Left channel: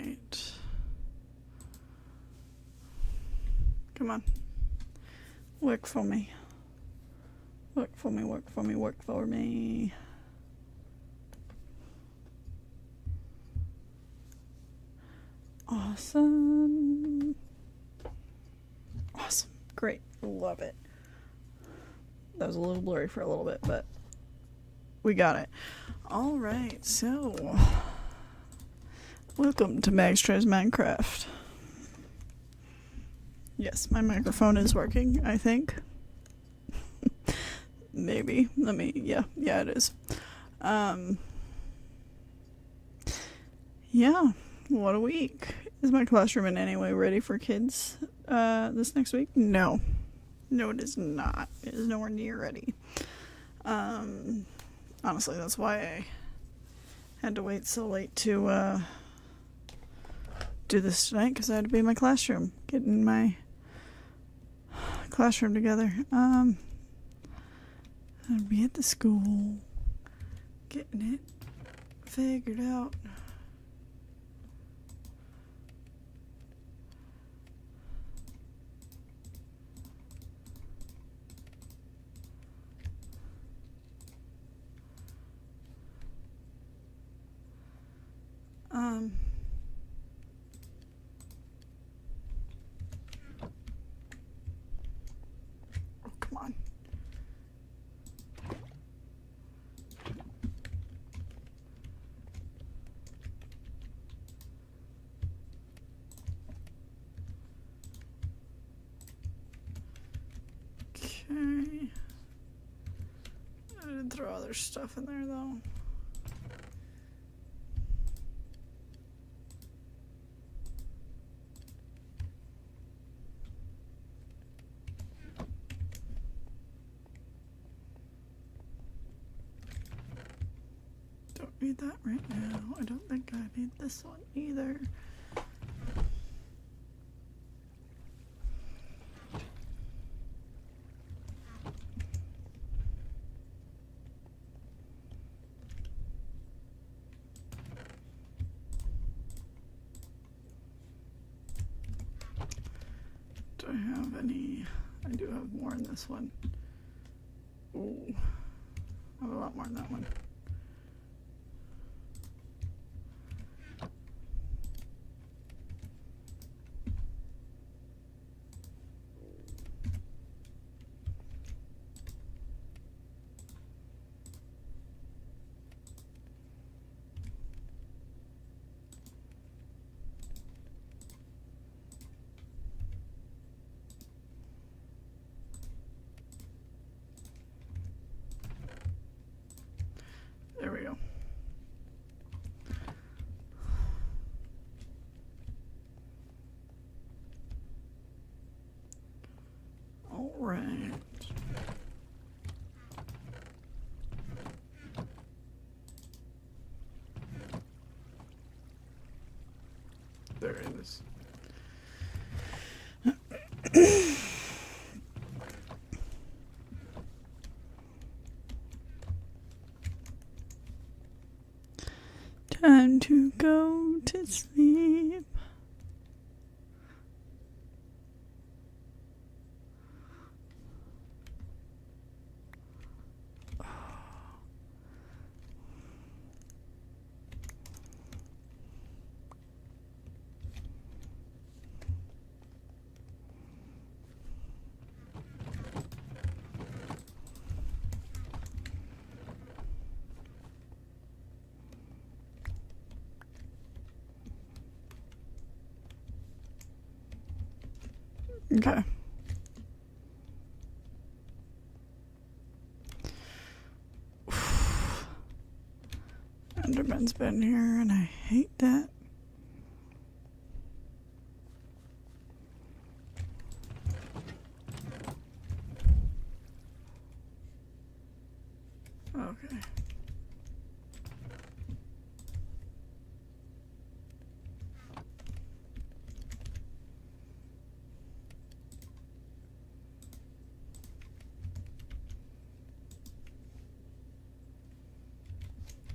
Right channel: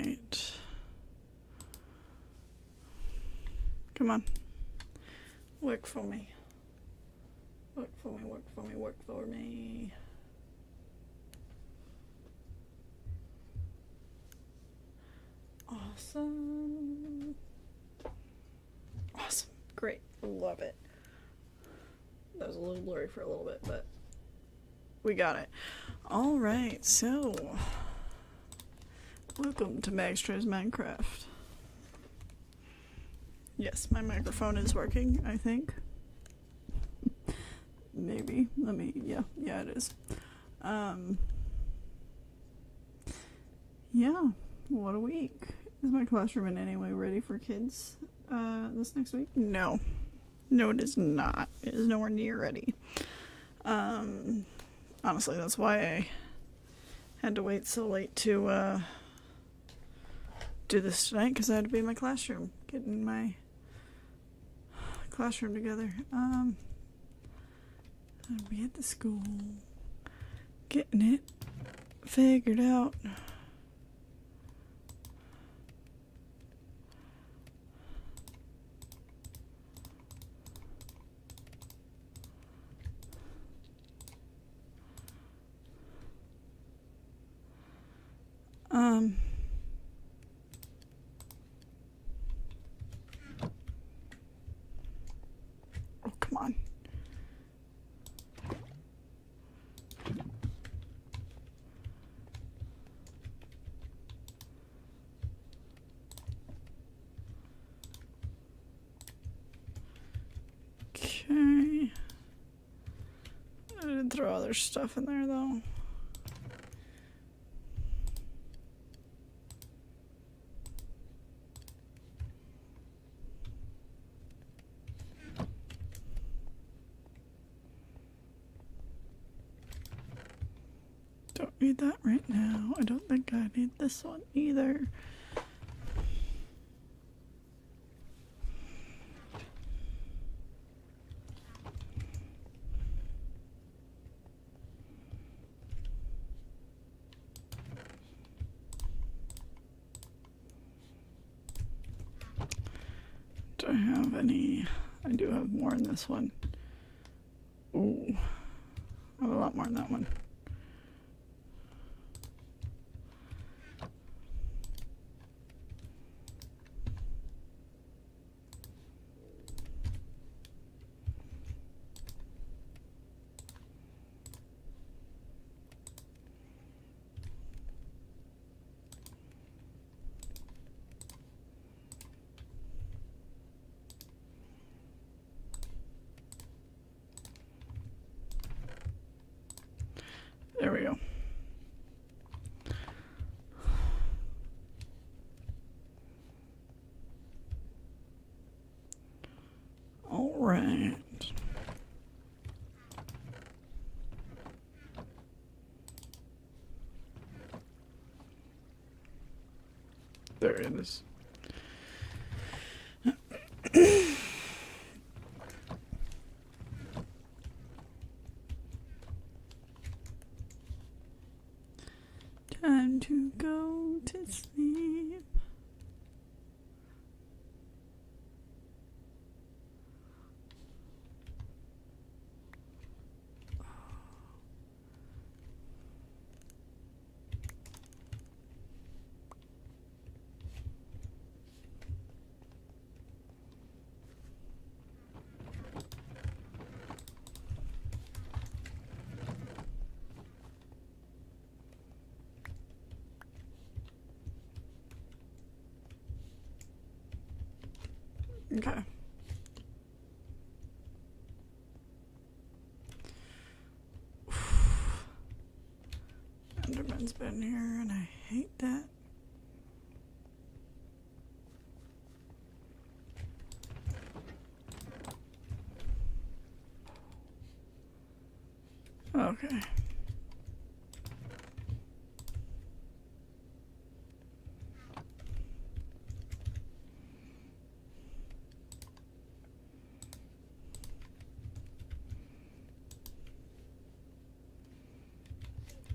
right. Come on. Work for me. Work for me, work for me, work for me. Awesome. Awesome. Great. Love it. That was a little blurry for a little bit, but we got it. All right, so welcome to Mags Tries Minecraft. Yes, my microphone is working, I think. Maybe. Yeah, it is. Yeah, what a week. Is my classroom in any way ready for kids this next week? No. No, it is not. It is nowhere near ready. Honestly, that's why I had to wait so late to do this tonight, because I had to be in my classroom, getting my classroom together. I'd be at the school, getting it figured out. Oh, come on. Okay. I did throw other stuff in there, though. Don't need that right now. I don't think I need this one either. Do I have any? I do have more in this one. Ooh. I have a lot more in that one. There we go. All right. There it is. Time to go to sleep. Okay. Enderman's been here and I hate that. Okay.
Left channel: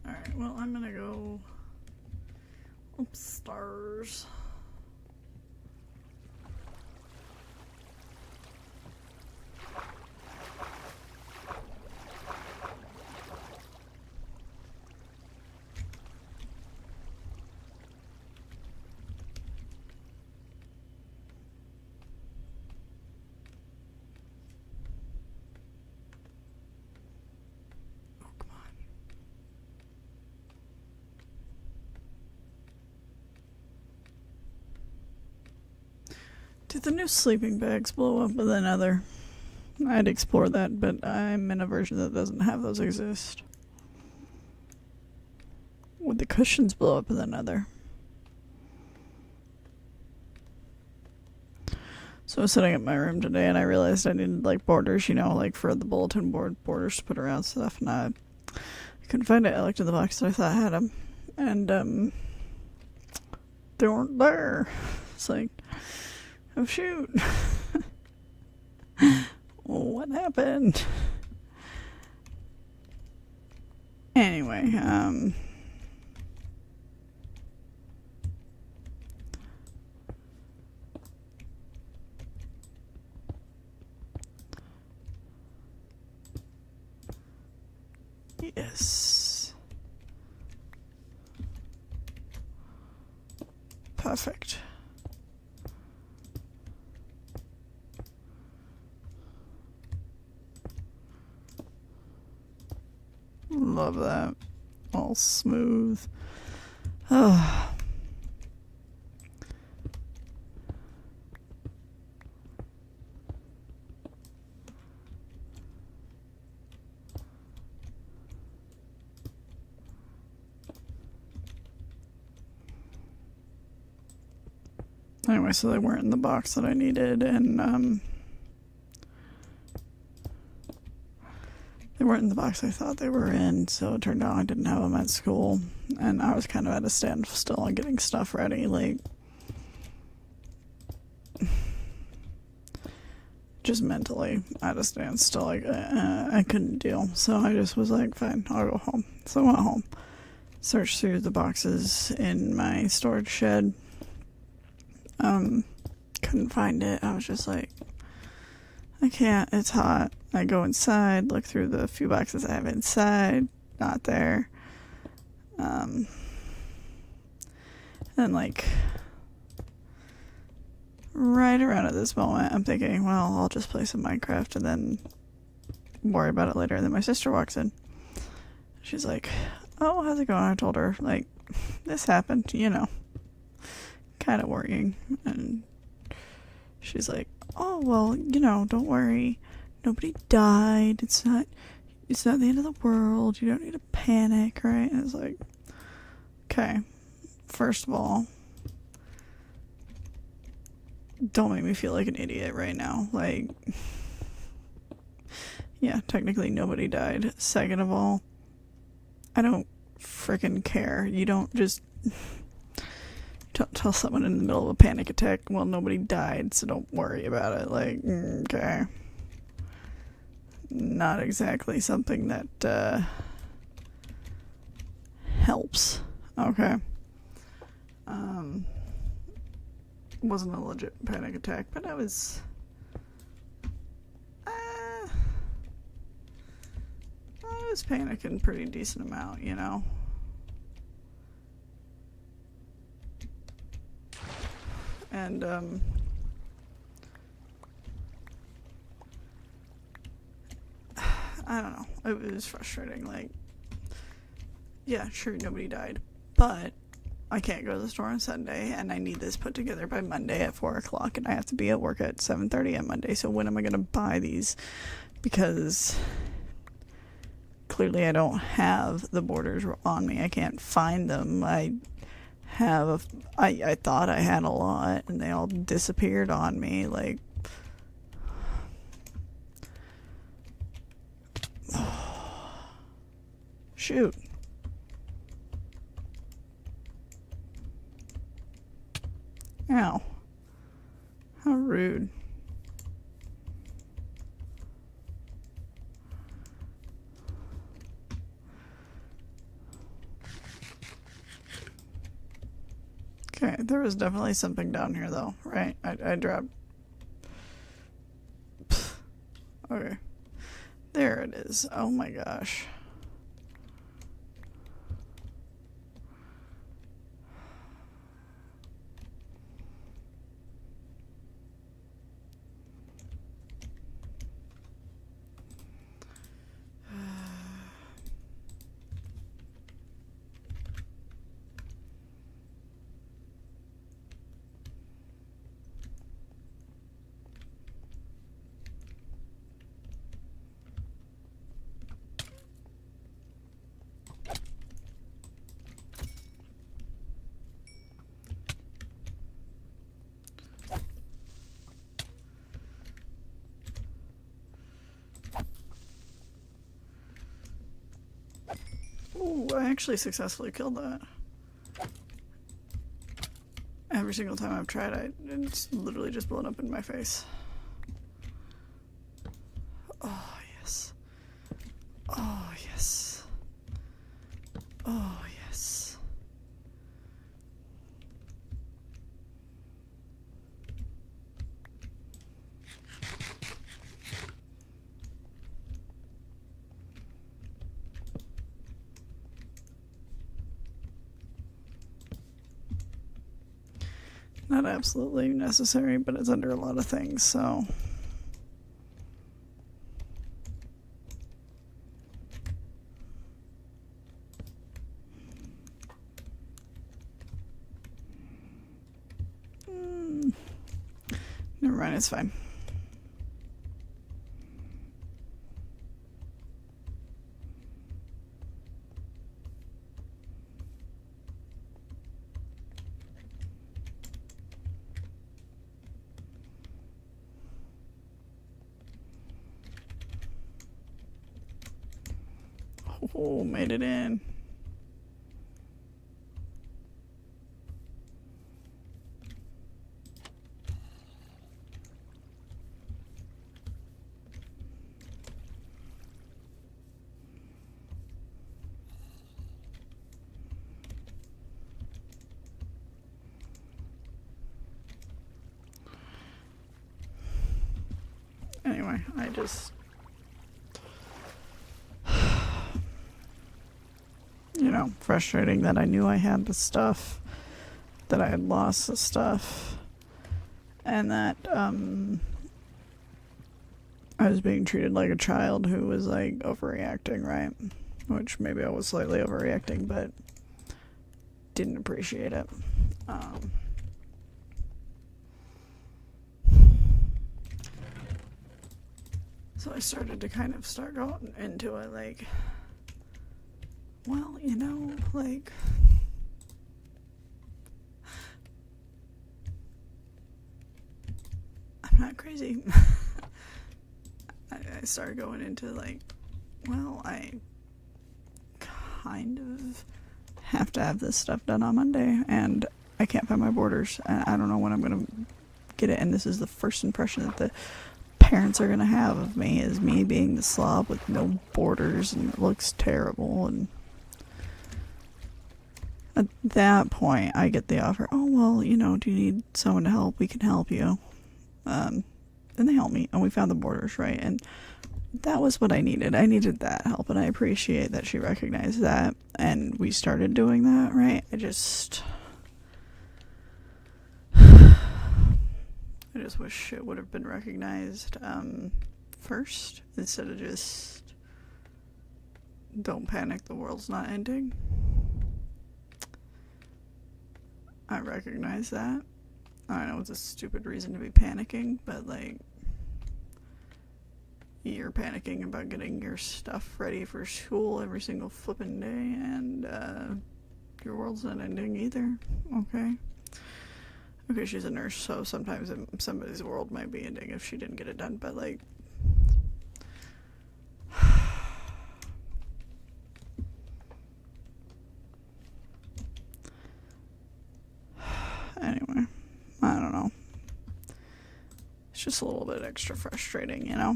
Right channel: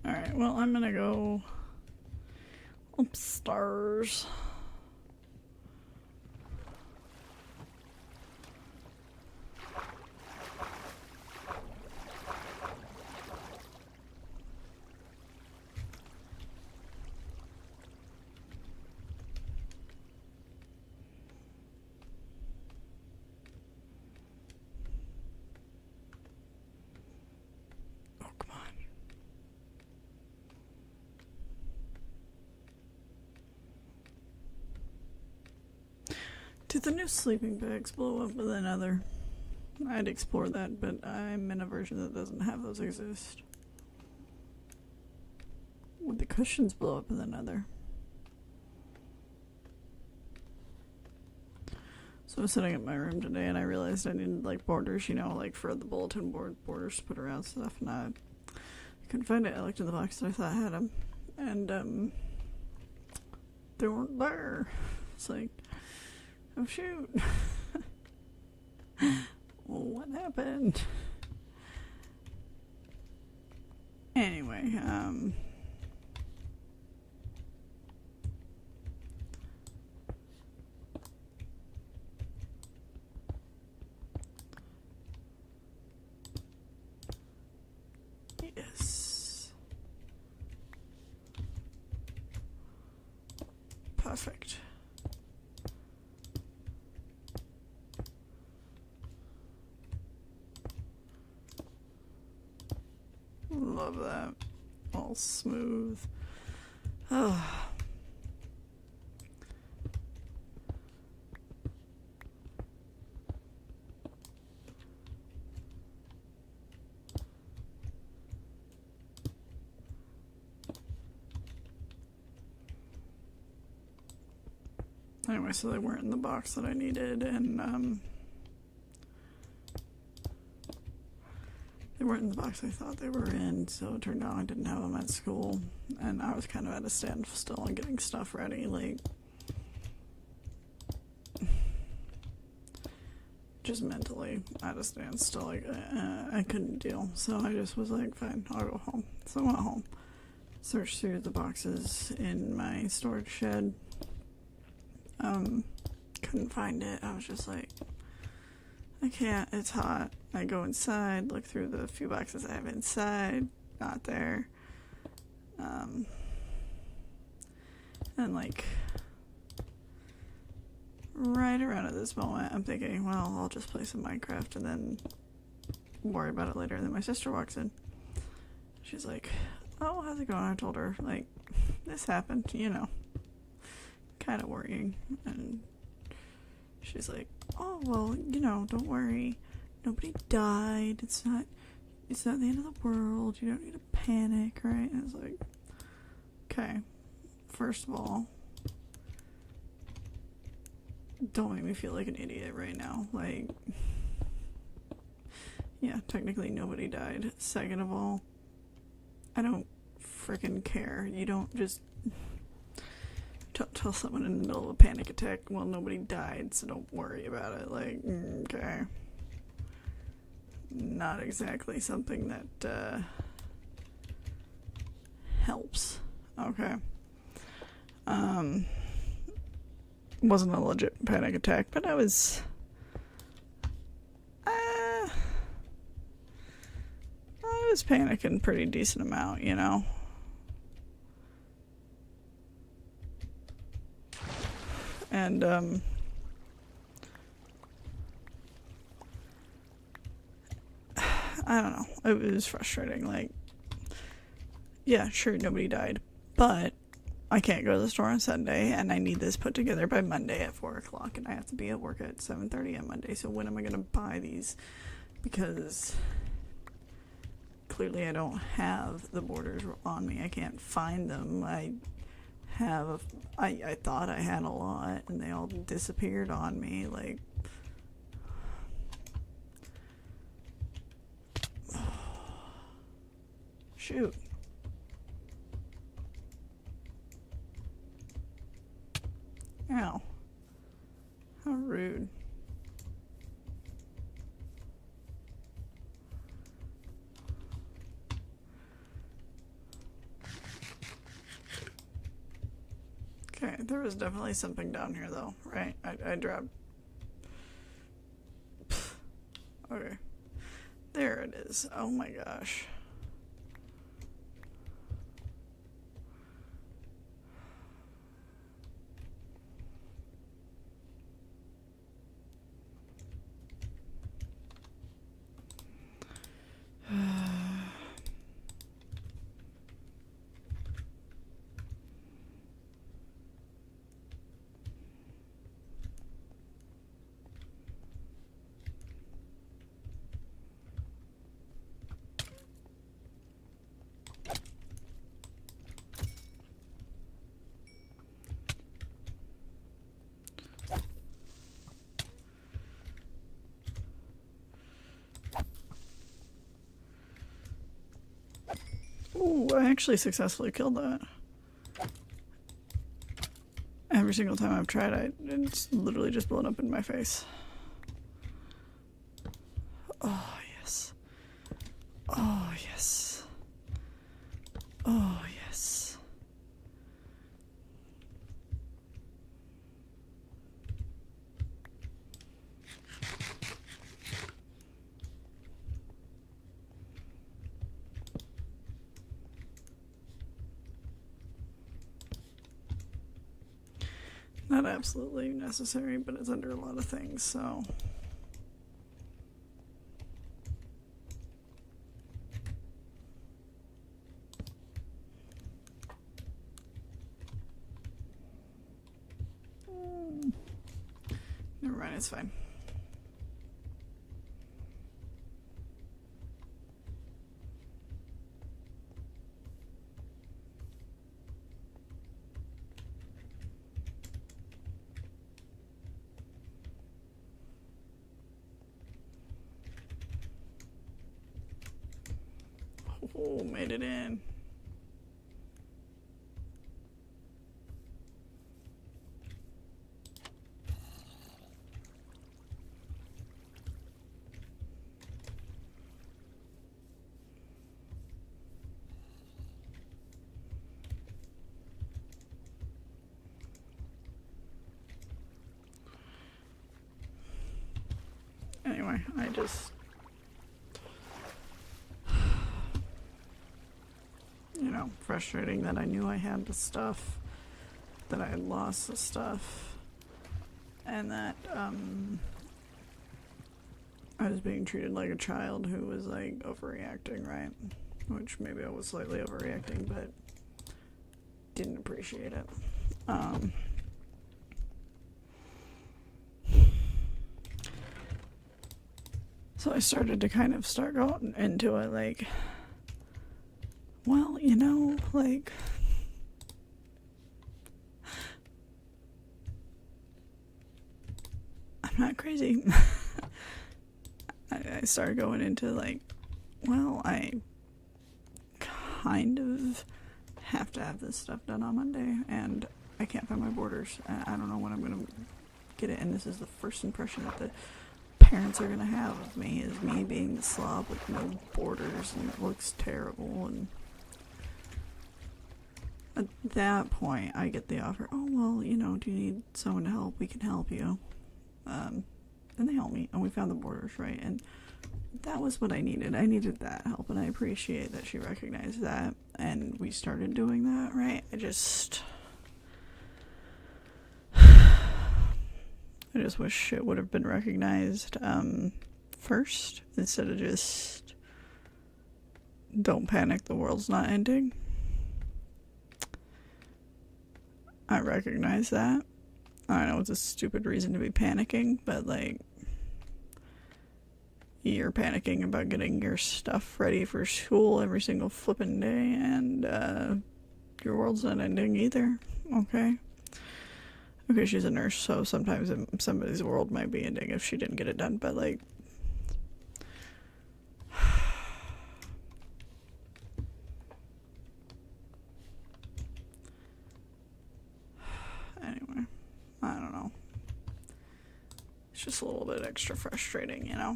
Alright, well, I'm gonna go Upstairs. Oh, come on. Did the new sleeping bags blow up with another? I'd explore that, but I'm in a version that doesn't have those exist. Would the cushions blow up with another? So I was sitting in my room today and I realized I needed like borders, you know, like for the bulletin board borders to put around stuff, and I couldn't find it. I looked in the box that I thought had them, and they weren't there. It's like, oh shoot. What happened? Anyway, yes. Perfect. Love that. All smooth. Oh. Anyway, so they weren't in the box that I needed, and they weren't in the box I thought they were in, so it turned out I didn't have them at school, and I was kind of at a standstill on getting stuff ready, like, just mentally at a standstill, like, I couldn't deal, so I just was like, fine, I'll go home. So I went home, searched through the boxes in my storage shed, couldn't find it. I was just like, I can't, it's hot. I go inside, look through the few boxes I have inside, not there. And like, right around at this moment, I'm thinking, well, I'll just play some Minecraft and then worry about it later. And then my sister walks in. She's like, oh, how's it going? I told her, like, this happened, you know, kind of worrying. And she's like, oh, well, you know, don't worry. Nobody died. It's not the end of the world. You don't need to panic, right? And it's like, okay, first of all, don't make me feel like an idiot right now. Like, yeah, technically nobody died. Second of all, I don't freaking care. You don't just tell someone in the middle of a panic attack, well, nobody died, so don't worry about it. Like, okay. Not exactly something that helps. Okay. Wasn't a legit panic attack, but I was panicking pretty decent amount, you know. And I don't know, it was frustrating. Like, yeah, sure, nobody died, but I can't go to the store on Sunday, and I need this put together by Monday at 4 o'clock, and I have to be at work at 7:30 on Monday, so when am I going to buy these? Because clearly I don't have the borders on me. I can't find them. I thought I had a lot, and they all disappeared on me, like, shoot. Ow. How rude. Okay, there was definitely something down here though, right? I dropped. Okay. There it is. Oh my gosh. Ooh, I actually successfully killed that. Every single time I've tried, it's literally just blown up in my face. Oh, yes. Oh, yes. Oh, yes. Not absolutely necessary, but it's under a lot of things, so. Never mind, it's fine. Oh, made it in. Anyway, I just... You know, frustrating that I knew I had the stuff, that I had lost the stuff, and that, I was being treated like a child who was, like, overreacting, right? Which maybe I was slightly overreacting, but didn't appreciate it. So I started to kind of start going into it, like, well, you know, like, I'm not crazy. I started going into, like, well, I kind of have to have this stuff done on Monday, and I can't find my borders. I don't know when I'm going to get it, and this is the first impression that the parents are going to have of me, is me being the slob with no borders, and it looks terrible. And at that point, I get the offer, oh, well, you know, do you need someone to help? We can help you. And they helped me, and we found the borders, right? And that was what I needed. I needed that help, and I appreciate that she recognized that, and we started doing that, right? I just wish it would have been recognized first, instead of just, don't panic, the world's not ending. I recognize that. I know it's a stupid reason to be panicking, but, like, you're panicking about getting your stuff ready for school every single flippin' day, and your world's not ending either, okay? Okay, she's a nurse, so sometimes somebody's world might be ending if she didn't get it done, but, like, anyway, I don't know. It's just a little bit extra frustrating, you know?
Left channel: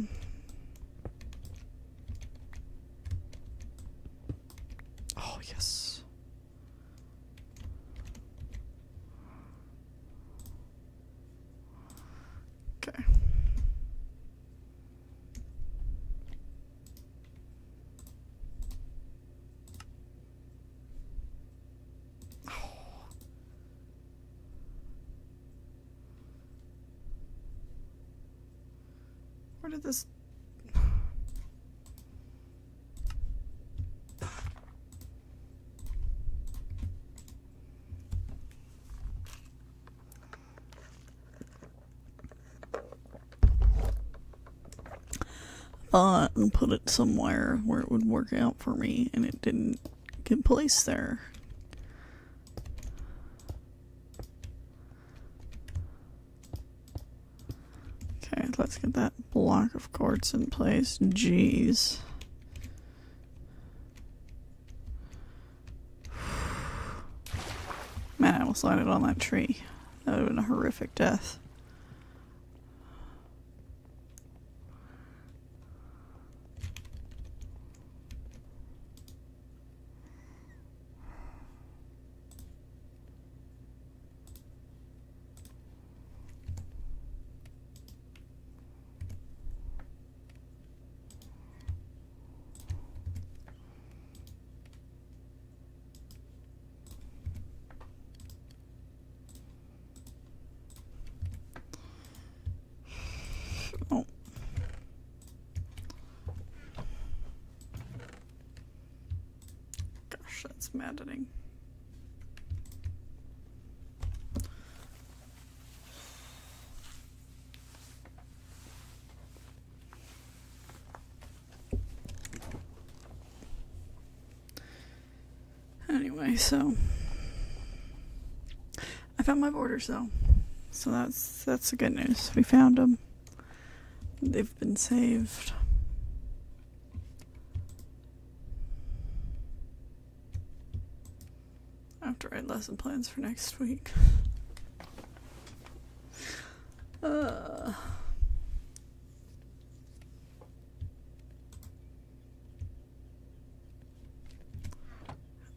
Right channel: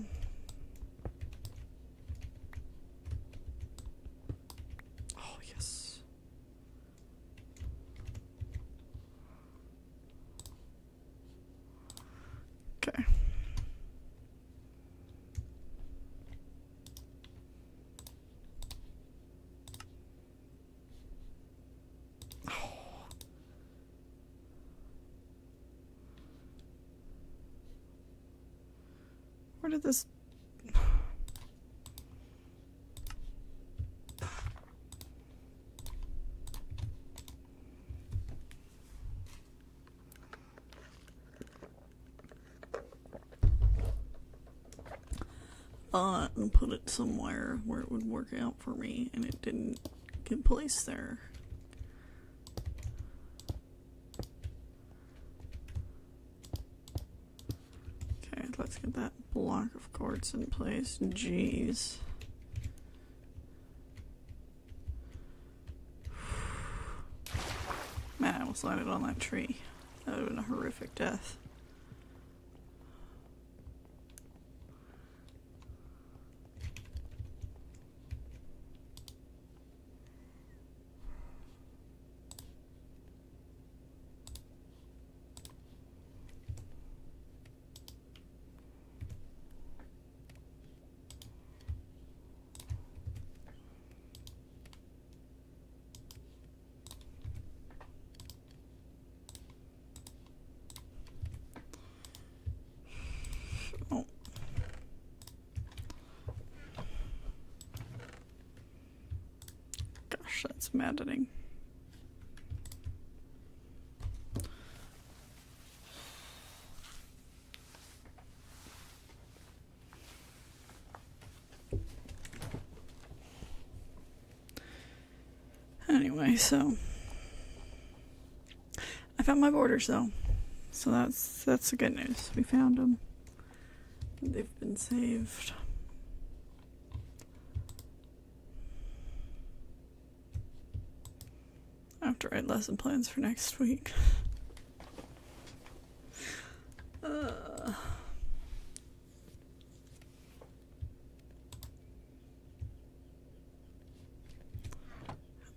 Oh, yes. Where did this... and put it somewhere where it would work out for me, and it didn't get placed there. Okay, let's get that block of quartz in place. Jeez. Man, I almost landed on that tree. That would have been a horrific death. Oh. Gosh, that's maddening. Anyway, so I found my borders though, so that's the good news. We found them. They've been saved. I have to write lesson plans for next week.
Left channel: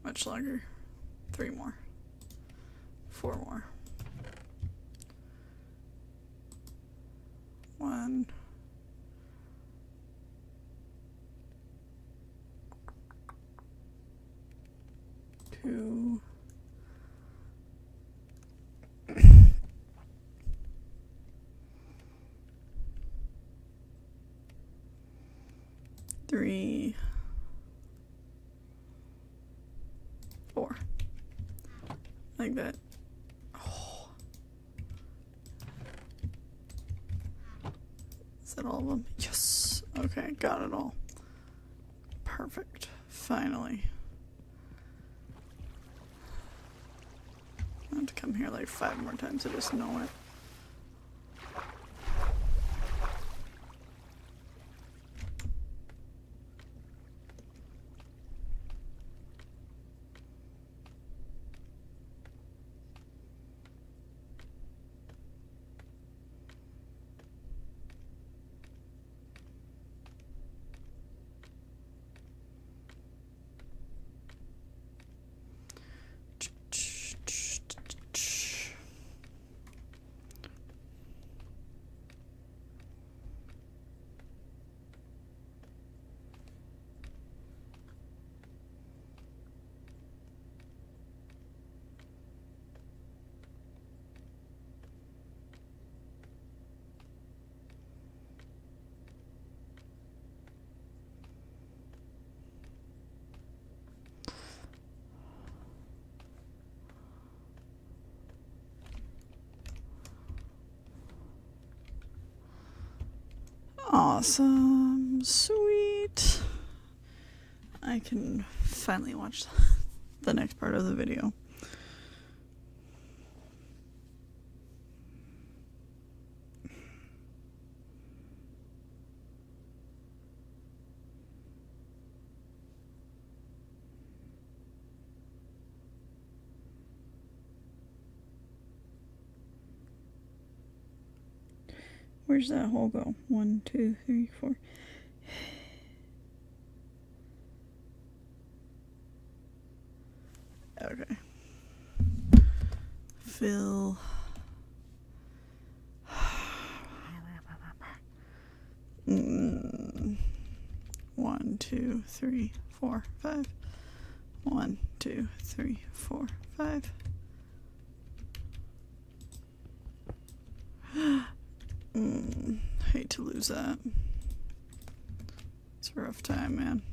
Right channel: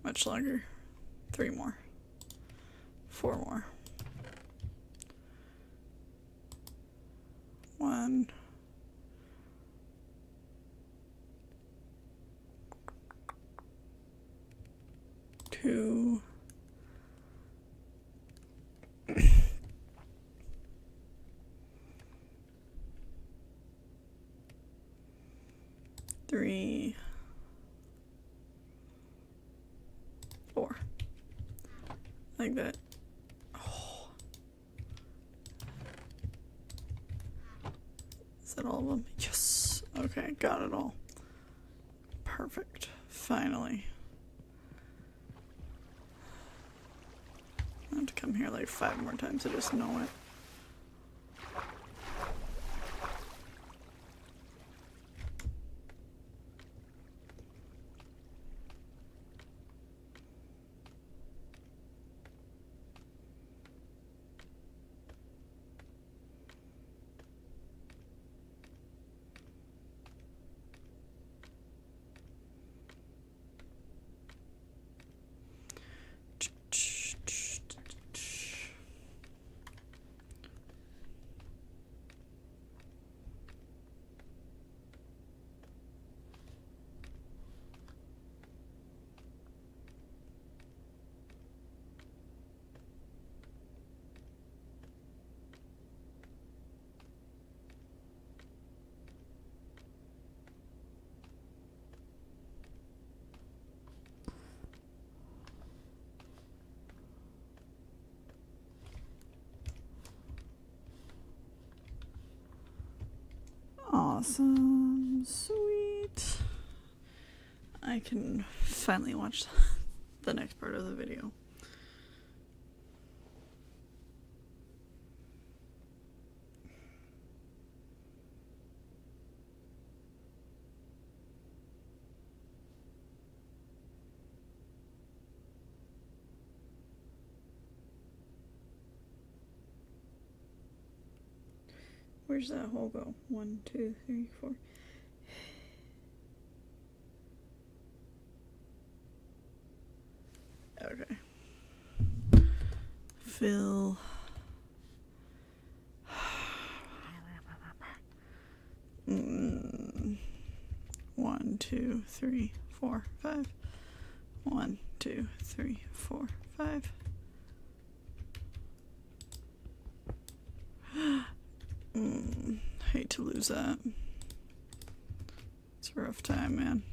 Much longer. 3 more. 4 more. 1. 2. 3. 4. Like that. Oh. Is that all of them? Yes. Okay, got it all. Perfect. Finally. I have to come here like 5 more times to just know it. Awesome. Sweet. I can finally watch the next part of the video. Where's that hole go? 1, 2, 3, 4. Okay. Fill. 1, 2, 3, 4, 5. 1, 2, 3, 4, 5. Hate to lose lose that. It's a rough time, man.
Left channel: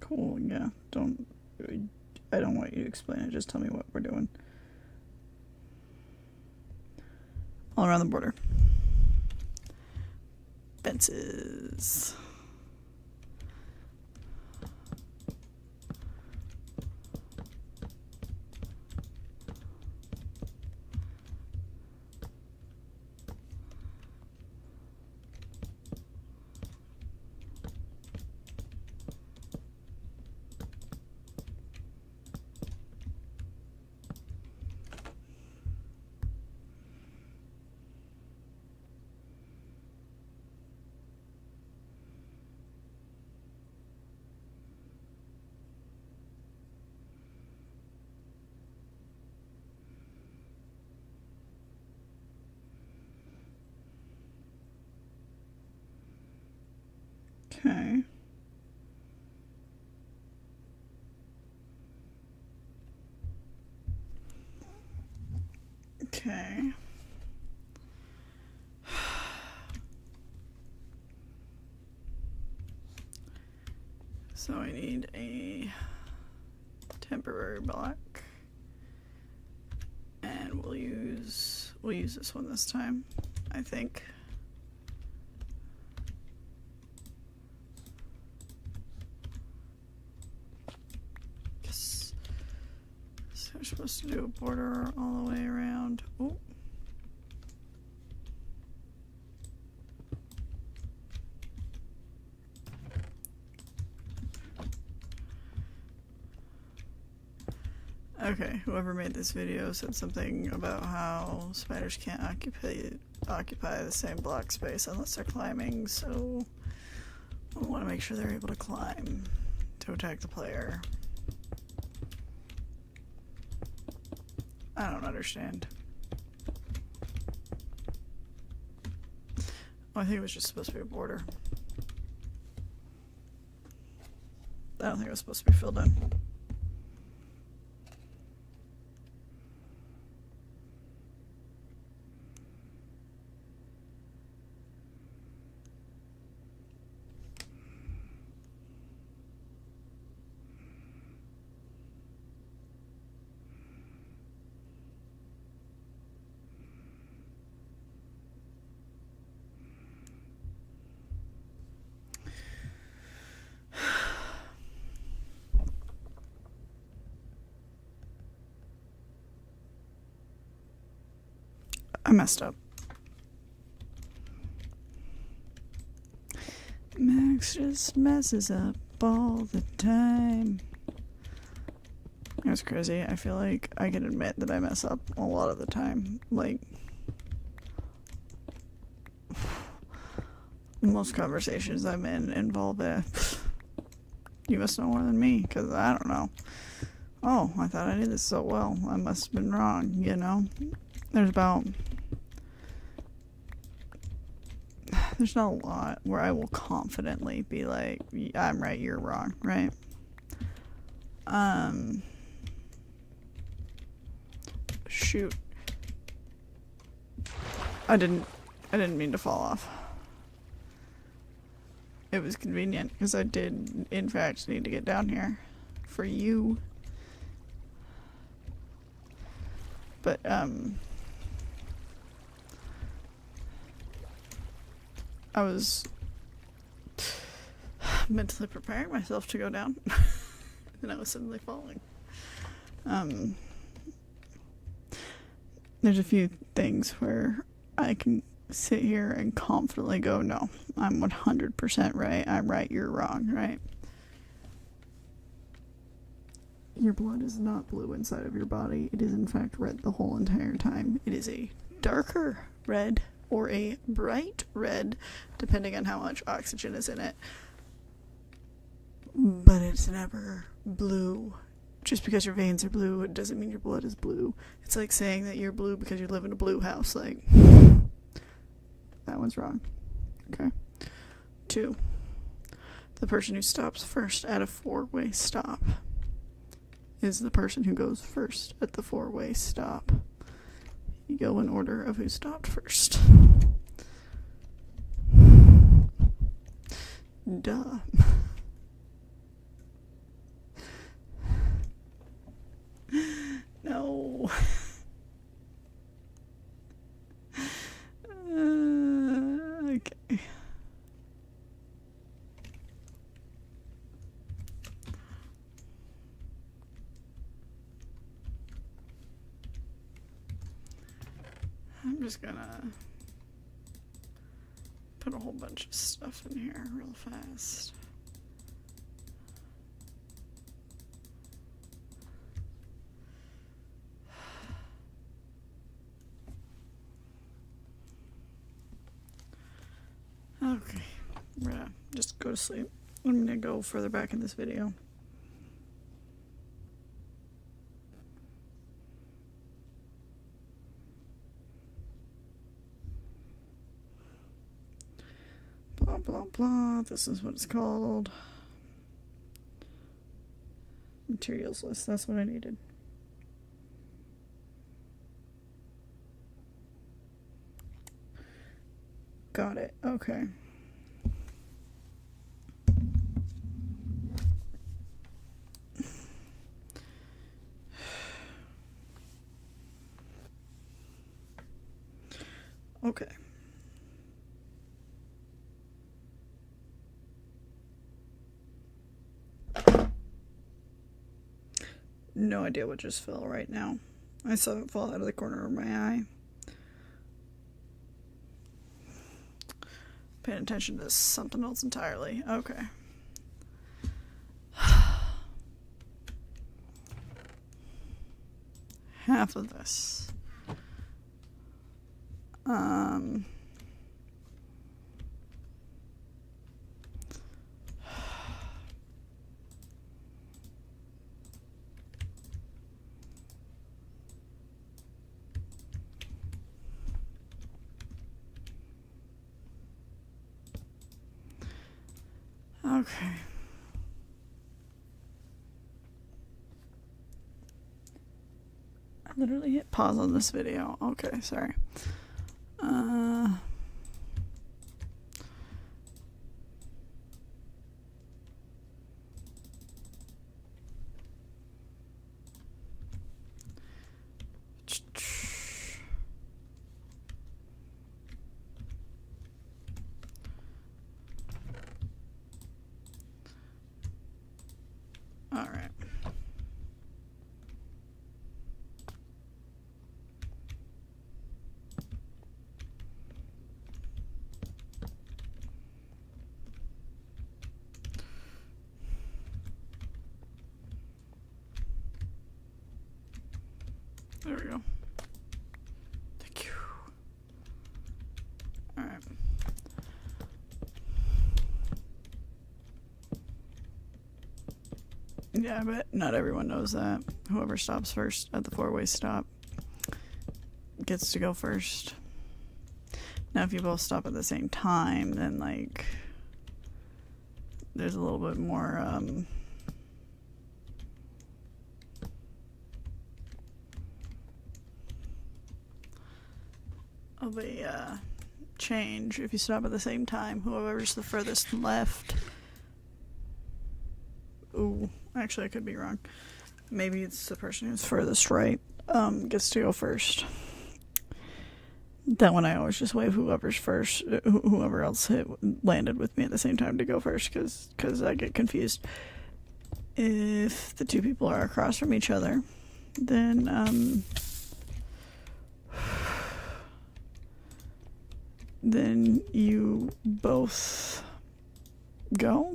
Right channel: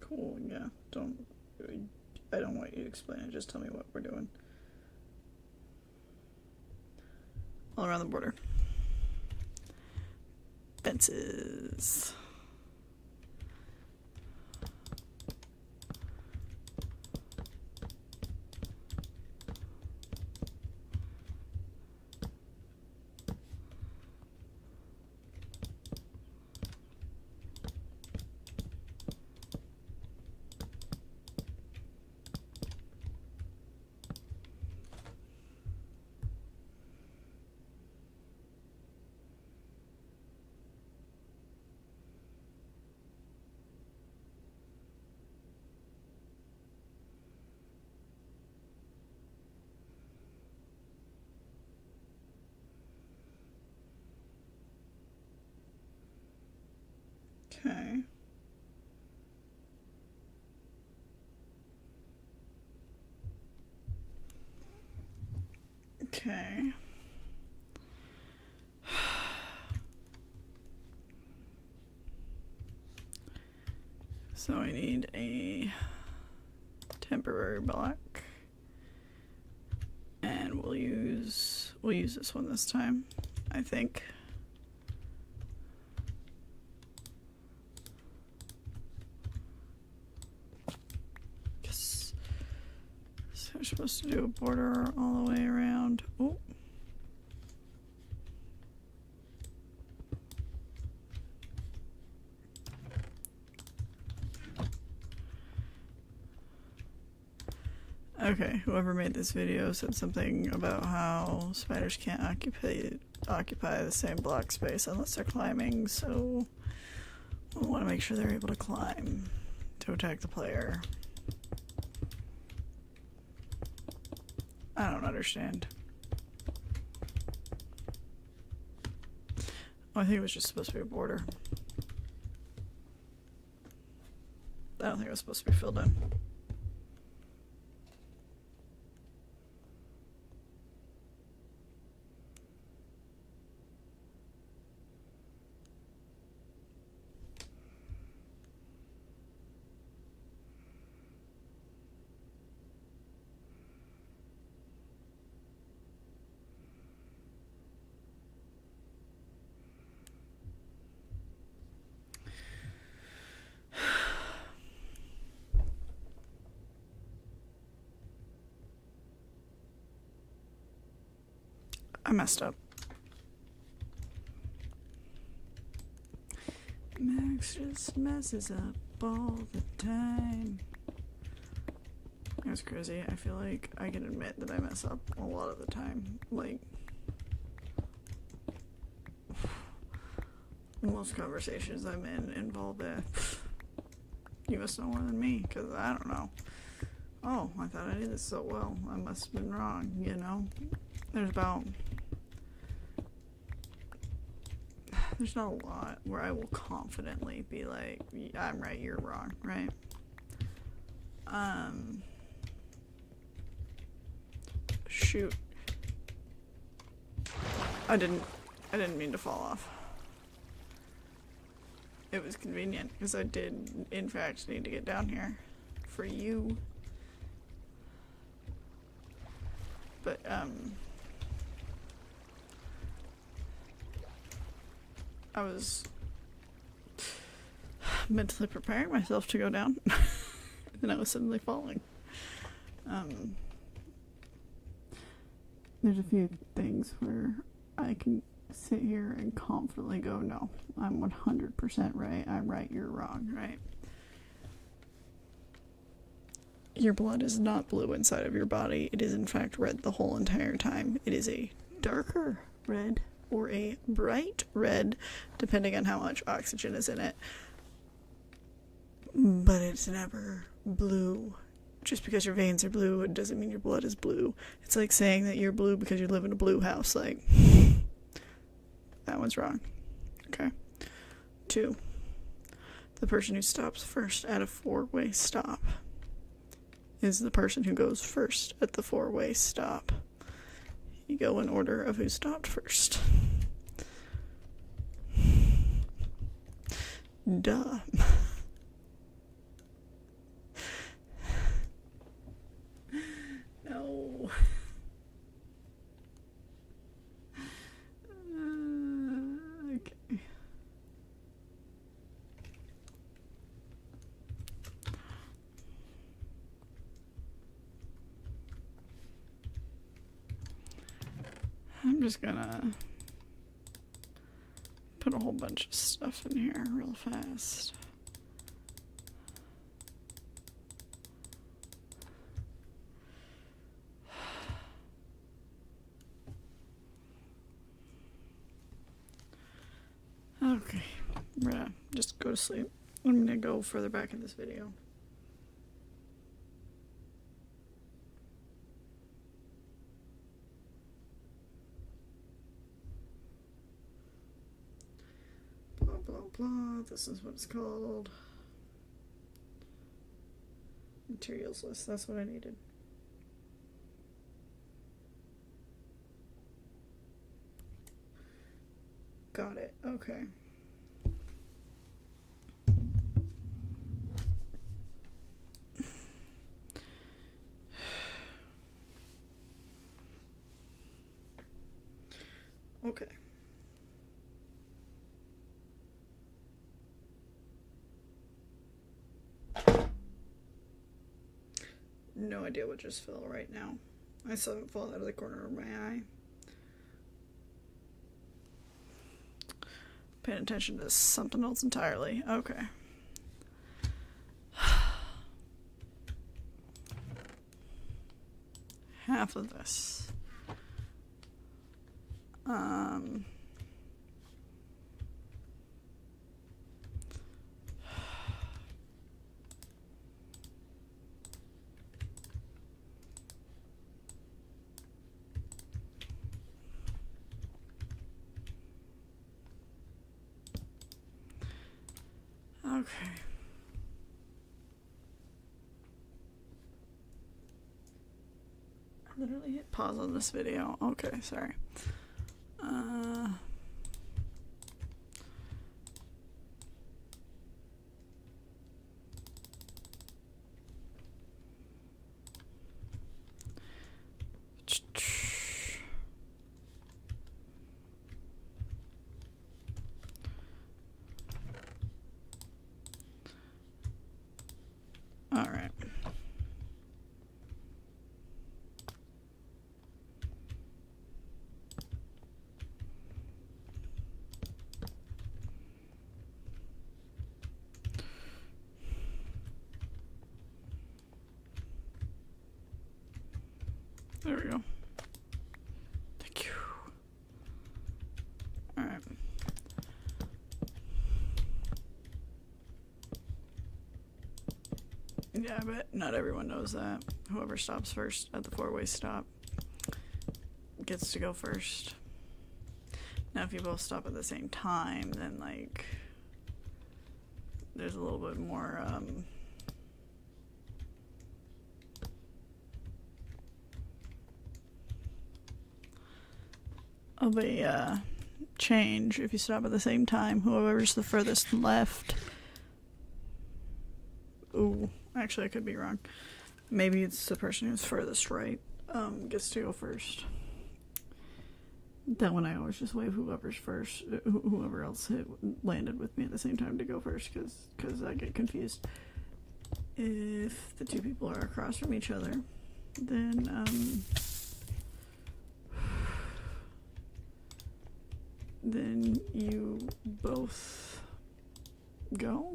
Cool, yeah. I don't want you to explain it, just tell me what we're doing. All around the border. Fences. Okay. Okay. So I need a temporary block. And we'll use this one this time, I think. Yes. So we're supposed to do a border all the way around. Oh. Okay, whoever made this video said something about how spiders can't occupy the same block space unless they're climbing, so I want to make sure they're able to climb to attack the player. I don't understand. Oh, I think it was just supposed to be a border. I don't think it was supposed to be filled in. I messed up. Max just messes up all the time. That's crazy. I feel like I can admit that I mess up a lot of the time. Like, most conversations I'm in involve a, you must know more than me, because I don't know. Oh, I thought I did this so well. I must have been wrong, you know? There's not a lot where I will confidently be like, I'm right, you're wrong, right? Shoot. I didn't mean to fall off. It was convenient, because I did, in fact, need to get down here for you. But, I was mentally preparing myself to go down, and I was suddenly falling. There's a few things where I can sit here and confidently go, no, I'm 100% right, I'm right, you're wrong, right? Your blood is not blue inside of your body. It is in fact red the whole entire time. It is a darker red, or a bright red, depending on how much oxygen is in it. But it's never blue. Just because your veins are blue, it doesn't mean your blood is blue. It's like saying that you're blue because you live in a blue house. Like, that one's wrong. Okay. 2. The person who stops first at a 4-way stop is the person who goes first at the 4-way stop. You go in order of who stopped first. Duh. No. Okay. I'm just gonna put a whole bunch of stuff in here real fast. Okay, we're gonna just go to sleep. I'm gonna go further back in this video. Blah, blah, blah. This is what it's called. Materials list. That's what I needed. Got it. Okay. Okay. No idea what just fell right now. I saw it fall out of the corner of my eye. Paying attention to something else entirely. Okay. Half of this. Okay. I literally hit pause on this video. Okay, sorry. All right. There we go. Thank you. All right. Yeah, I bet not everyone knows that. Whoever stops first at the 4-way stop gets to go first. Now, if you both stop at the same time, then, like, there's a little bit more, of a, change. If you stop at the same time, whoever's the furthest left. Ooh, actually, I could be wrong. Maybe it's the person who's furthest right, gets to go first. That one I always just wave whoever's first, whoever else landed with me at the same time to go first, because I get confused. If the two people are across from each other, then you both go.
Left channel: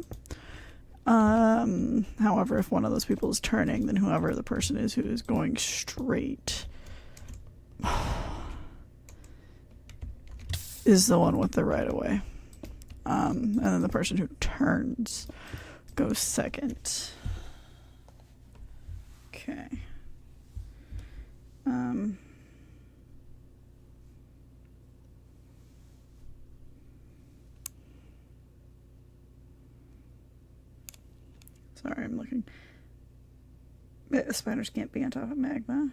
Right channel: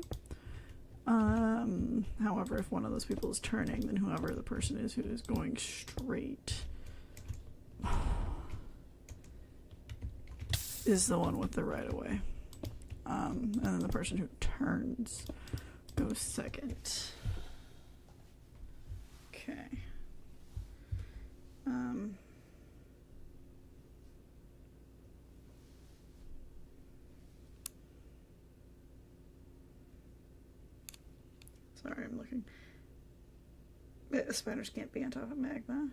However, if one of those people is turning, then whoever the person is who is going straight is the one with the right of way. And then the person who turns goes second. Okay. Sorry, I'm looking. Spiders can't be on top of magma.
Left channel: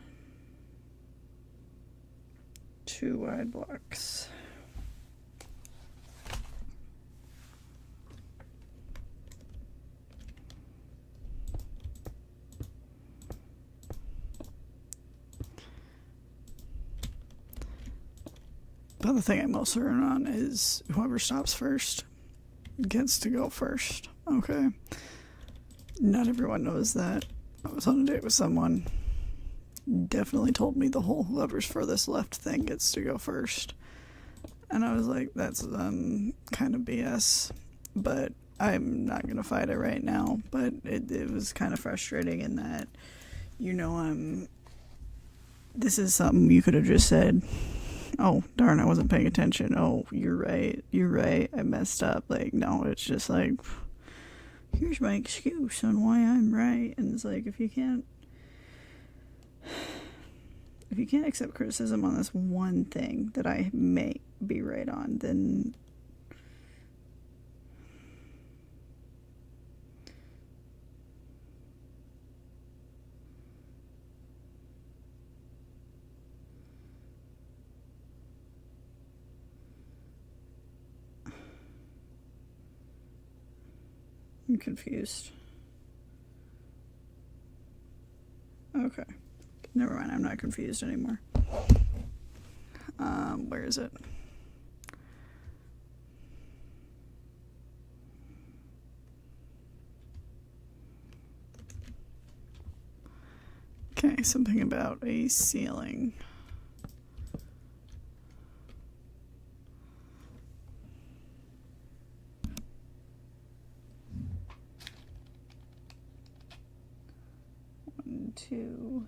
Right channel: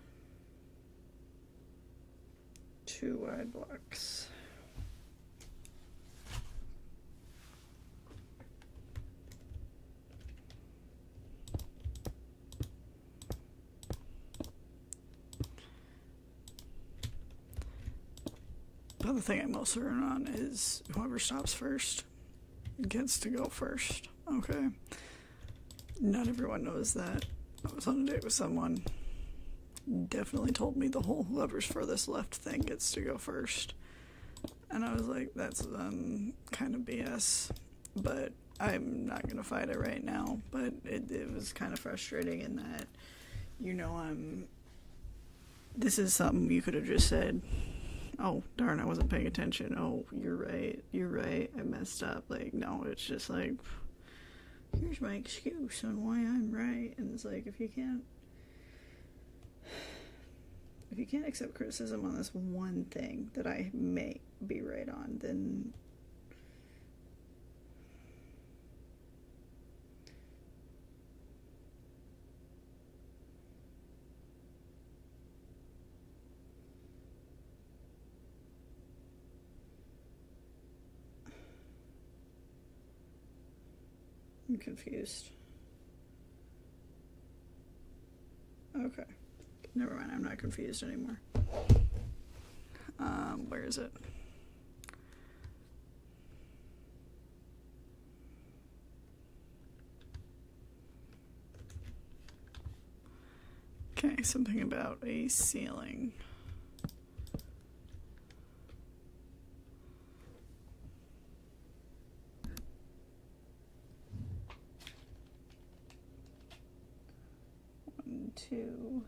2 wide blocks. But the thing I'm most certain on is whoever stops first gets to go first. Okay. Not everyone knows that. I was on a date with someone. Definitely told me the whole whoever's furthest left thing gets to go first. And I was like, that's kind of BS. But I'm not going to fight it right now. But it was kind of frustrating in that, this is something you could have just said, oh, darn, I wasn't paying attention. Oh, you're right. I messed up. Like, no, it's just like, here's my excuse on why I'm right. And it's like, if you can't accept criticism on this one thing that I may be right on, then I'm confused. Okay. Never mind, I'm not confused anymore. Where is it? Okay, something about a ceiling. One, two.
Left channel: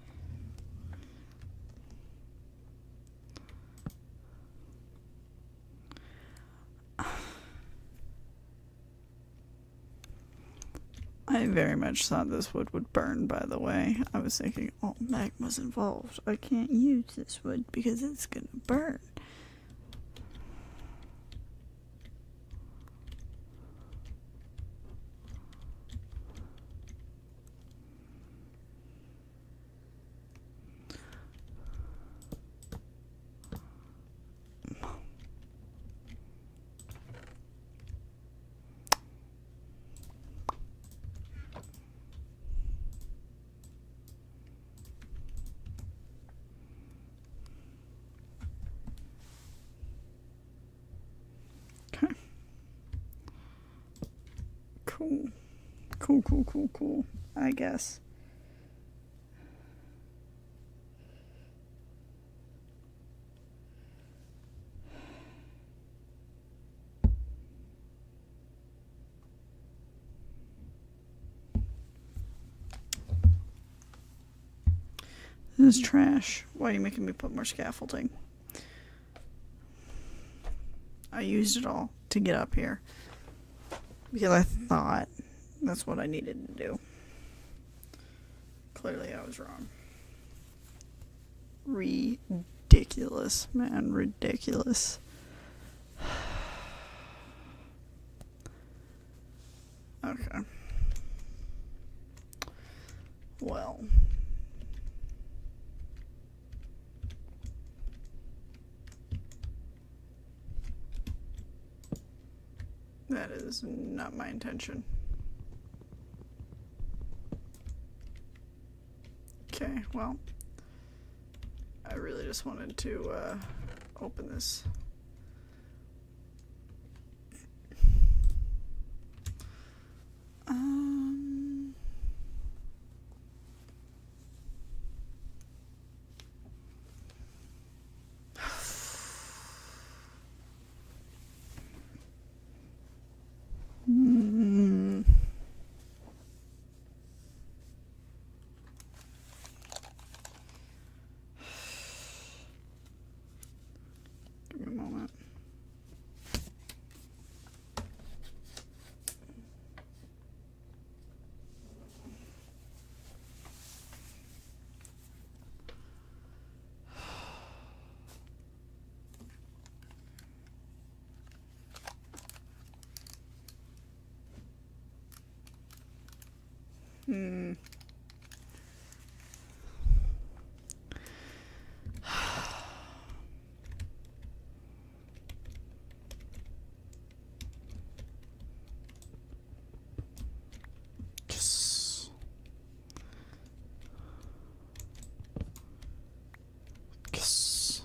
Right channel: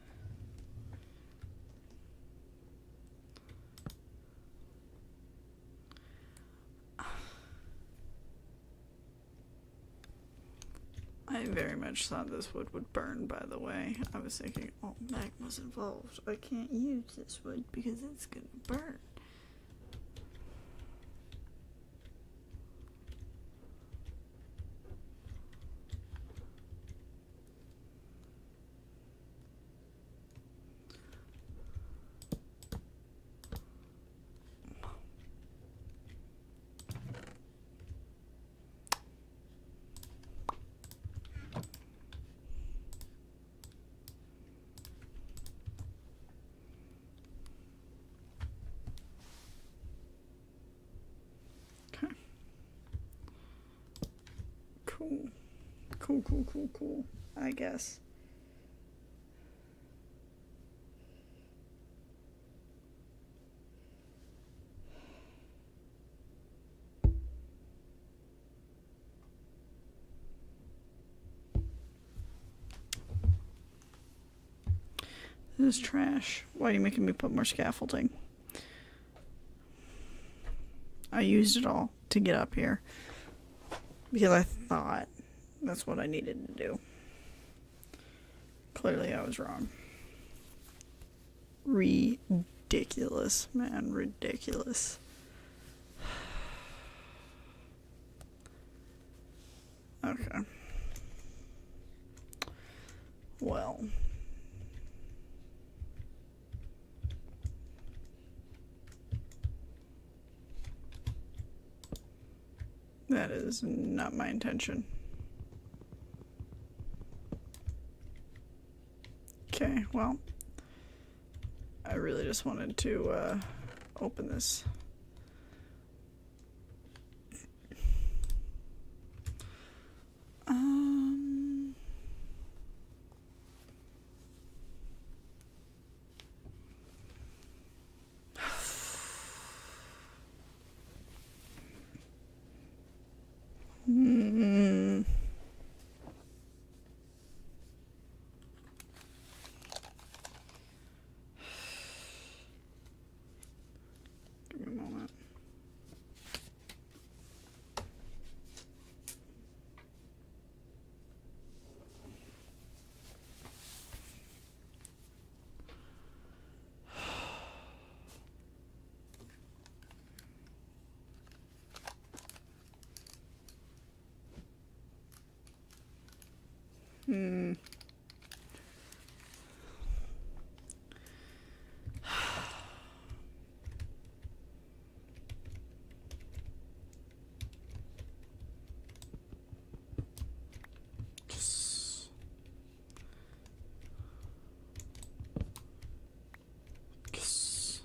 I very much thought this wood would burn, by the way. I was thinking, oh, magma's involved. I can't use this wood because it's gonna burn. Okay. Cool. I guess. This is trash. Why are you making me put more scaffolding? I used it all to get up here because I thought that's what I needed to do. Clearly I was wrong. Ridiculous, man. Ridiculous. Okay. Well. That is not my intention. Okay, well, I really just wanted to open this. Give me a moment. Yes. Yes.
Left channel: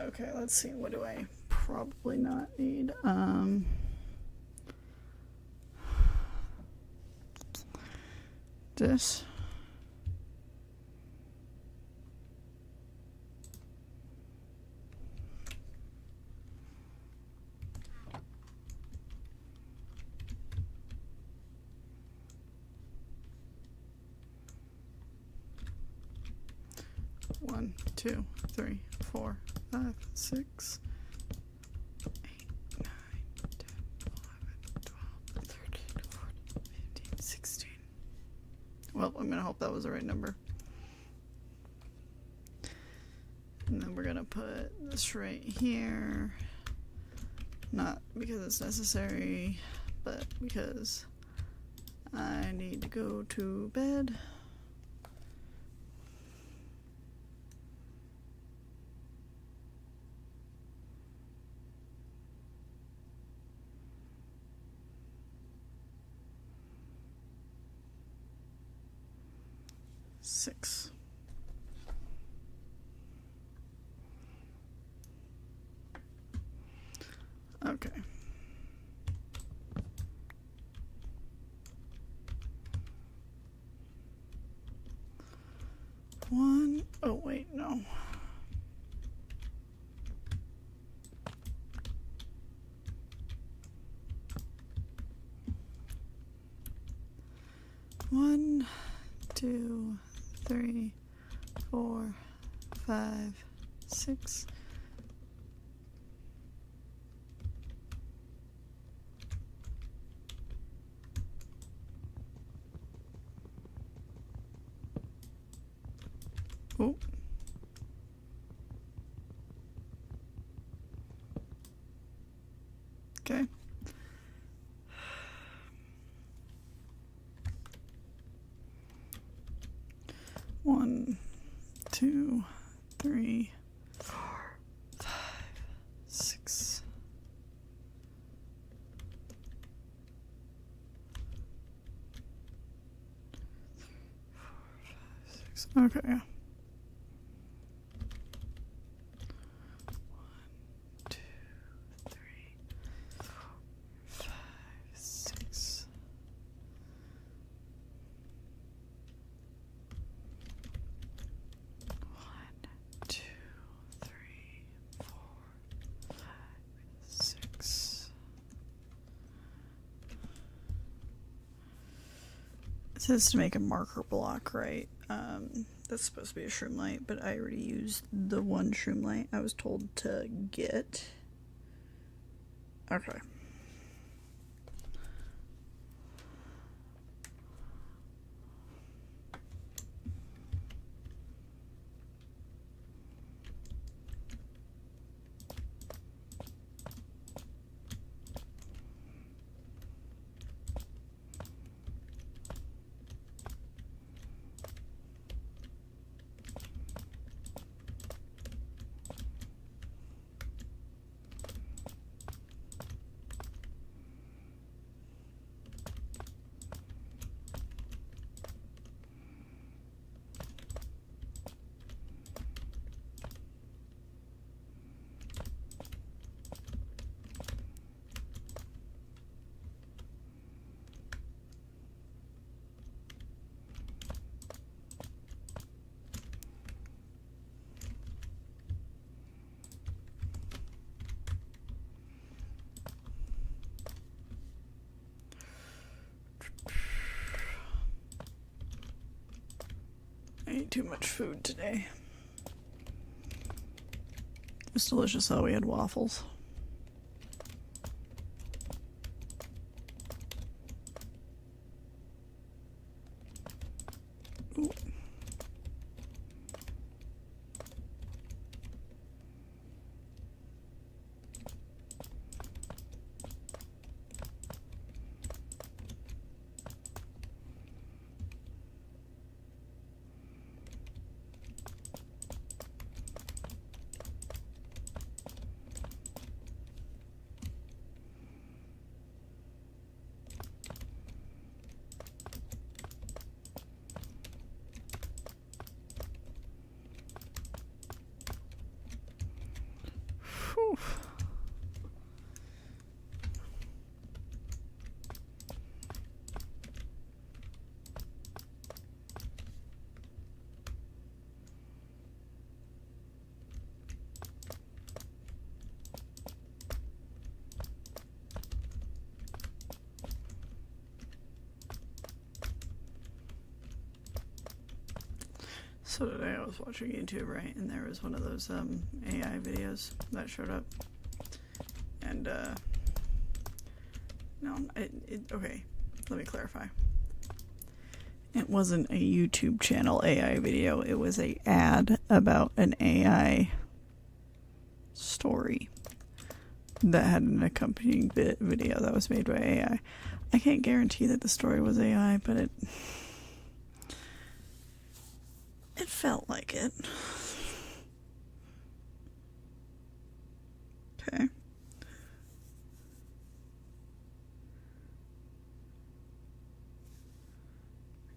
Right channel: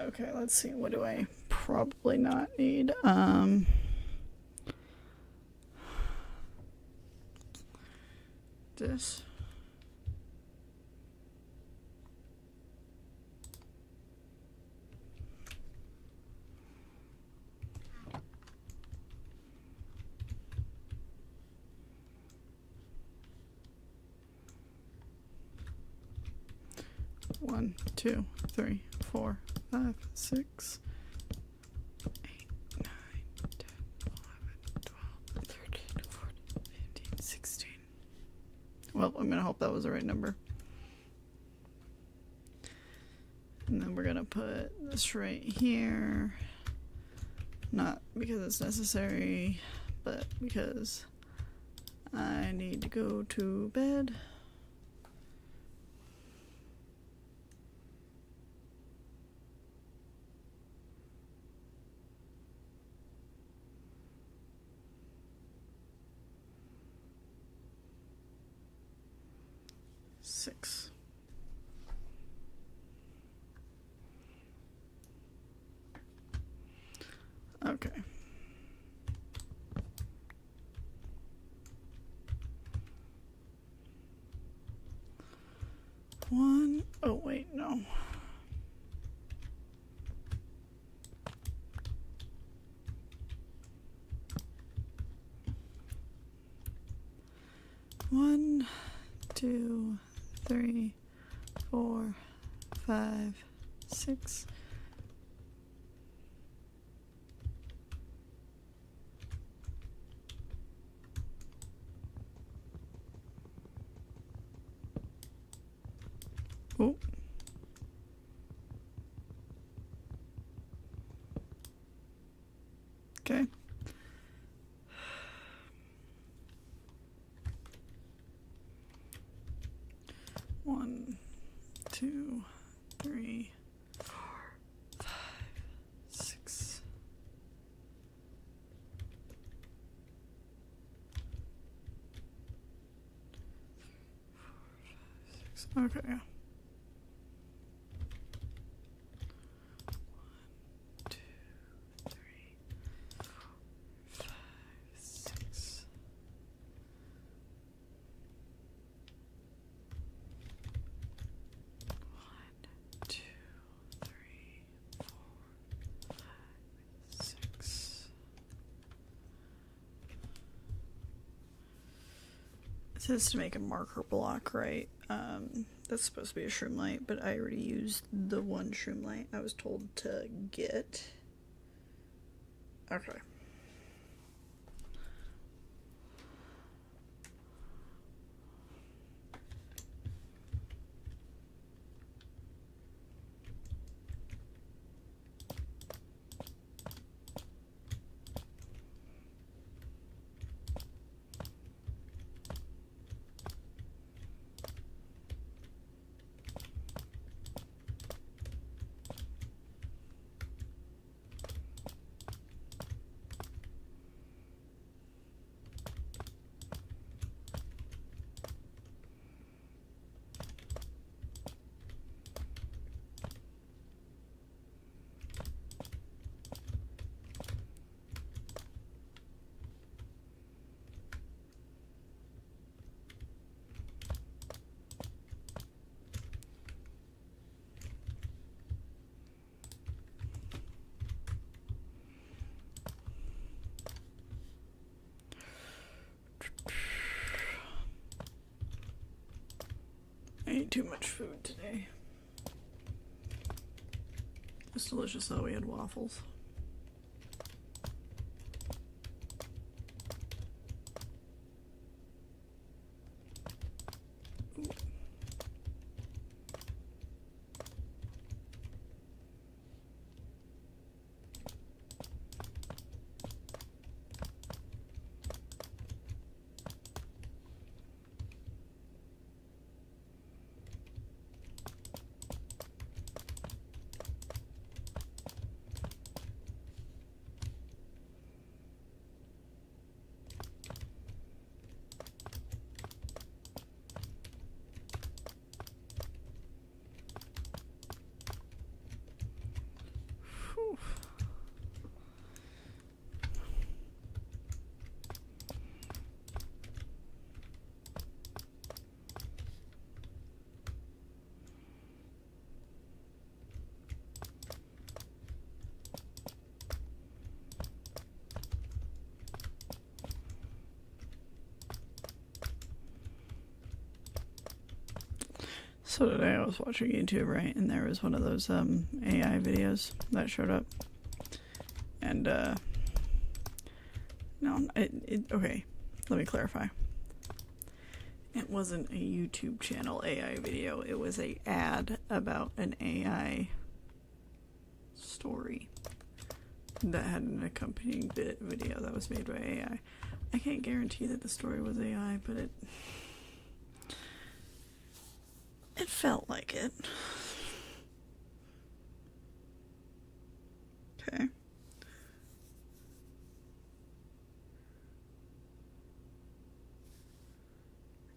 Okay, let's see. What do I probably not need? This. One, two, three, 4, 5, 6, 8, 9, 10, 11, 12, 13, 14, 15, 16. Well, I'm gonna hope that was the right number. And then we're gonna put this right here. Not because it's necessary, but because I need to go to bed. Six. Okay. One. Oh, wait, no. One, 2, 3, 4, 5, 6. Oh. Okay. One, 2, 3, 4, 5, 6. Okay. 1, 2, 3, 4, 5, 6. One, 2, 3, 4, 5, 6. It says to make a marker block, right? That's supposed to be a shroom light, but I already used the one shroom light I was told to get. Okay. I ate too much food today. It was delicious though, we had waffles. So today I was watching YouTube, right, and there was one of those AI videos that showed up, and no, okay, let me clarify. It wasn't a YouTube channel AI video. It was a ad about an AI story that had an accompanying video that was made by AI. I can't guarantee that the story was AI, but it felt like it. Okay.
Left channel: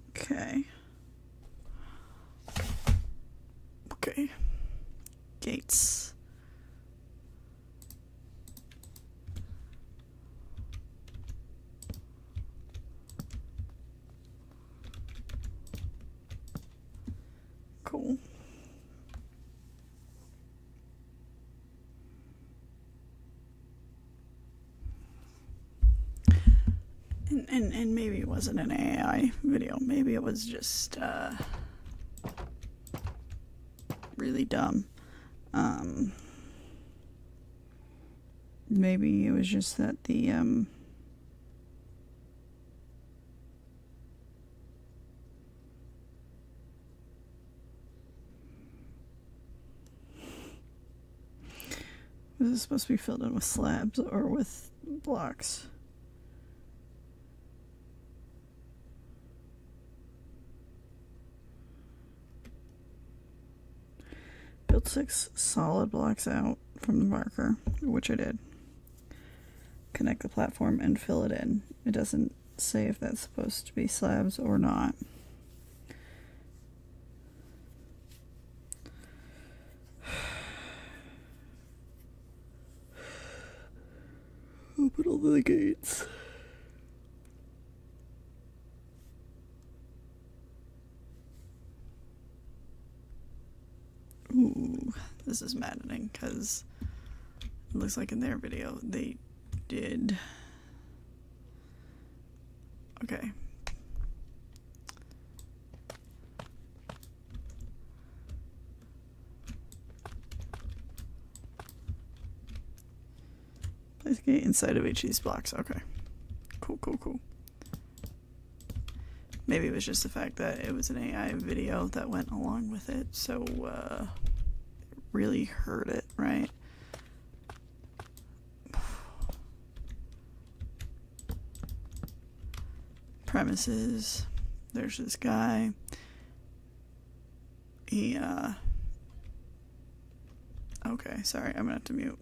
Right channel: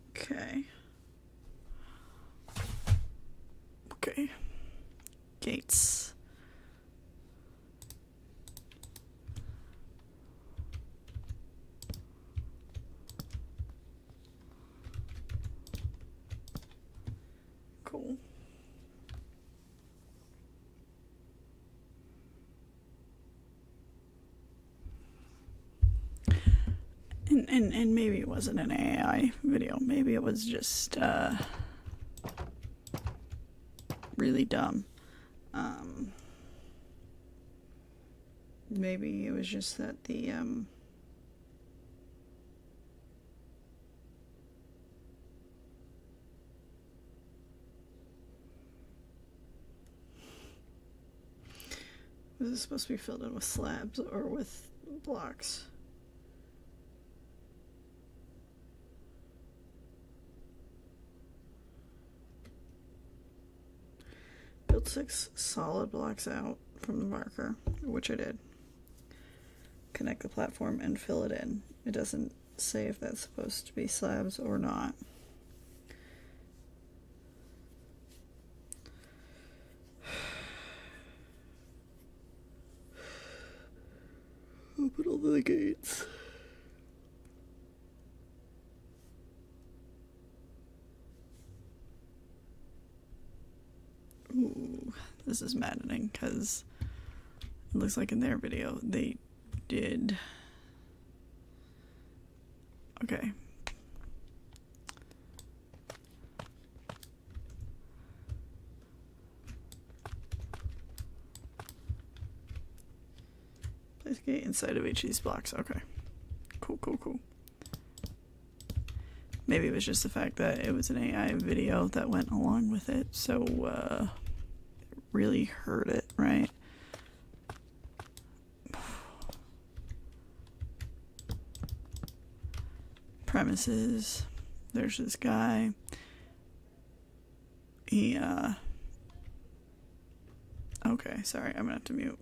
Okay. Okay. Gates. Cool. And maybe it wasn't an AI video. Maybe it was just really dumb. Maybe it was just that the was this supposed to be filled in with slabs or with blocks? Build 6 solid blocks out from the marker, which I did. Connect the platform and fill it in. It doesn't say if that's supposed to be slabs or not. Open all the gates. Ooh, this is maddening because it looks like in their video they did. Okay. Place gate inside of each of these blocks. Okay. Cool, cool, cool. Maybe it was just the fact that it was an AI video that went along with it, so it really hurt it, right? Premises. There's this guy. He, okay, sorry, I'm gonna have to mute.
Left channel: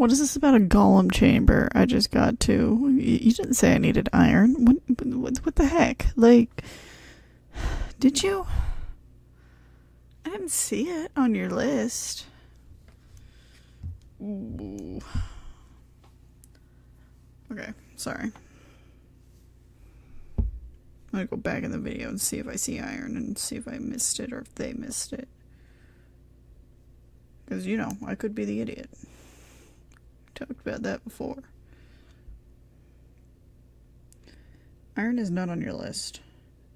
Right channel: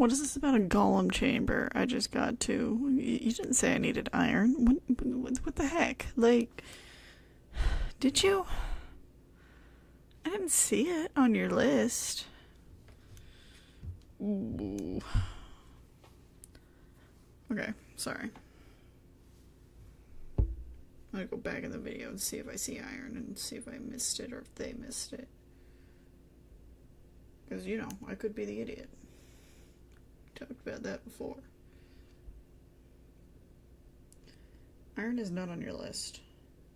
What is this about a golem chamber? I just got to. You didn't say I needed iron. What the heck? Like, did you? I didn't see it on your list. Ooh. Okay, sorry. I'm gonna go back in the video and see if I see iron and see if I missed it or if they missed it. Because, you know, I could be the idiot. Talked about that before. Iron is not on your list.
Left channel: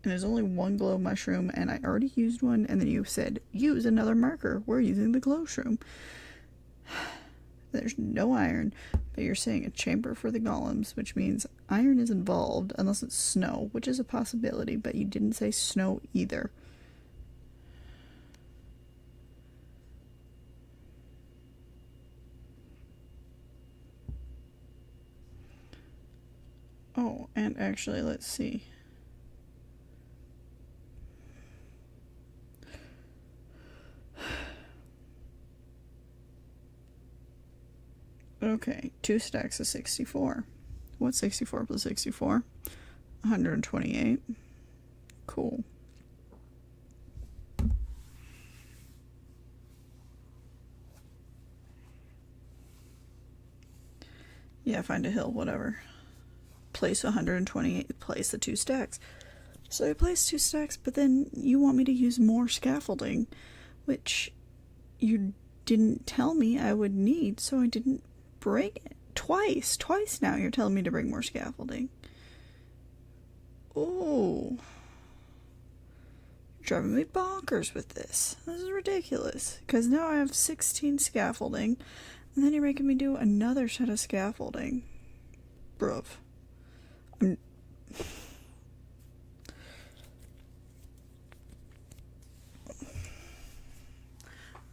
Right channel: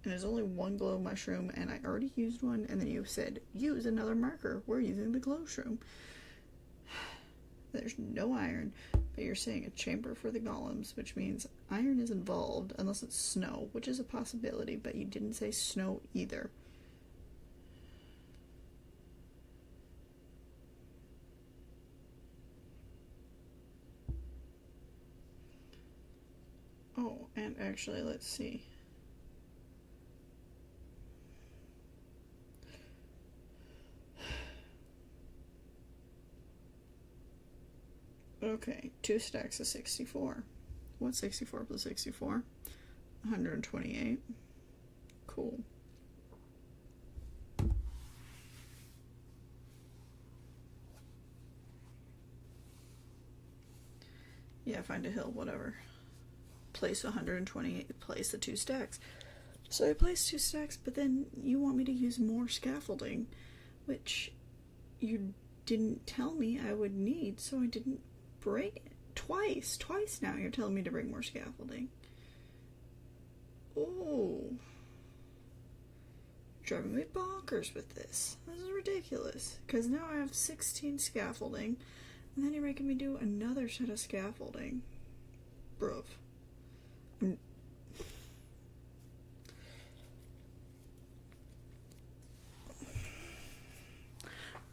And there's only one glow mushroom, and I already used one, and then you said, use another marker. We're using the glow shroom. There's no iron, but you're saying a chamber for the golems, which means iron is involved, unless it's snow, which is a possibility, but you didn't say snow either. Oh, and actually, let's see. Okay, 2 stacks of 64. What's 64 plus 64? 128. Cool. Yeah, find a hill, whatever. Place 128, place the 2 stacks. So I placed 2 stacks, but then you want me to use more scaffolding, which you didn't tell me I would need, so I didn't bring it. Twice now you're telling me to bring more scaffolding. Oh. You're driving me bonkers with this. This is ridiculous. Because now I have 16 scaffolding, and then you're making me do another set of scaffolding. Bruv.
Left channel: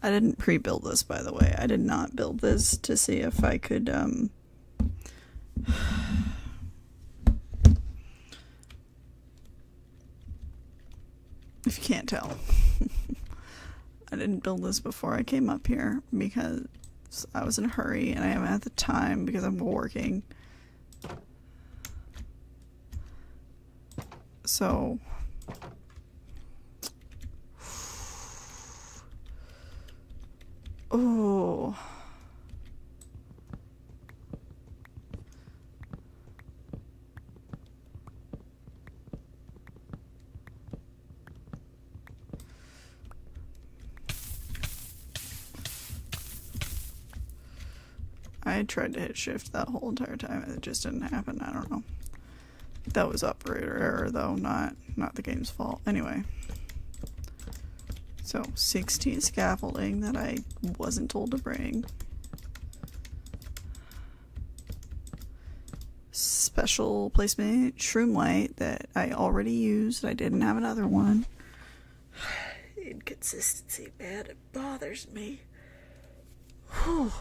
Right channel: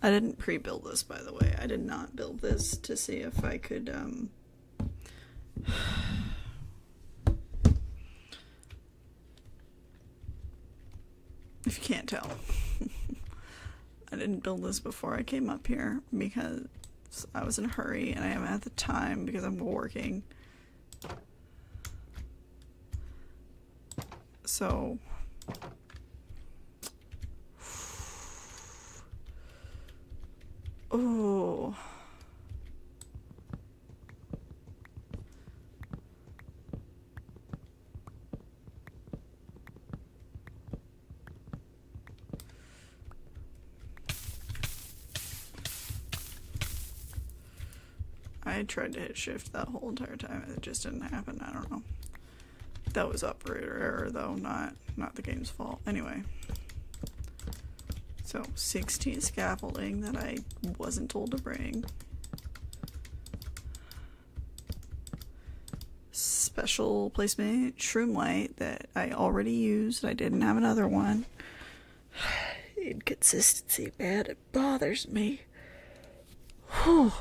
I didn't pre-build this, by the way. I did not build this to see if I could, if you can't tell. I didn't build this before I came up here because I was in a hurry and I haven't had the time because I'm working. So oh. I tried to hit shift that whole entire time and it just didn't happen. I don't know. That was operator error though, not the game's fault. Anyway. So 16 scaffolding that I wasn't told to bring. Special placement shroom light that I already used. I didn't have another one. Inconsistency, man, it bothers me. Whew.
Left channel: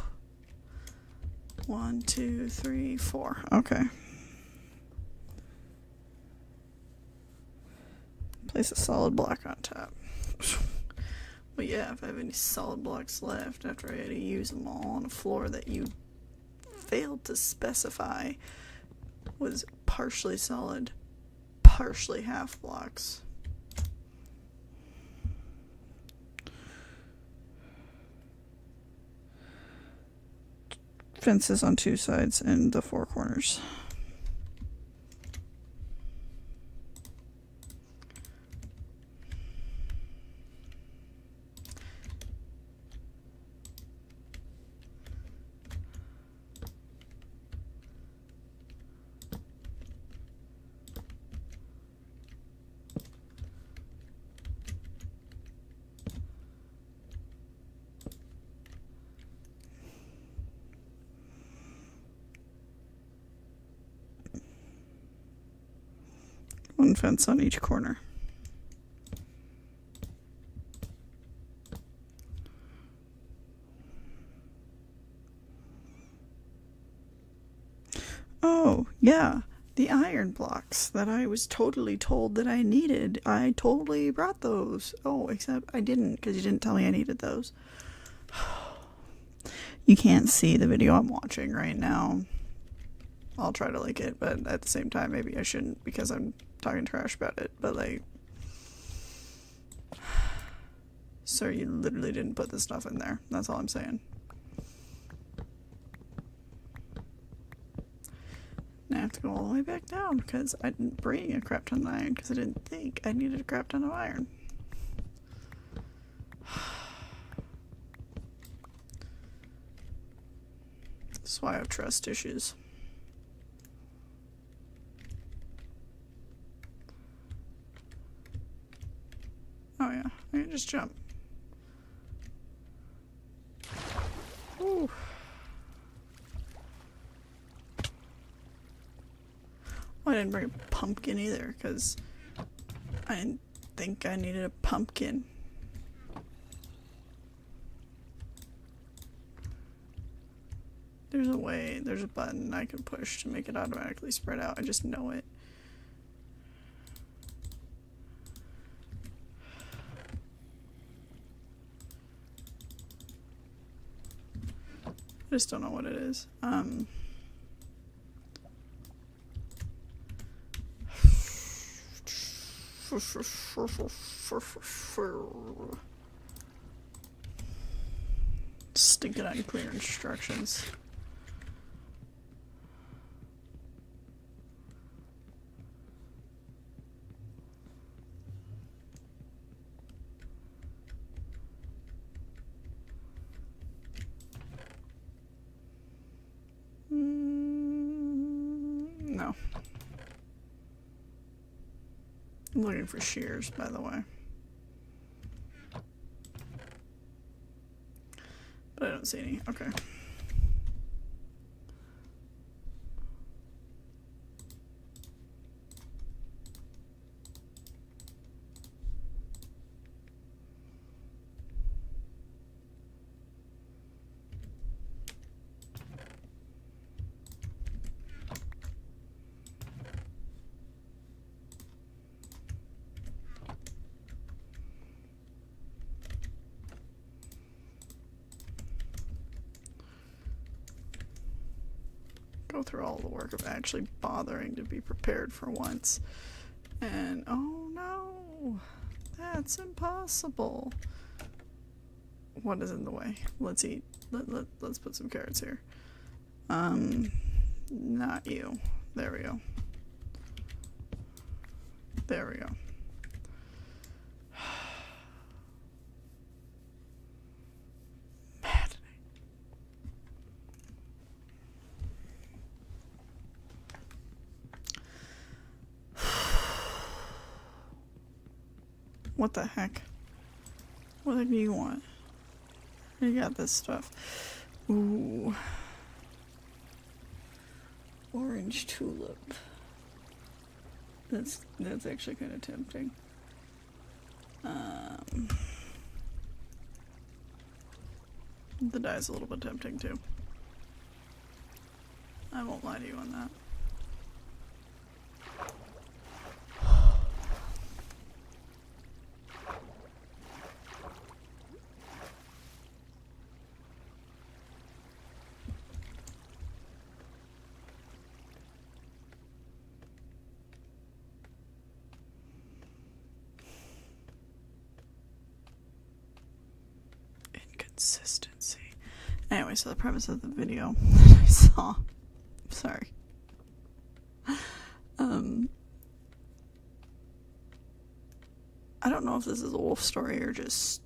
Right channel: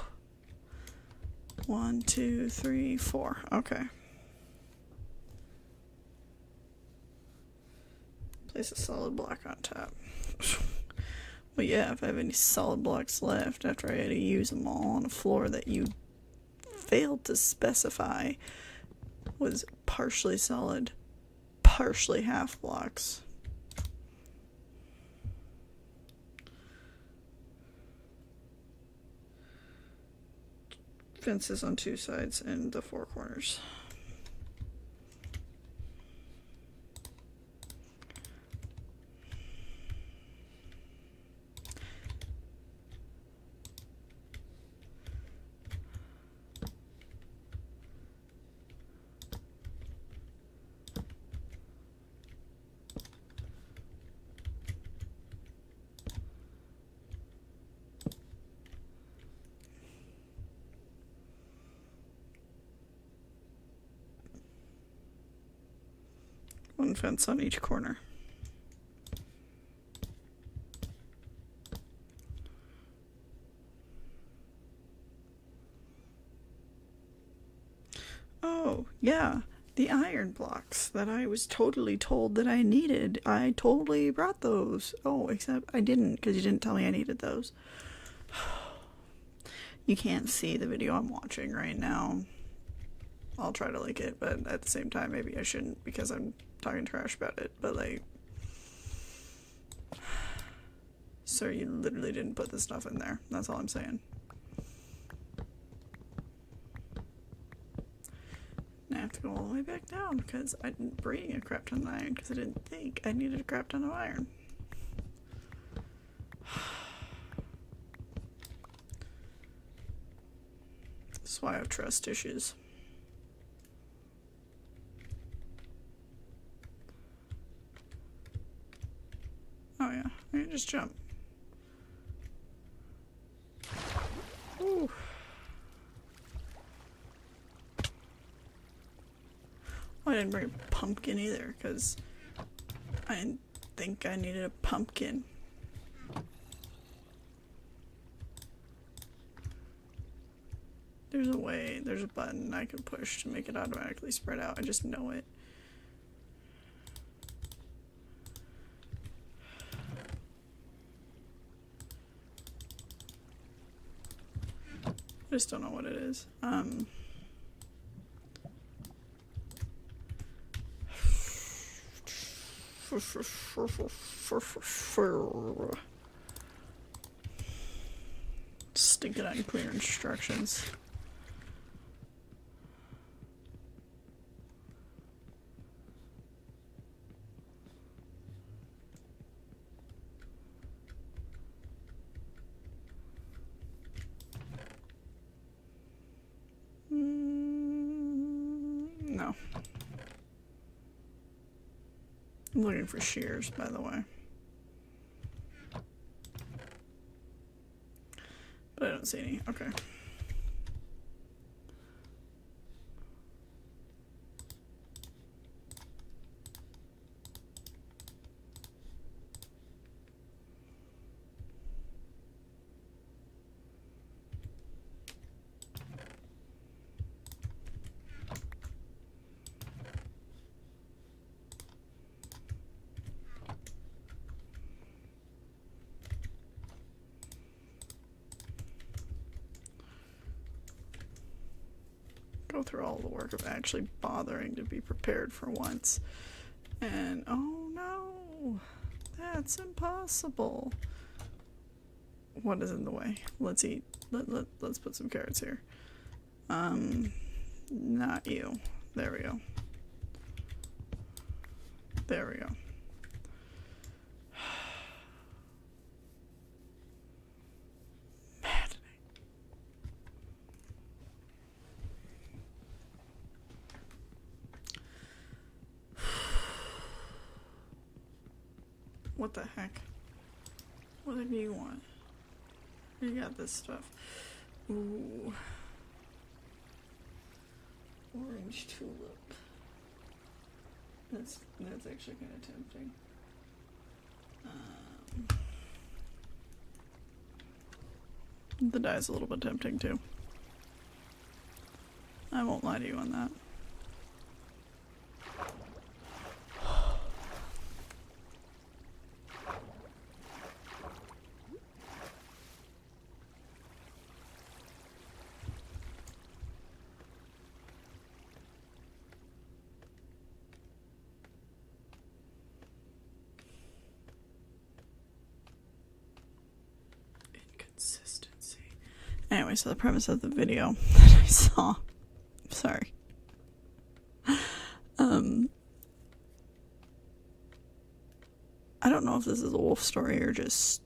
1, 2, 3, 4. Okay. Place a solid block on top. Well, yeah, if I have any solid blocks left after I had to use them all on a floor that you failed to specify was partially solid, partially half blocks. Fences on 2 sides and the 4 corners. One fence on each corner. Oh, yeah, the iron blocks that I was totally told that I needed. I totally brought those. Oh, except I didn't because you didn't tell me I needed those. You can't see the video I'm watching right now. I'll try to link it, but at the same time, maybe I shouldn't because I'm talking trash about it. But like, sir, you literally didn't put this stuff in there. That's all I'm saying. And I have to go all the way back down because I didn't bring a crap ton of iron because I didn't think I needed a crap ton of iron. That's why I have trust issues. Oh yeah, I can just jump. Ooh. I didn't bring a pumpkin either because I didn't think I needed a pumpkin. There's a way, there's a button I can push to make it automatically spread out. I just know it. I just don't know what it is. Stinking unclear instructions. No. I'm looking for shears, by the way. But I don't see any. Okay. Go through all the work of actually bothering to be prepared for once. And oh no, that's impossible. What is in the way? Let's eat. Let's put some carrots here. Not you. There we go. There we go. What the heck? What do you want? You got this stuff. Ooh. Orange tulip. That's actually kind of tempting. The dye's a little bit tempting too. I won't lie to you on that. Inconsistency. Anyway, so the premise of the video that I saw, sorry. I don't know if this is a wolf story or just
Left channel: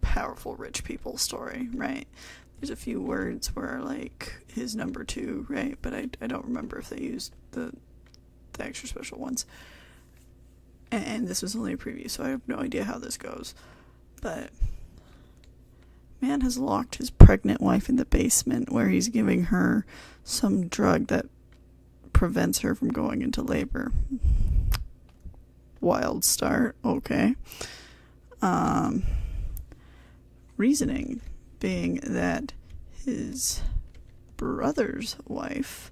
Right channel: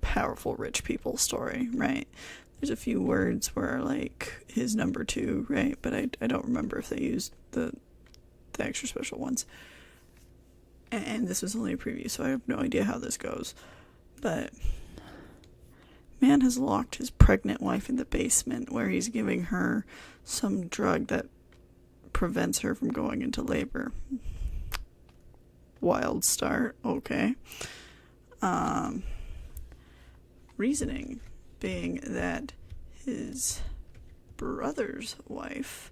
powerful rich people story, right? There's a few words where like his number 2, right? But I don't remember if they used the extra special ones. And this was only a preview, so I have no idea how this goes. But man has locked his pregnant wife in the basement where he's giving her some drug that prevents her from going into labor. Wild start, okay. Reasoning being that his brother's wife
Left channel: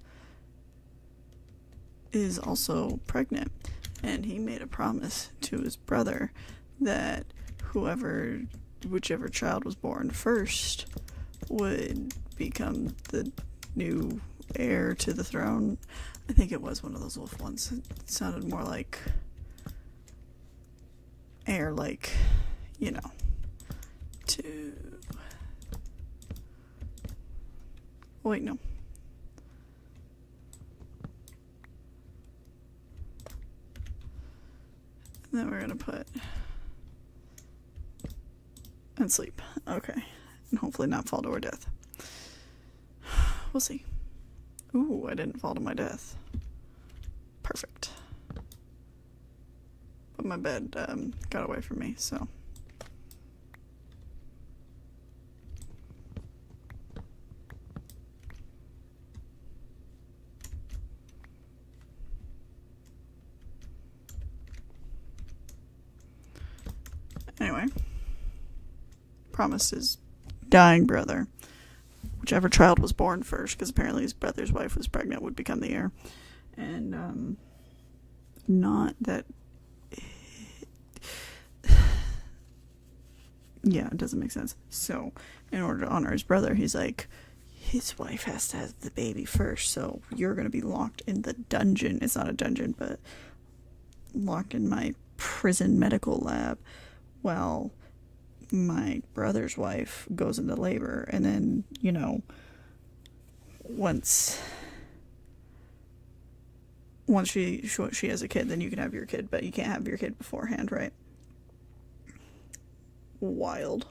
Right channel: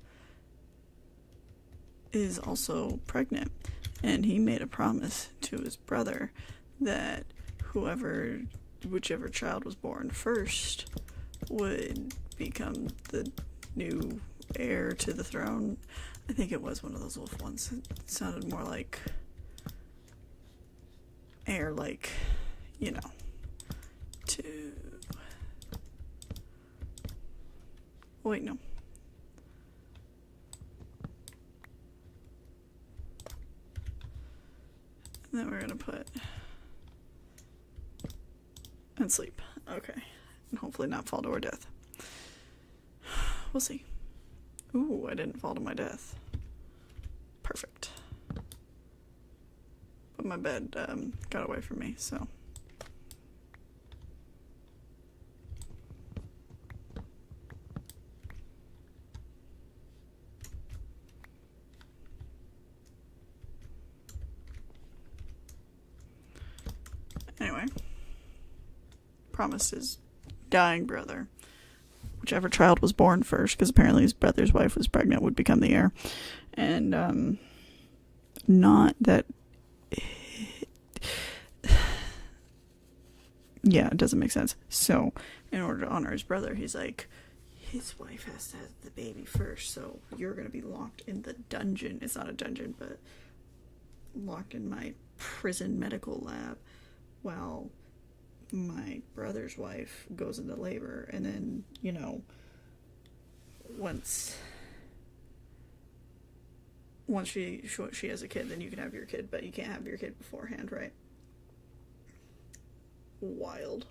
is also pregnant, and he made a promise to his brother that whichever child was born first would become the new heir to the throne. I think it was one of those wolf ones. It sounded more like heir, like, you know, to... Wait, no. And then we're gonna put... and sleep. Okay. And hopefully not fall to our death. We'll see. Ooh, I didn't fall to my death. Perfect. But my bed got away from me, so... Anyway. Promised his dying brother, whichever child was born first, because apparently his brother's wife was pregnant, would become the heir. And, not that... yeah, it doesn't make sense. So, in order to honor his brother, he's like, his wife has to have the baby first, so you're going to be locked in the dungeon. It's not a dungeon, but locked in my prison medical lab while my brother's wife goes into labor. And then, you know, once she has a kid, then you can have your kid, but you can't have your kid beforehand, right? Wild.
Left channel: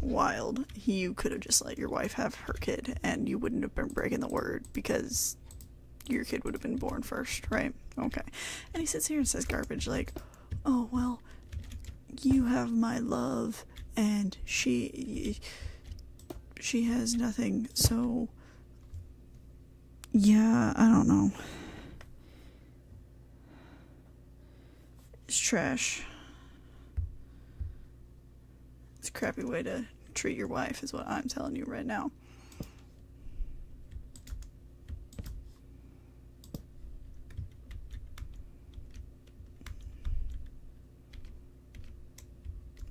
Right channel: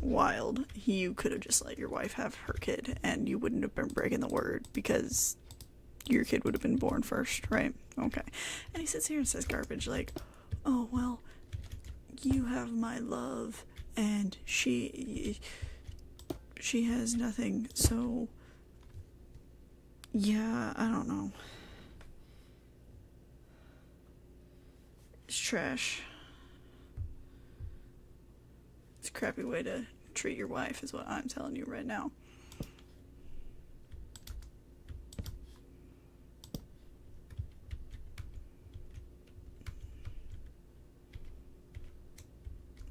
Wild. You could have just let your wife have her kid and you wouldn't have been breaking the word because your kid would have been born first, right? Okay. And he sits here and says garbage like, oh, well, you have my love and she has nothing, so yeah, I don't know. It's trash. It's a crappy way to treat your wife is what I'm telling you right now.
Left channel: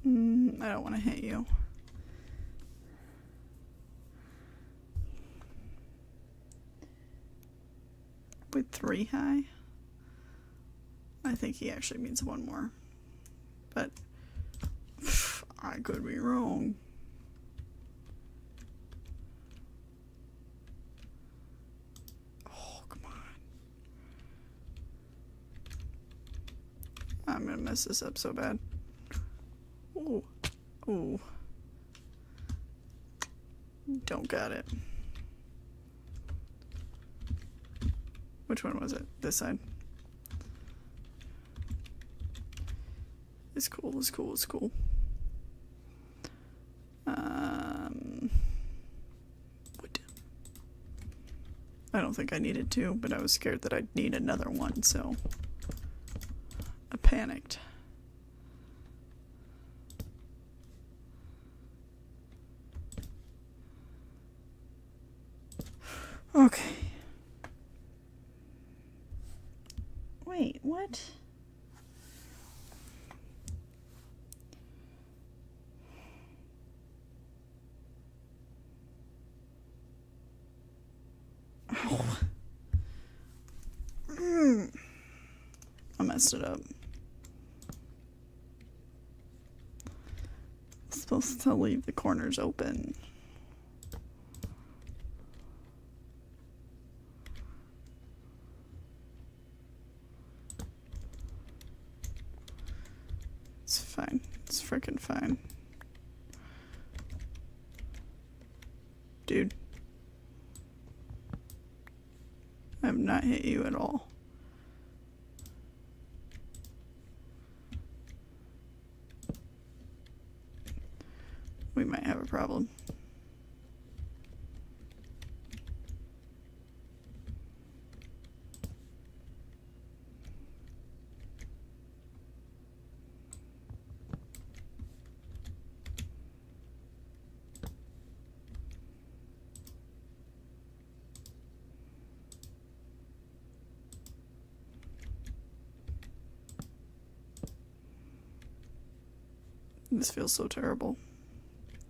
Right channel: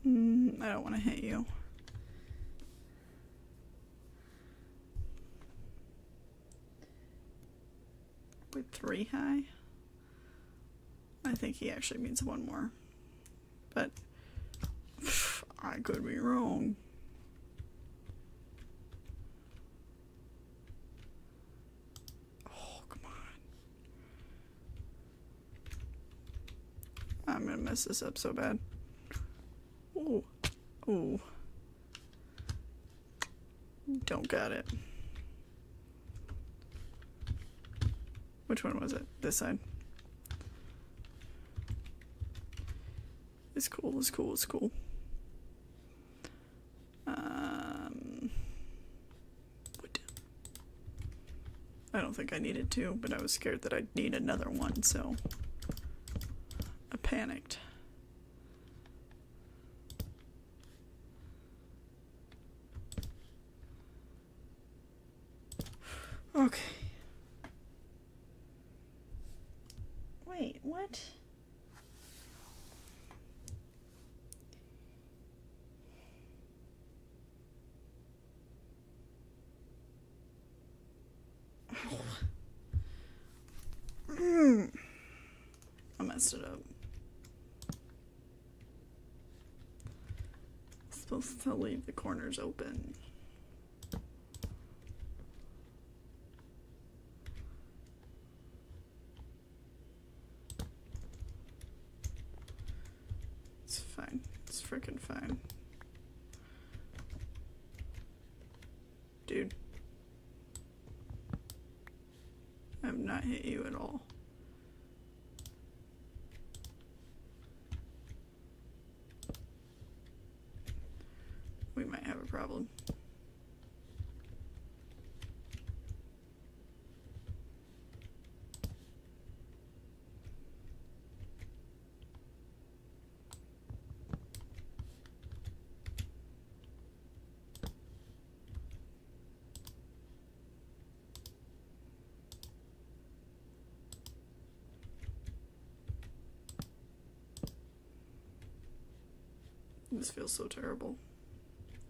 I don't want to hit you. With 3 high? I think he actually means 1 more. But I could be wrong. Oh, come on. I'm gonna mess this up so bad. Ooh. Ooh. Don't got it. Which one was it? This side. It's cool, it's cool, it's cool. What? I don't think I needed 2, but I was scared that I'd need another one, so I panicked. Okay. Wait, what? Oh. I messed it up. I'm supposed to leave the corners open. It's fine. It's freaking fine. Dude. I have not hit you at all. We might have a problem. This feels so terrible.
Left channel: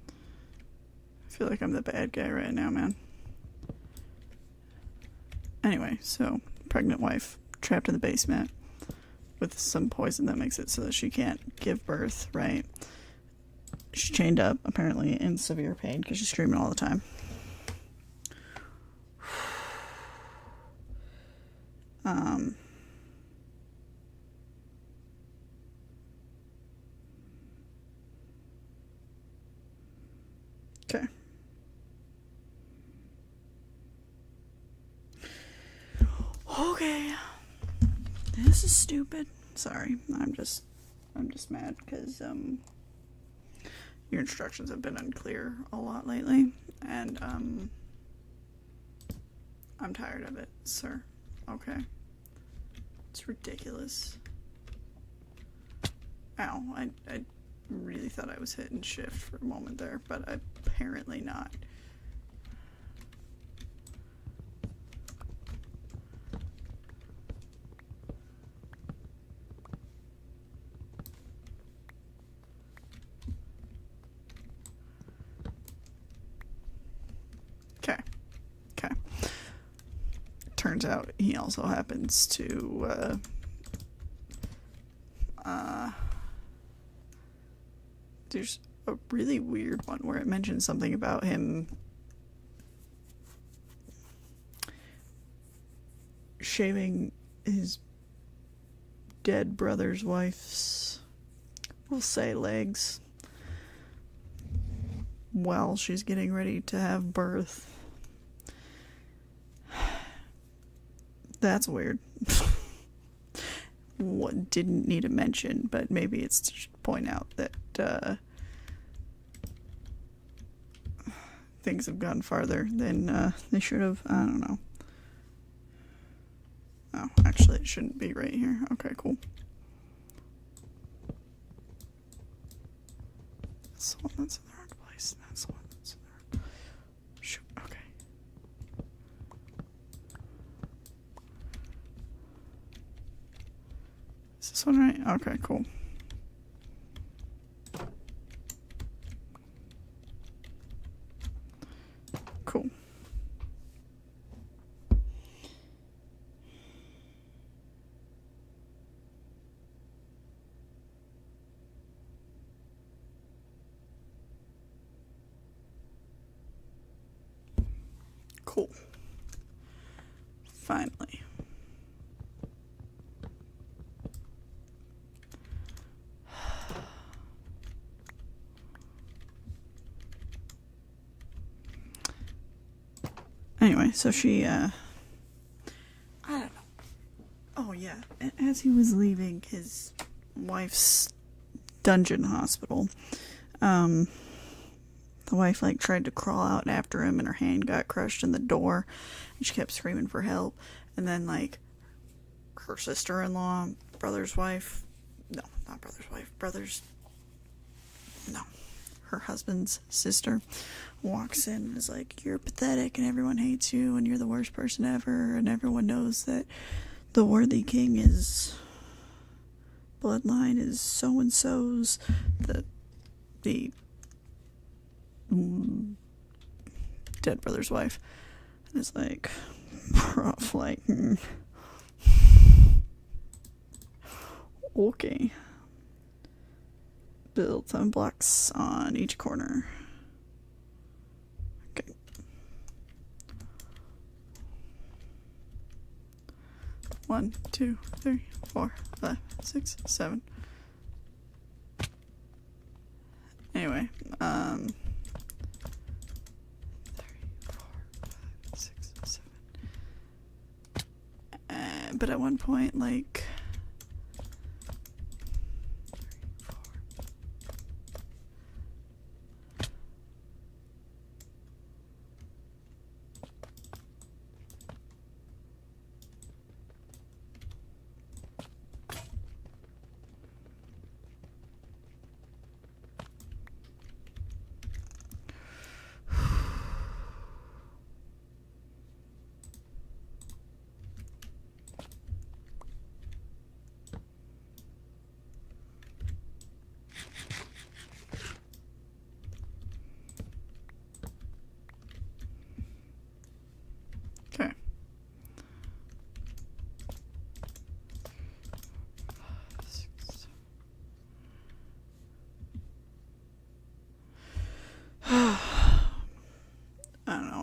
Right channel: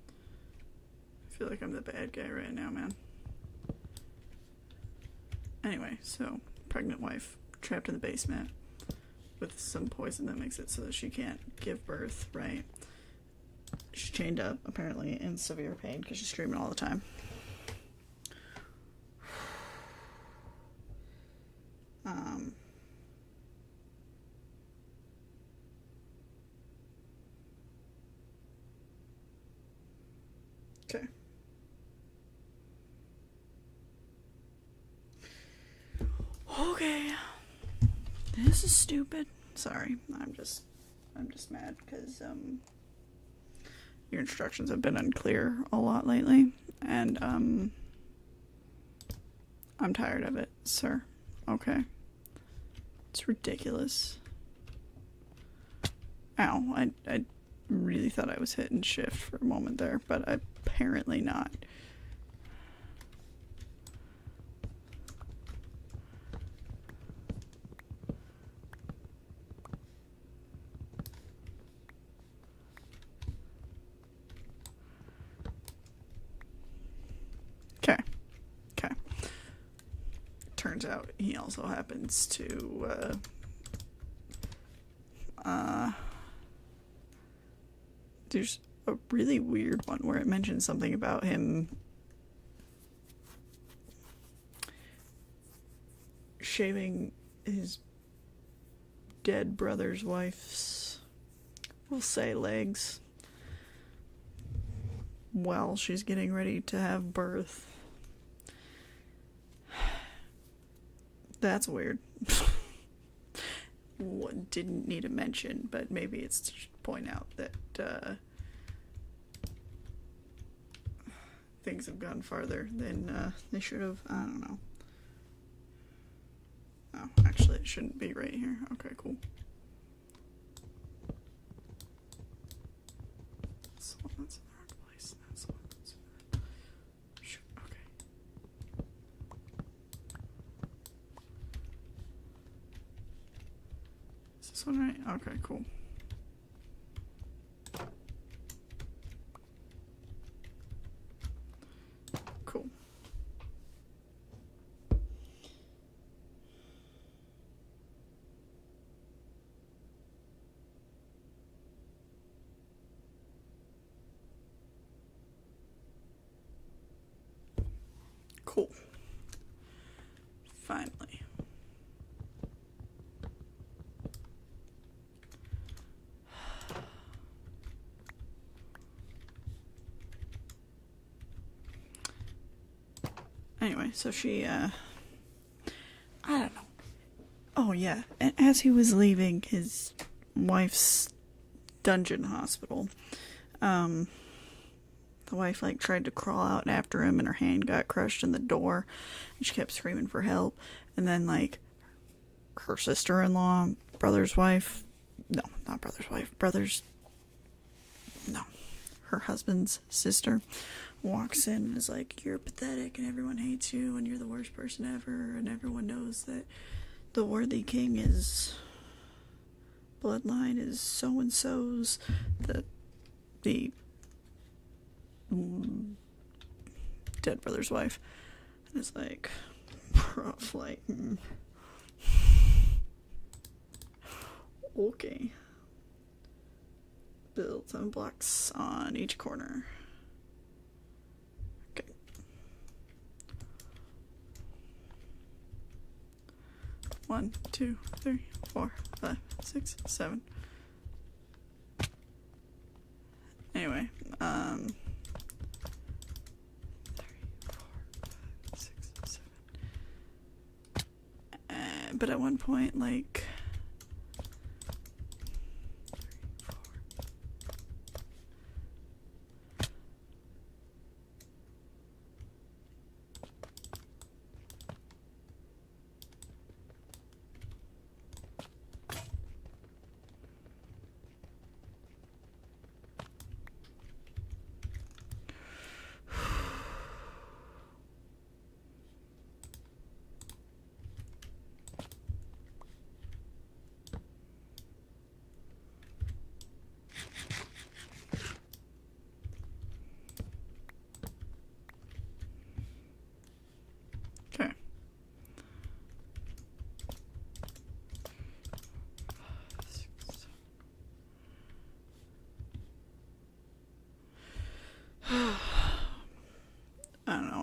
I feel like I'm the bad guy right now, man. Anyway, so pregnant wife trapped in the basement with some poison that makes it so that she can't give birth, right? She's chained up, apparently in severe pain because she's screaming all the time. Okay. Okay. This is stupid. Sorry. I'm just mad because your instructions have been unclear a lot lately, and I'm tired of it, sir. Okay. It's ridiculous. Ow, I really thought I was hitting shift for a moment there, but apparently not. Okay. Turns out he also happens to there's a really weird one where it mentions something about him shaving his dead brother's wife's, we'll say, legs while she's getting ready to have birth. That's weird. What didn't need a mention, but maybe it's to point out that things have gone farther than they should have. I don't know. Oh, actually, it shouldn't be right here. Okay, cool. That's the one that's in the wrong place. That's the one that's in the wrong. Shoot. Okay. Is this one right? Okay, cool. Cool. Cool. Finally. Anyway, so she, I don't know. Oh, yeah. And as he was leaving his wife's dungeon hospital, the wife, like, tried to crawl out after him and her hand got crushed in the door and she kept screaming for help. And then, like, her sister-in-law, brother's wife, no, not brother's wife, her husband's sister walks in and is like, you're pathetic and everyone hates you and you're the worst person ever and everyone knows that the worthy king is bloodline is so-and-so's, the dead brother's wife. And it's like, rough, like, okay. Build some blocks on each corner. Okay. One, 2, 3, 4, 5, 6, 7. Anyway, 3, 4, 5, 6, 7. But at one point, like,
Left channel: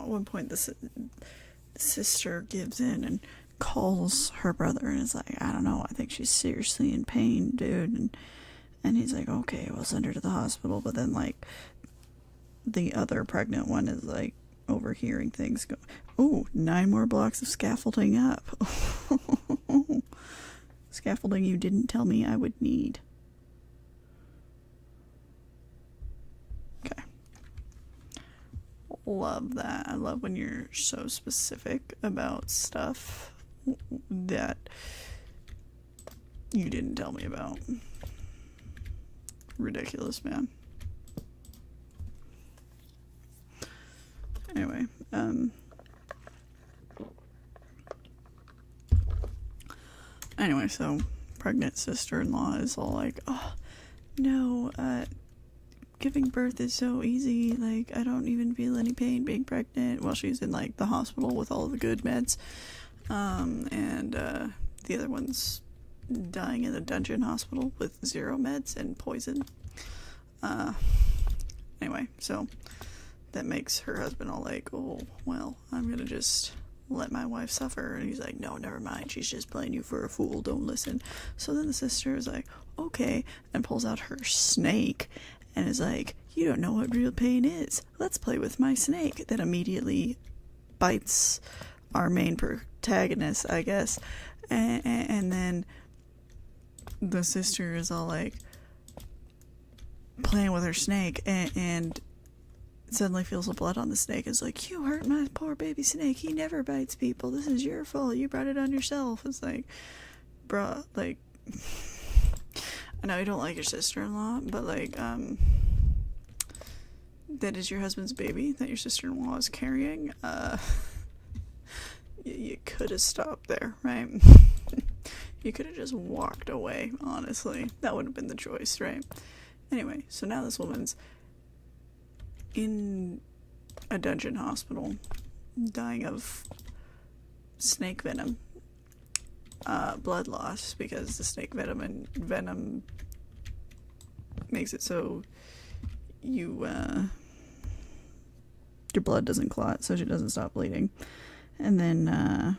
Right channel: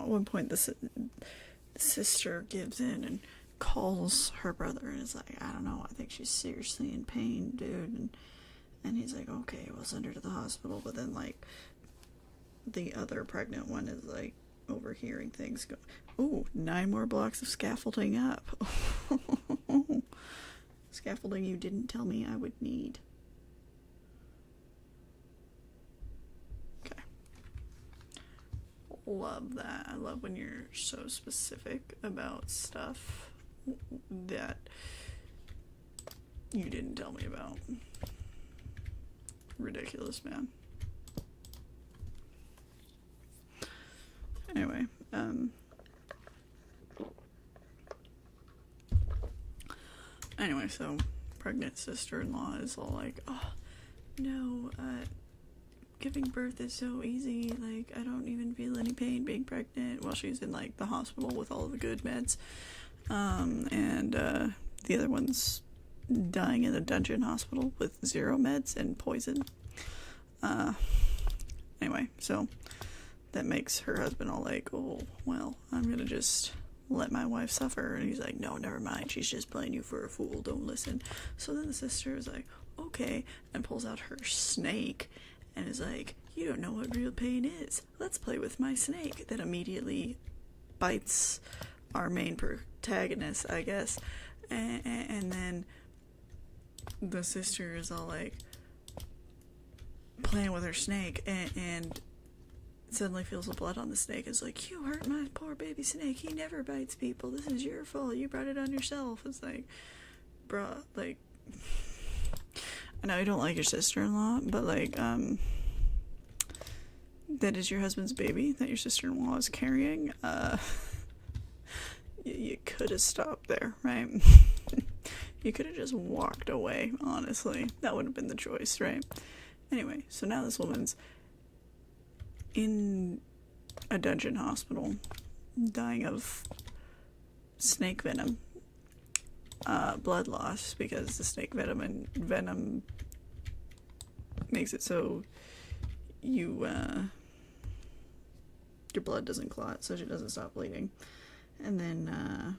one point, the sister gives in and calls her brother and is like, I don't know, I think she's seriously in pain, dude. And he's like, okay, we'll send her to the hospital. But then, like, the other pregnant one is, like, overhearing things go, ooh, 9 more blocks of scaffolding up. Scaffolding you didn't tell me I would need. Okay. Love that. I love when you're so specific about stuff that you didn't tell me about. Ridiculous, man. Anyway, so pregnant sister-in-law is all like, oh, no, giving birth is so easy, like, I don't even feel any pain being pregnant, while she's in, like, the hospital with all the good meds, and the other one's dying in a dungeon hospital with 0 meds and poison. Anyway, so that makes her husband all like, oh, well, I'm gonna just let my wife suffer. And he's like, no, never mind, she's just playing you for a fool, don't listen. So then the sister is like, okay, and pulls out her snake and is like, you don't know what real pain is, let's play with my snake. That immediately bites our main protagonist, I guess. And then the sister is all like playing with her snake and suddenly feels the blood on the snake. Is like, you hurt my poor baby snake, he never bites people, this is your fault, you brought it on yourself. It's like, bruh, like, I know you don't like your sister-in-law, but like, that is your husband's baby that your sister-in-law is carrying. You could have stopped there, right? You could have just walked away, honestly. That would have been the choice, right? Anyway, so now this woman's in a dungeon hospital, dying of snake venom, blood loss, because the snake venom makes it so your blood doesn't clot, so she doesn't stop bleeding. And then,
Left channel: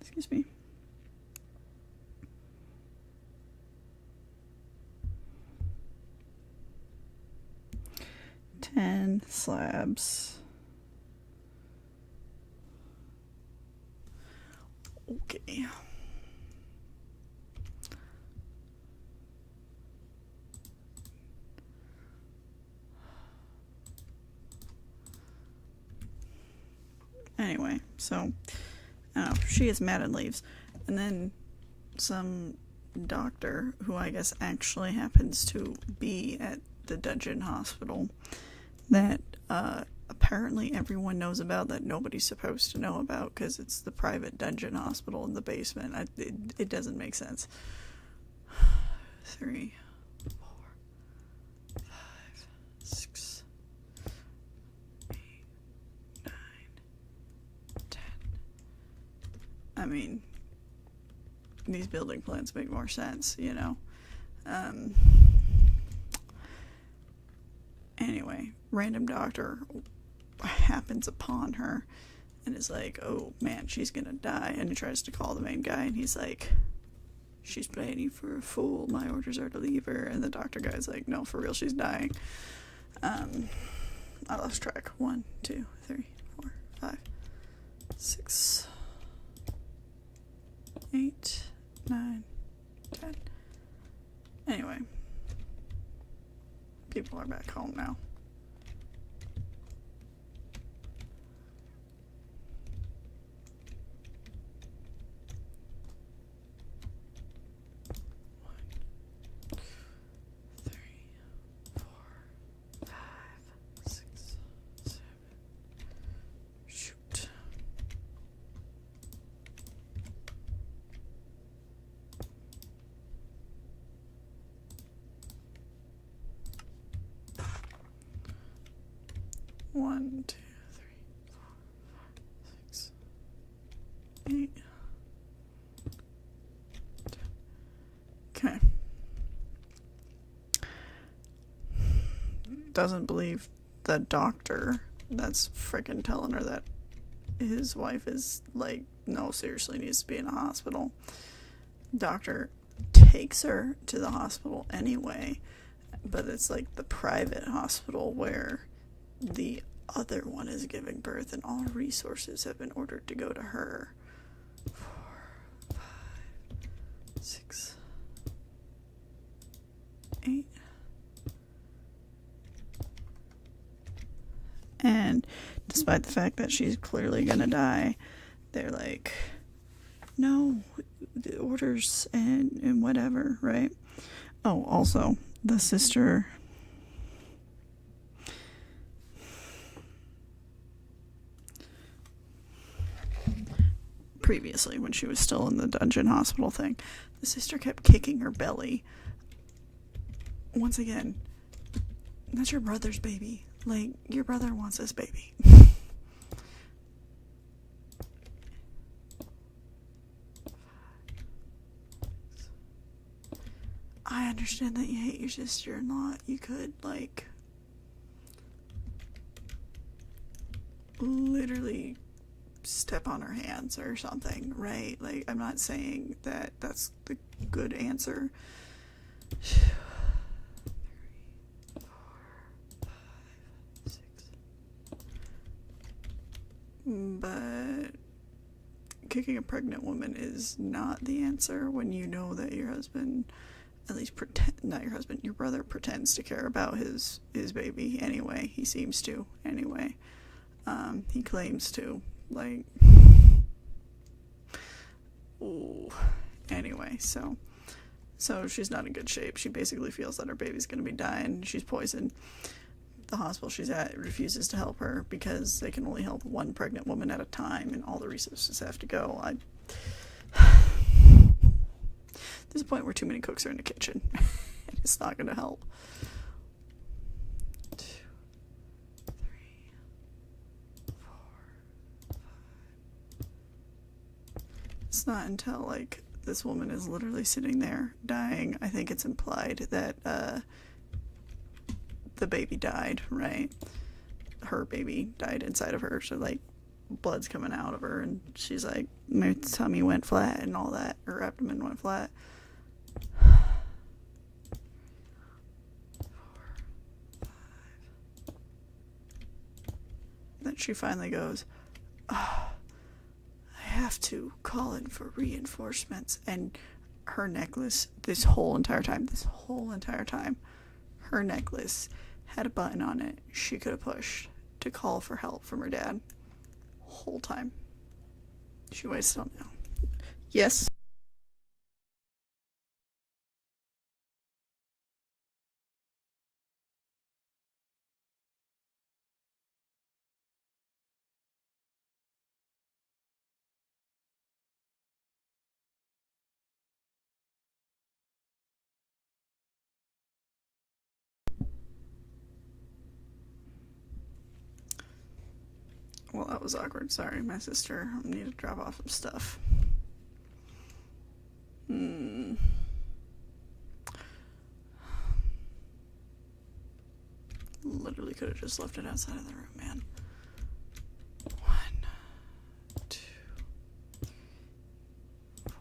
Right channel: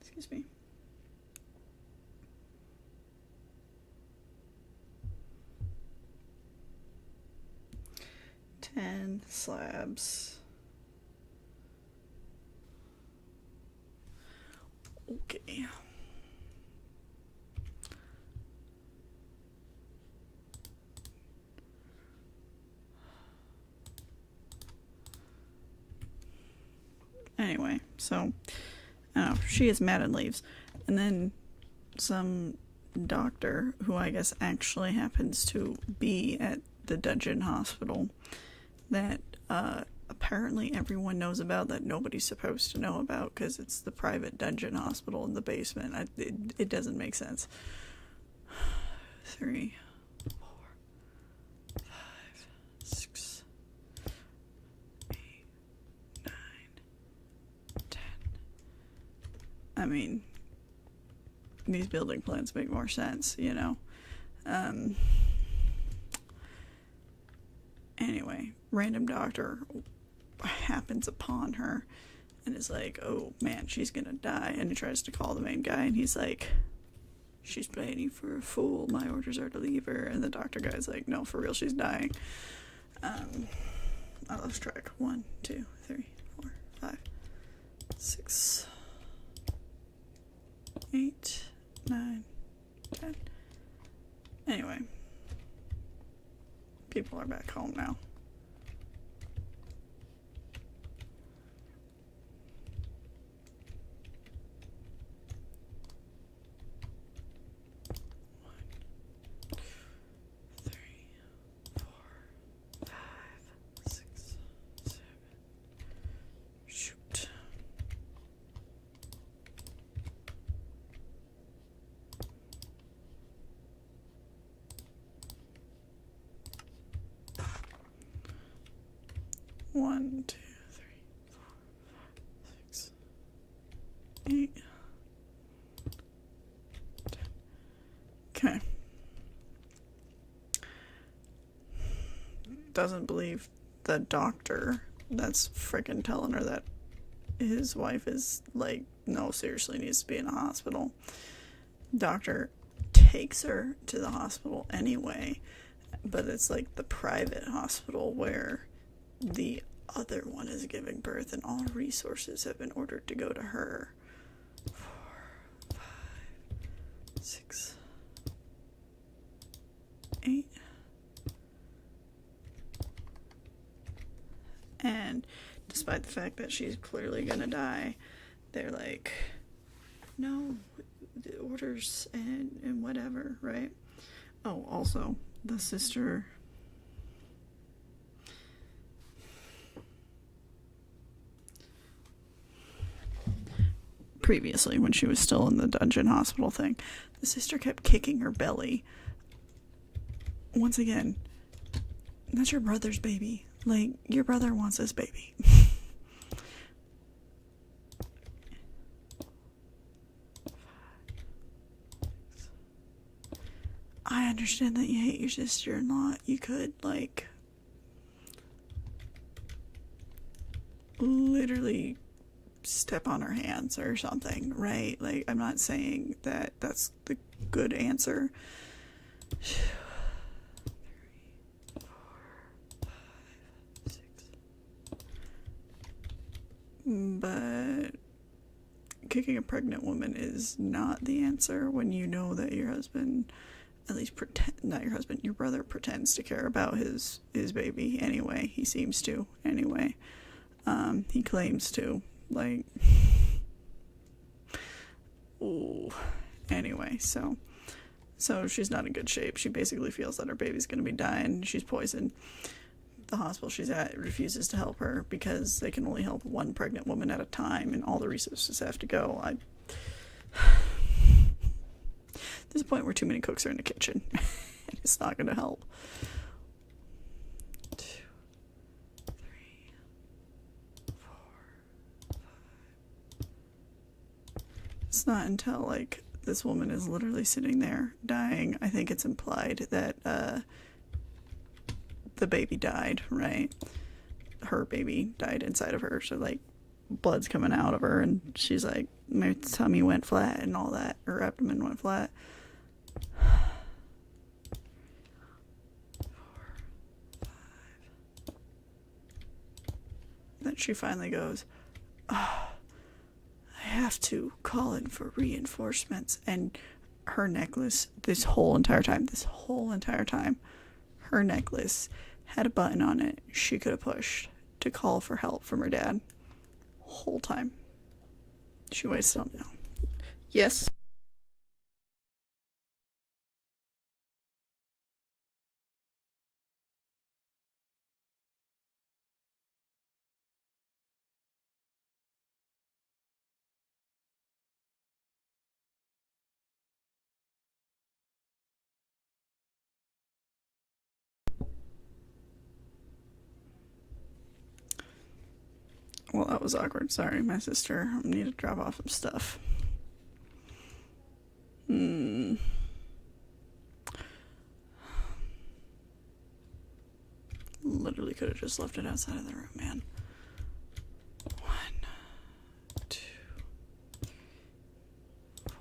excuse me. Ten slabs. Okay. Anyway, so, I don't know, she gets mad and leaves. And then some doctor, who I guess actually happens to be at the dungeon hospital, that apparently everyone knows about, that nobody's supposed to know about, because it's the private dungeon hospital in the basement. It doesn't make sense. 3, 4, 5, 6, 8, 9, 10. I mean, these building plans make more sense, you know? Anyway, random doctor happens upon her and is like, oh man, she's gonna die. And he tries to call the main guy, and he's like, she's playing you for a fool, my orders are to leave her. And the doctor guy's like, no, for real, she's dying. I lost track. 1, 2, 3, 4, 5, 6, 8, 9, 10. Anyway, people are back home now. Shoot. One, 2, 3, 4, 5, 6, 8, 10. Okay. doesn't believe the doctor that's freaking telling her that his wife is like, no, seriously needs to be in a hospital. Doctor takes her to the hospital anyway, but it's like the private hospital where the other one is giving birth, and all resources have been ordered to go to her. 4, 5, 6, 8. And despite the fact that she's clearly gonna die, they're like, no, the orders and whatever, right? Oh, also, the sister previously, when she was still in the dungeon hospital thing, the sister kept kicking her belly. Once again, that's your brother's baby. Like, your brother wants this baby. I understand that you hate your sister-in-law. You could, like, literally step on her hands or something, right? Like, I'm not saying that that's the good answer. 3, 4, 5, 6. But kicking a pregnant woman is not the answer when you know that your husband, at least not your husband, your brother pretends to care about his baby anyway. He seems to anyway. He claims to, like, ooh. Anyway, so she's not in good shape. She basically feels that her baby's gonna be dying. She's poisoned. The hospital she's at refuses to help her because they can only help one pregnant woman at a time, and all the resources have to go. There's a point where too many cooks are in the kitchen, and it's not gonna help. 2, 3, 4, 5. It's not until, like, this woman is literally sitting there dying, I think it's implied that the baby died, right? Her baby died inside of her, so, like, blood's coming out of her, and she's like, my tummy went flat and all that, her abdomen went flat. 4, 5. Then she finally goes, oh, I have to call in for reinforcements. And her necklace, this whole entire time, her necklace had a button on it she could have pushed to call for help from her dad. Whole time. She wasted on now. Yes. Well, that was awkward. Sorry, my sister. I need to drop off some stuff. Literally could have just left it outside of the room, man. 1, 2, 4.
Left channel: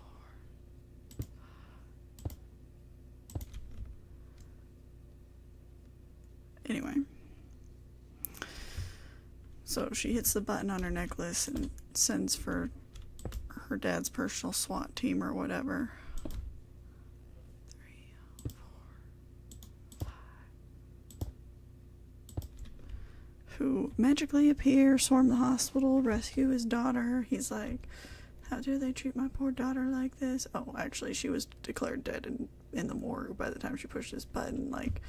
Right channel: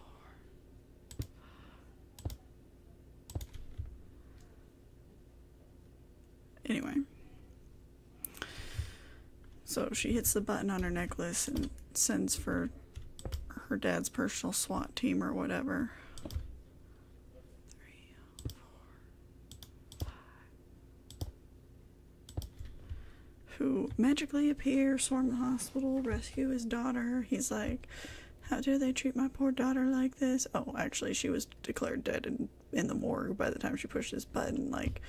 Anyway. So she hits the button on her necklace and sends for her dad's personal SWAT team or whatever. 3, 4, 5. Who magically appear, swarm the hospital, rescue his daughter. He's like, how do they treat my poor daughter like this? Oh, actually, she was declared dead in the morgue by the time she pushed this button. Like,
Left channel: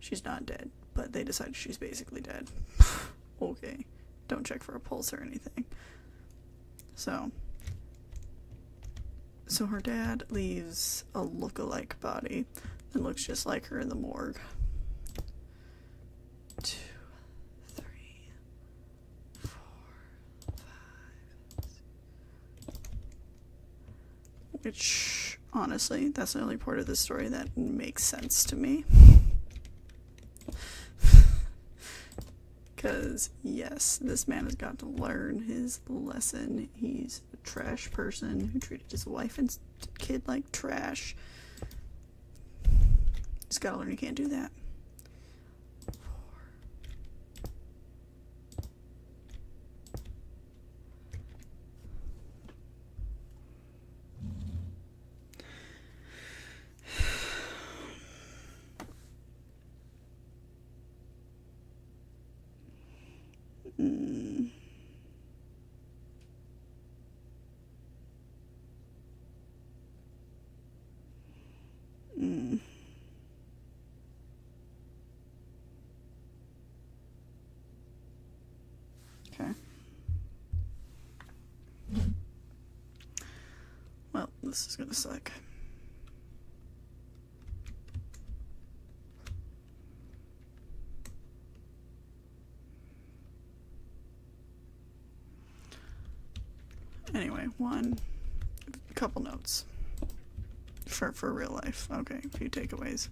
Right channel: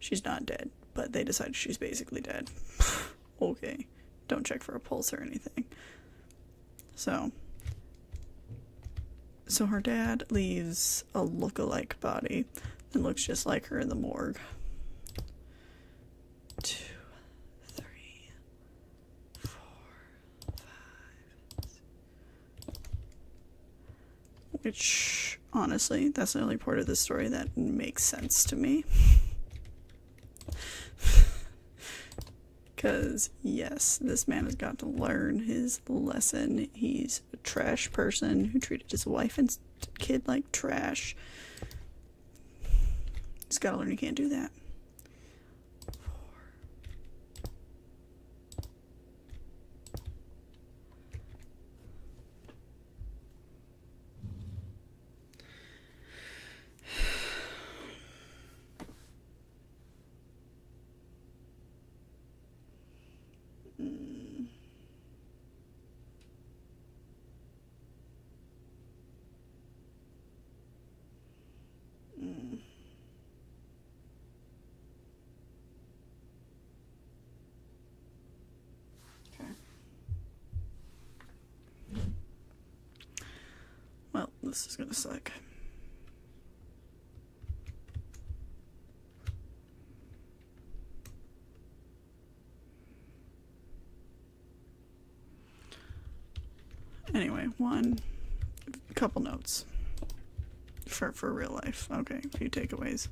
she's not dead, but they decided she's basically dead. Okay. Don't check for a pulse or anything. So her dad leaves a look-alike body and looks just like her in the morgue. 2, 3, 4, 5, 6. Which, honestly, that's the only part of the story that makes sense to me. Because, yes, this man has got to learn his lesson. He's a trash person who treated his wife and kid like trash. He's got to learn he can't do that. Okay. Well, this is gonna suck. Anyway, couple notes for real life. Okay, a few takeaways.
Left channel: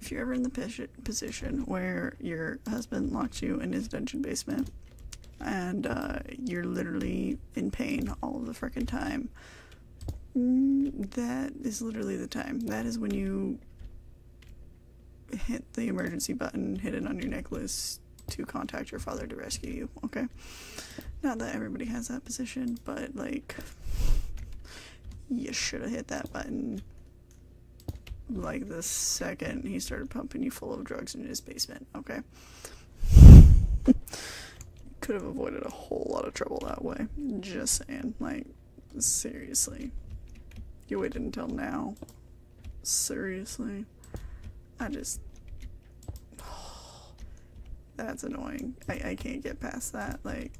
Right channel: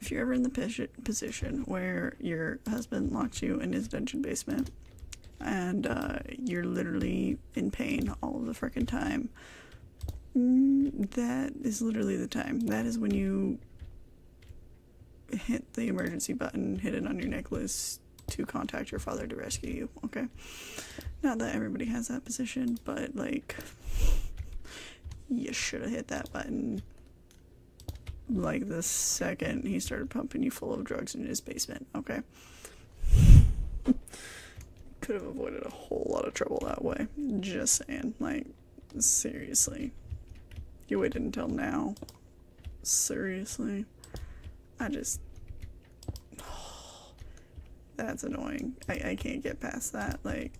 If you're ever in the position where your husband locked you in his dungeon basement and you're literally in pain all of the frickin' time, that is literally the time. That is when you hit the emergency button, hit it on your necklace to contact your father to rescue you, okay? Not that everybody has that position, but, like, you should have hit that button, like, the second he started pumping you full of drugs in his basement, okay? Could have avoided a whole lot of trouble that way. Just saying, like, seriously. You waited until now? Seriously? That's annoying. I can't get past that. Like,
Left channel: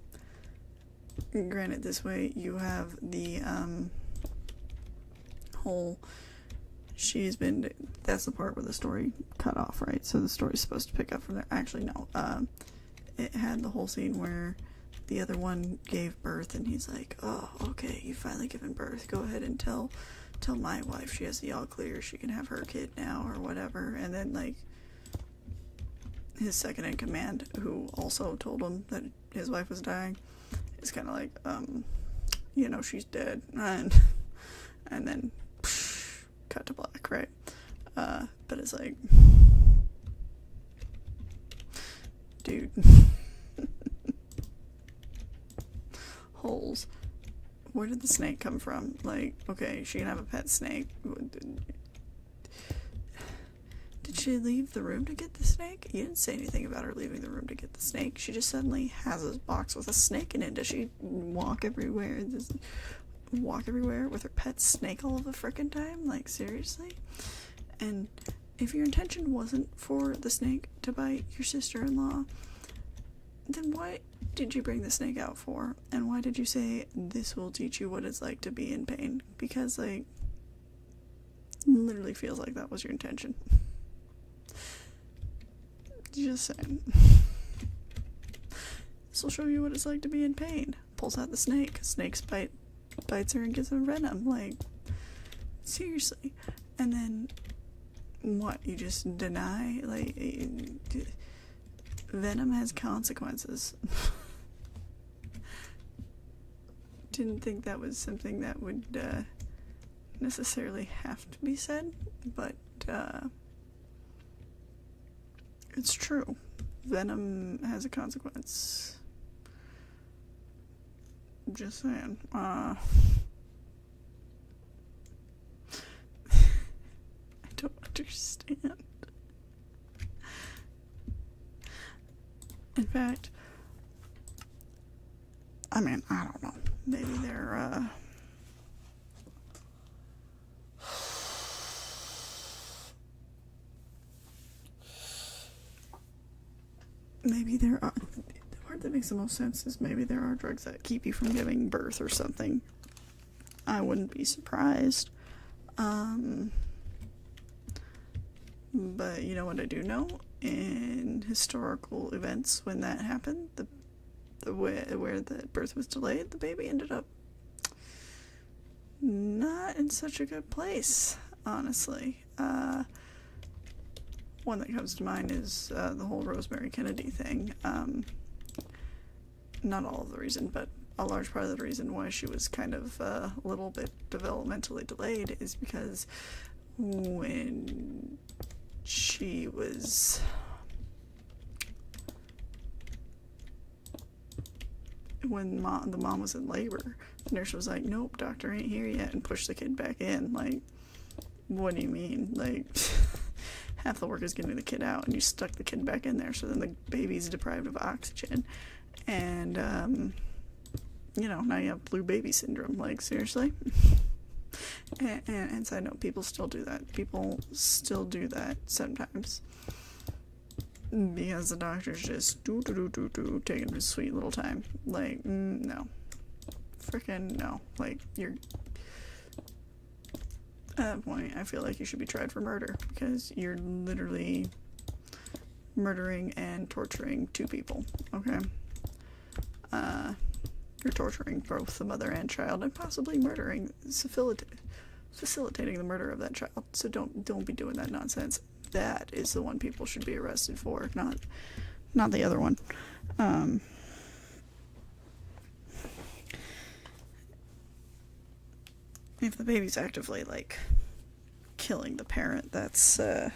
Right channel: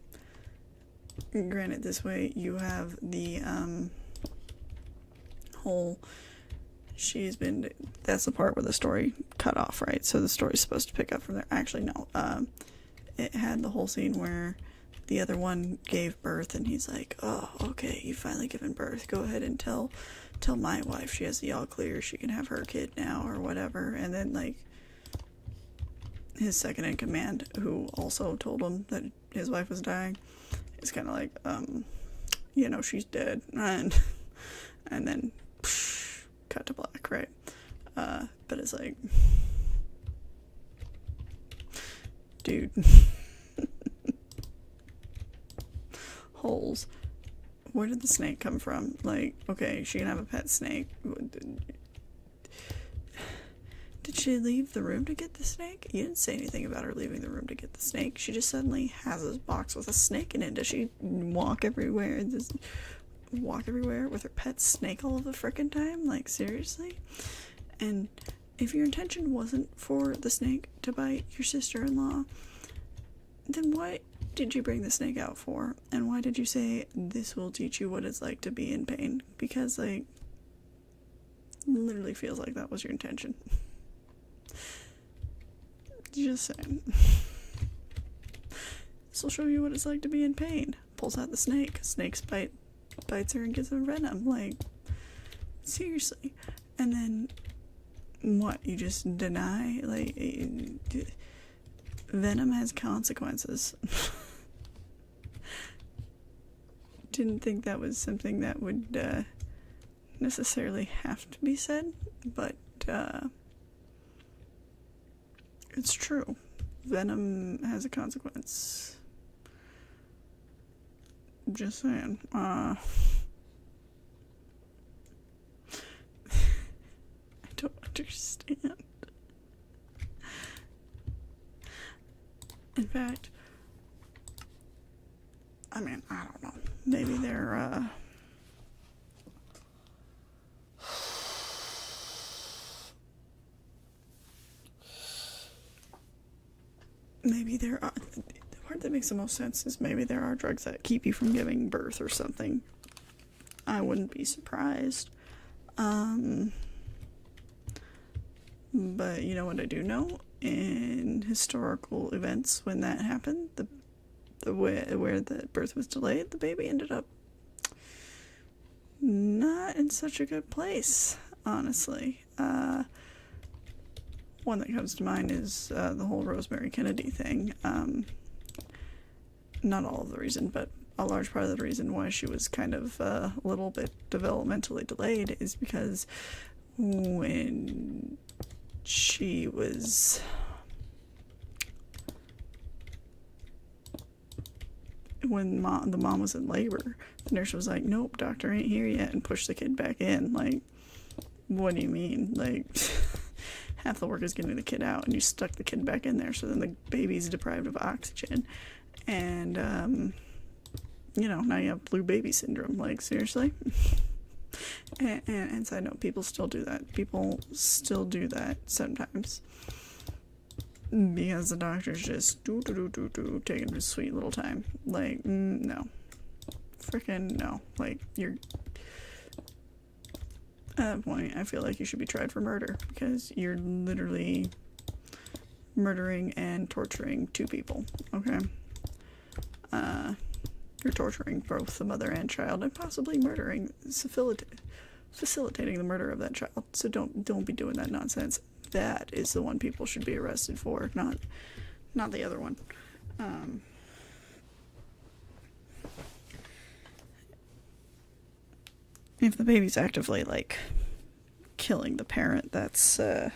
granted, this way you have the whole that's the part where the story cut off, right? So the story's supposed to pick up from there. Actually, no. It had the whole scene where the other one gave birth and he's like, oh, okay, you've finally given birth. Go ahead and tell my wife she has the all clear. She can have her kid now or whatever. And then, like, his second in command, who also told him that his wife was dying, is kind of like, she's dead, and then cut to black, right? But it's like, dude, holes. Where did the snake come from? Like, okay, she can have a pet snake. Did she leave the room to get the snake? You didn't say anything about her leaving the room to get the snake. She just suddenly has this box with a snake in it. Does she walk everywhere? With her pet snake all of the frickin' time? Like, seriously? And if your intention wasn't for the snake to bite your sister-in-law, then what did you bring the snake out for? And why did you say, this will teach you what it's like to be in pain? Because, like, literally feels like that was your intention. Just saying. This will show you what it's like to be in pain. Pulls out the snake. Snake's bites her and gives her venom. Like, seriously. And then, what? You just deny? Like, venom has consequences. Didn't think that was something that would necessarily have to be said, but it's true. Venom has a consequence. Just saying. I don't understand. In fact, I mean, I don't know. Maybe they're, maybe there are, the part that makes the most sense is maybe there are drugs that keep you from giving birth or something. I wouldn't be surprised. But you know what I do know? In historical events, when that happened, where the birth was delayed, the baby ended up not in such a good place, honestly. one that comes to mind is the whole Rosemary Kennedy thing. Not all of the reason, but a large part of the reason why she was kind of a little bit developmentally delayed is because when she was when the mom was in labor, the nurse was like, nope, doctor ain't here yet, and pushed the kid back in. Like, what do you mean? Like, half the work is getting the kid out, and you stuck the kid back in there, so then the baby's deprived of oxygen. And, you know, now you have blue baby syndrome. Like, seriously? And side note, people still do that. People still do that sometimes. Because the doctor's just taking his sweet little time. Like, no. Frickin' no. Like, you're... At that point, I feel like you should be tried for murder. Because you're literally murdering and torturing two people. Okay? You're torturing both the mother and child, and possibly murdering, facilitating the murder of that child. So don't be doing that nonsense. That is the one people should be arrested for, not the other one. If the baby's actively, like, killing the parent, that's, I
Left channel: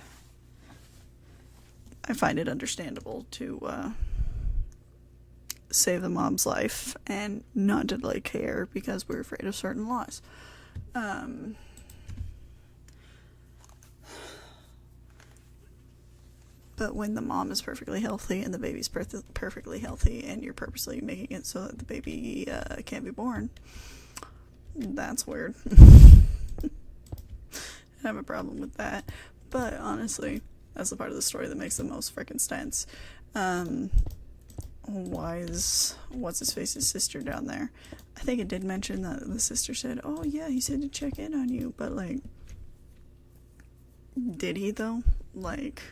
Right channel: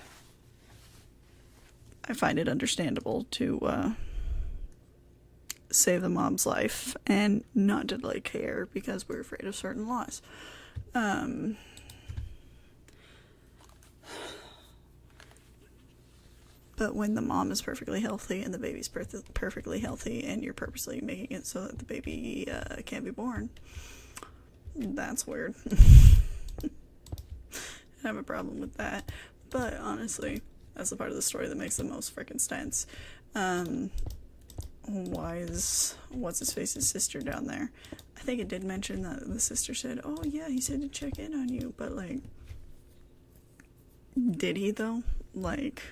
find it understandable to, save the mom's life and not to delay care because we're afraid of certain laws. But when the mom is perfectly healthy and the baby's perfectly healthy and you're purposely making it so that the baby can't be born, that's weird. I have a problem with that. But honestly, that's the part of the story that makes the most freaking sense. Why is what's-his-face's sister down there? I think it did mention that the sister said, oh yeah, he said to check in on you, but like, did he though? Like,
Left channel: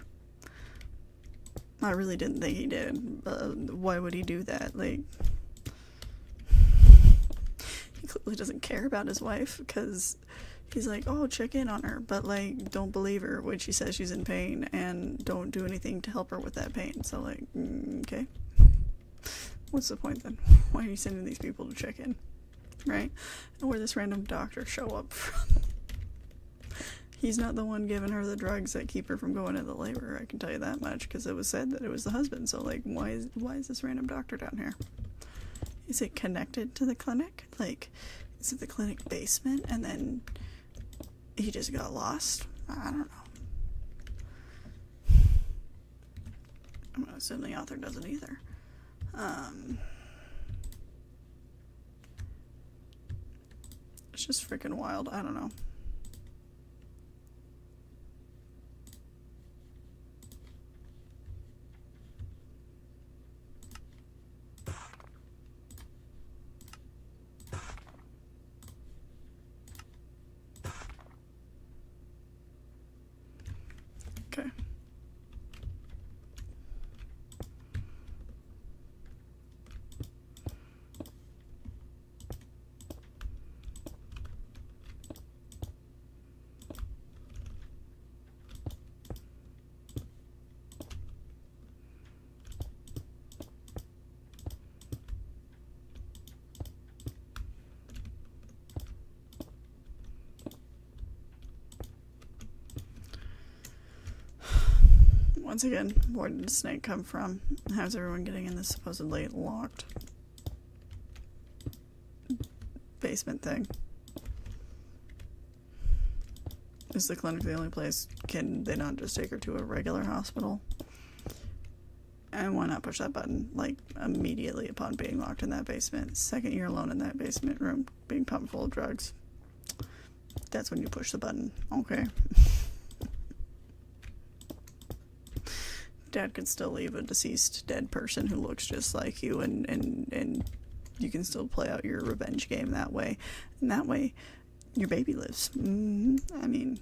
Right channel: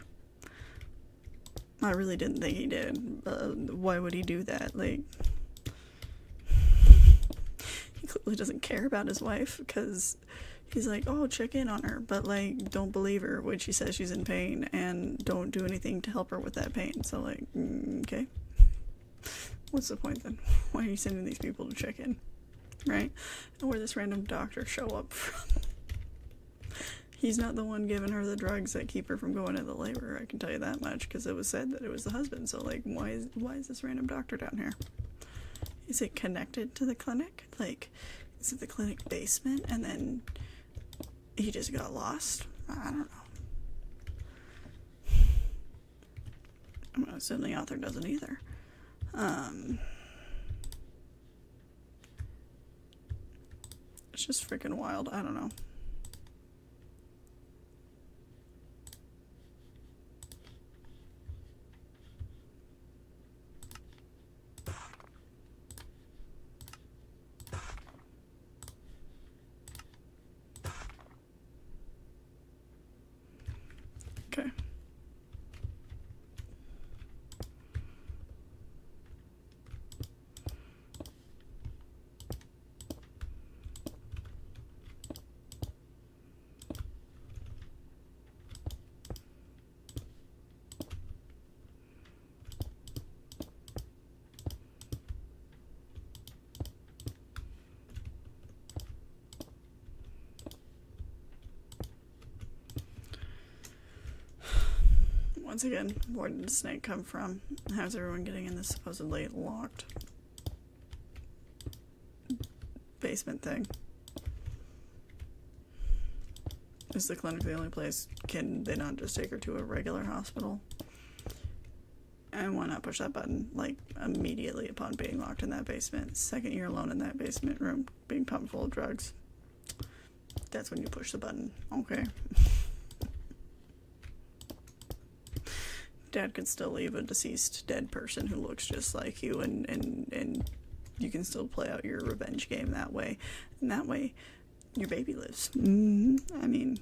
I really didn't think he did. Why would he do that? Like, he clearly doesn't care about his wife because he's like, oh, check in on her, but like, don't believe her when she says she's in pain and don't do anything to help her with that pain. So like, okay. What's the point then? Why are you sending these people to check in? Right? And where this random doctor show up from? He's not the one giving her the drugs that keep her from going into labor, I can tell you that much, because it was said that it was the husband. So like, why is this random doctor down here? Is it connected to the clinic? Like, is it the clinic basement and then he just got lost? I don't know. I'm gonna assume the author doesn't either. It's just freaking wild. I don't know. Okay. Once again, where did the snake come from? How's everyone getting in this supposedly locked basement thing? Is the clinic the only place? Can they not just take her to a regular hospital? And why not push that button, like, immediately upon being locked in that basement? Second year alone in that basement room, being pumped full of drugs. That's when you push the button. Okay. Dad could still leave a deceased dead person who looks just like you, and you can still play out your revenge game that way. And that way, your baby lives. I mean,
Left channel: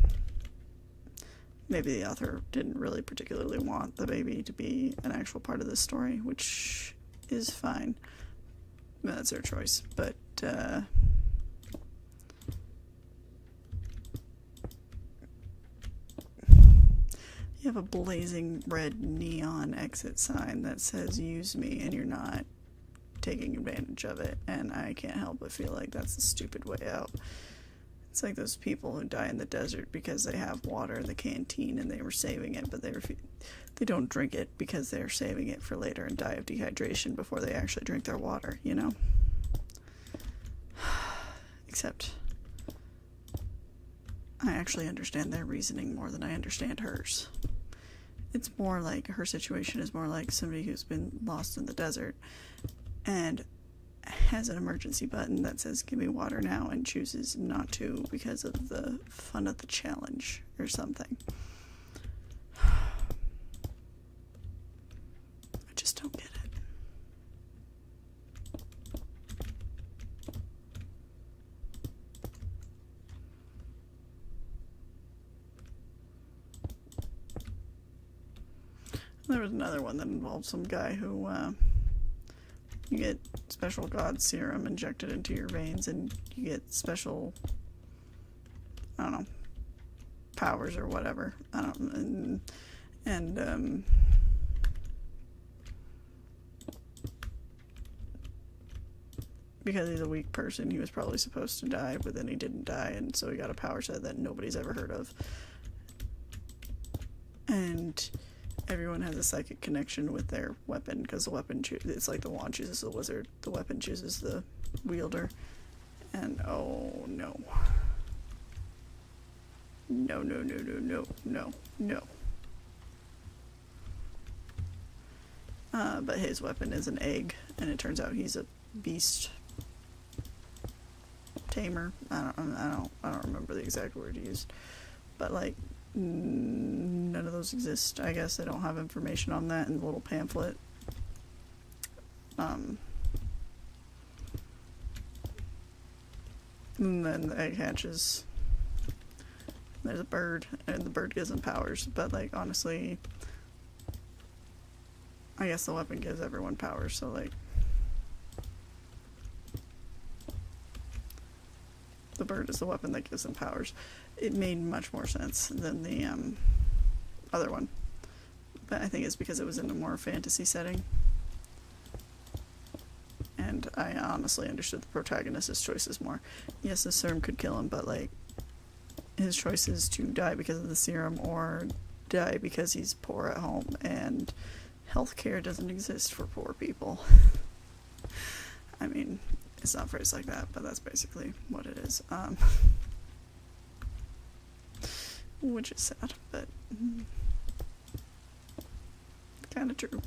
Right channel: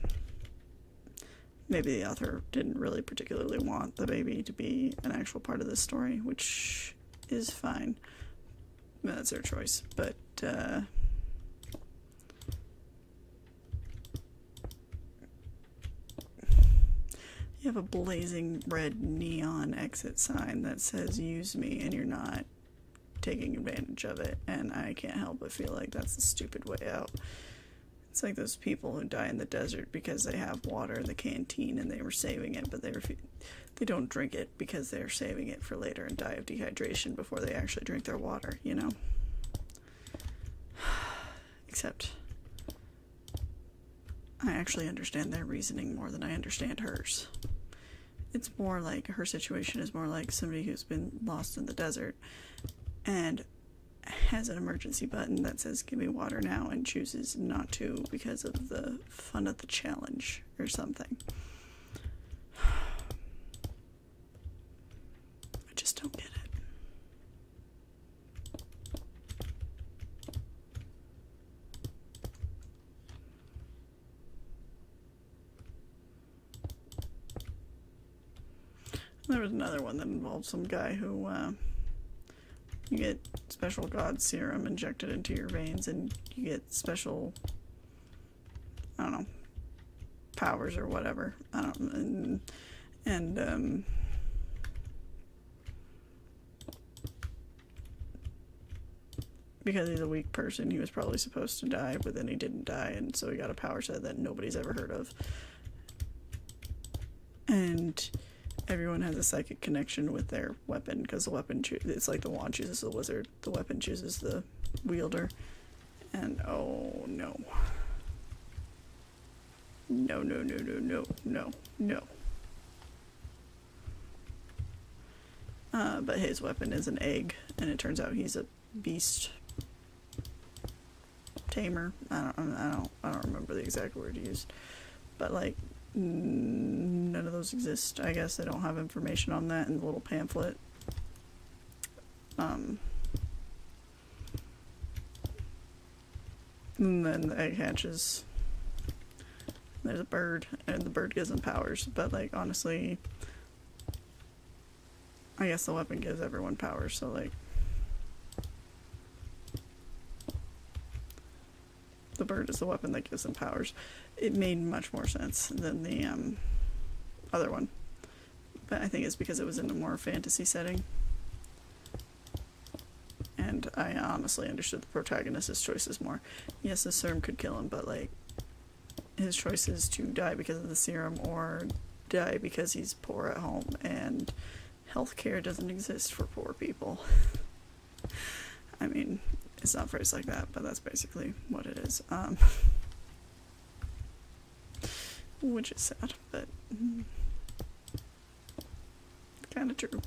maybe the author didn't really particularly want the baby to be an actual part of this story, which is fine. That's their choice. But, yeah, have a blazing red neon exit sign that says use me and you're not taking advantage of it, and I can't help but feel like that's the stupid way out. It's like those people who die in the desert because they have water in the canteen and they were saving it, but they don't drink it because they're saving it for later and die of dehydration before they actually drink their water, you know? Except I actually understand their reasoning more than I understand hers. It's more like her situation is more like somebody who's been lost in the desert and has an emergency button that says give me water now and chooses not to because of the fun of the challenge or something. I just don't get it. There was another one that involved some guy who you get special god serum injected into your veins and you get special, I don't know, powers or whatever. I don't, and because he's a weak person, he was probably supposed to die, but then he didn't die, and so he got a power set that nobody's ever heard of. And everyone has a psychic connection with their weapon because the weapon it's like the wand chooses the wizard, the weapon chooses the wielder, and oh no. No, no, no, no, no, no, no. But his weapon is an egg, and it turns out he's a beast tamer. I don't remember the exact word he used, but like none of those exist. I guess they don't have information on that in the little pamphlet. And then the egg hatches. There's a bird, and the bird gives them powers, but like honestly, I guess the weapon gives everyone powers, so like the bird is the weapon that gives them powers. It made much more sense than the other one, but I think it's because it was in a more fantasy setting, and I honestly understood the protagonist's choices more. Yes, the serum could kill him, but like his choice is to die because of the serum or die because he's poor at home and healthcare doesn't exist for poor people. I mean, it's not phrased like that, but that's basically what it is. Which is sad, but kind of true.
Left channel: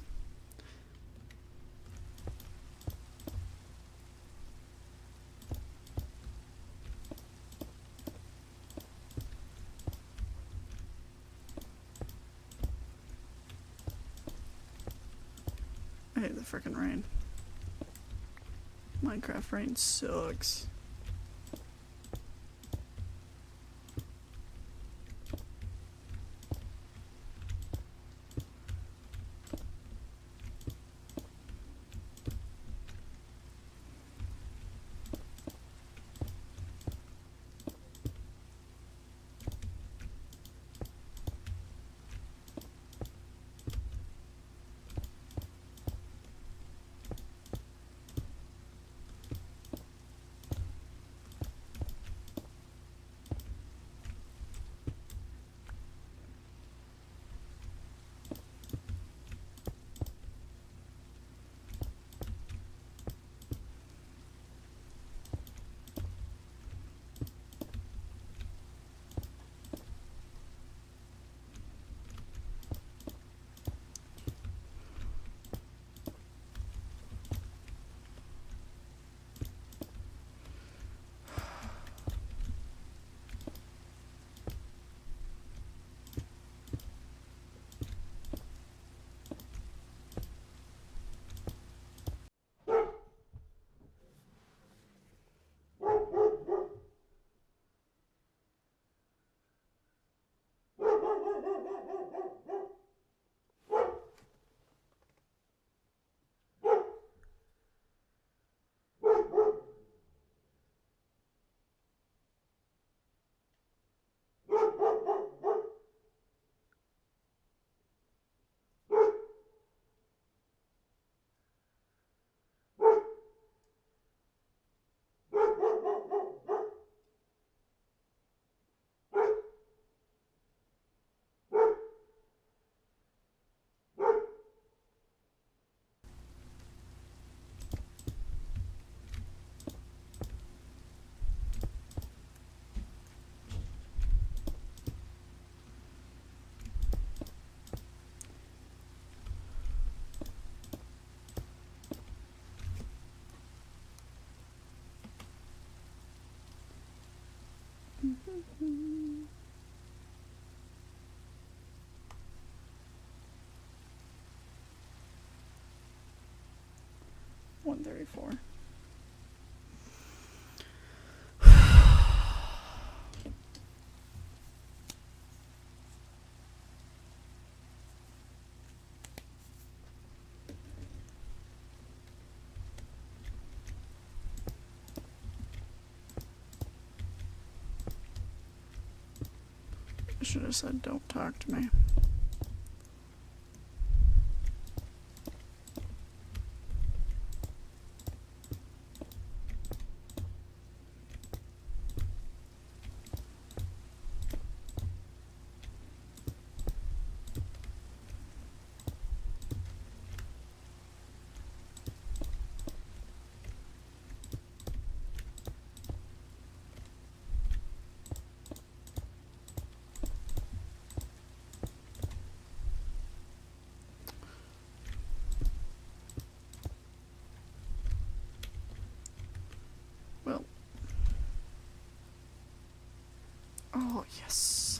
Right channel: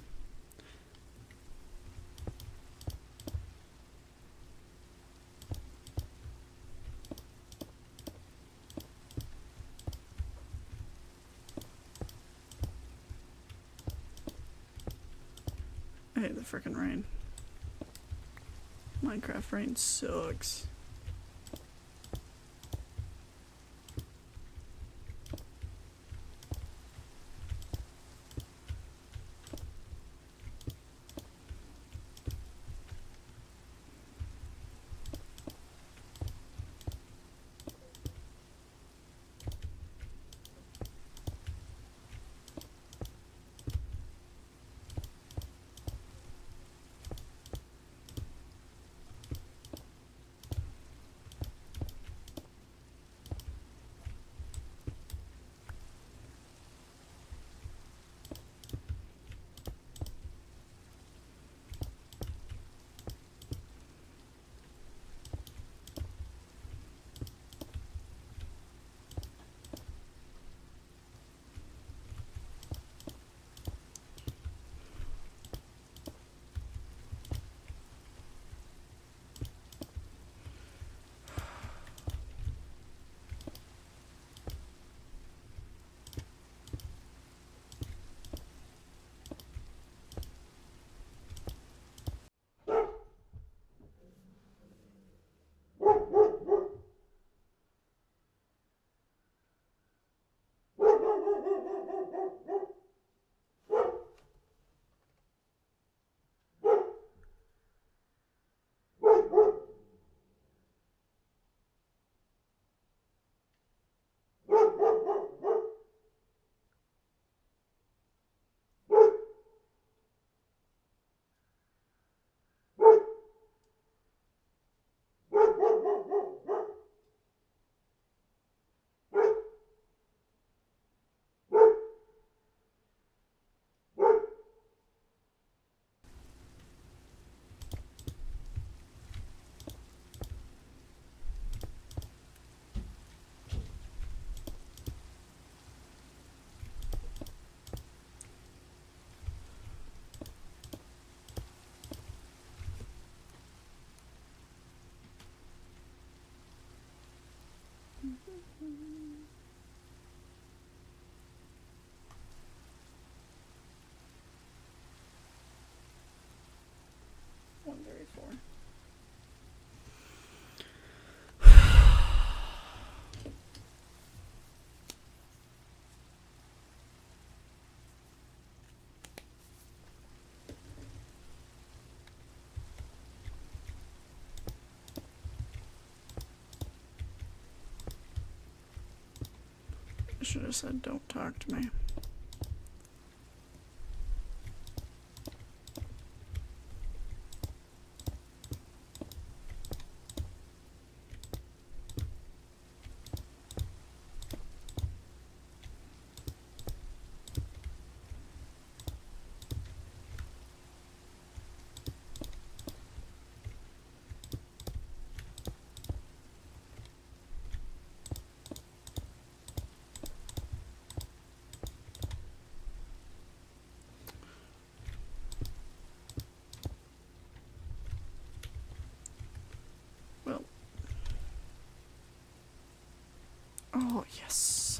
I hate the frickin' rain. Minecraft rain sucks. 134. I should have said don't talk to me. Well. Oh, yes.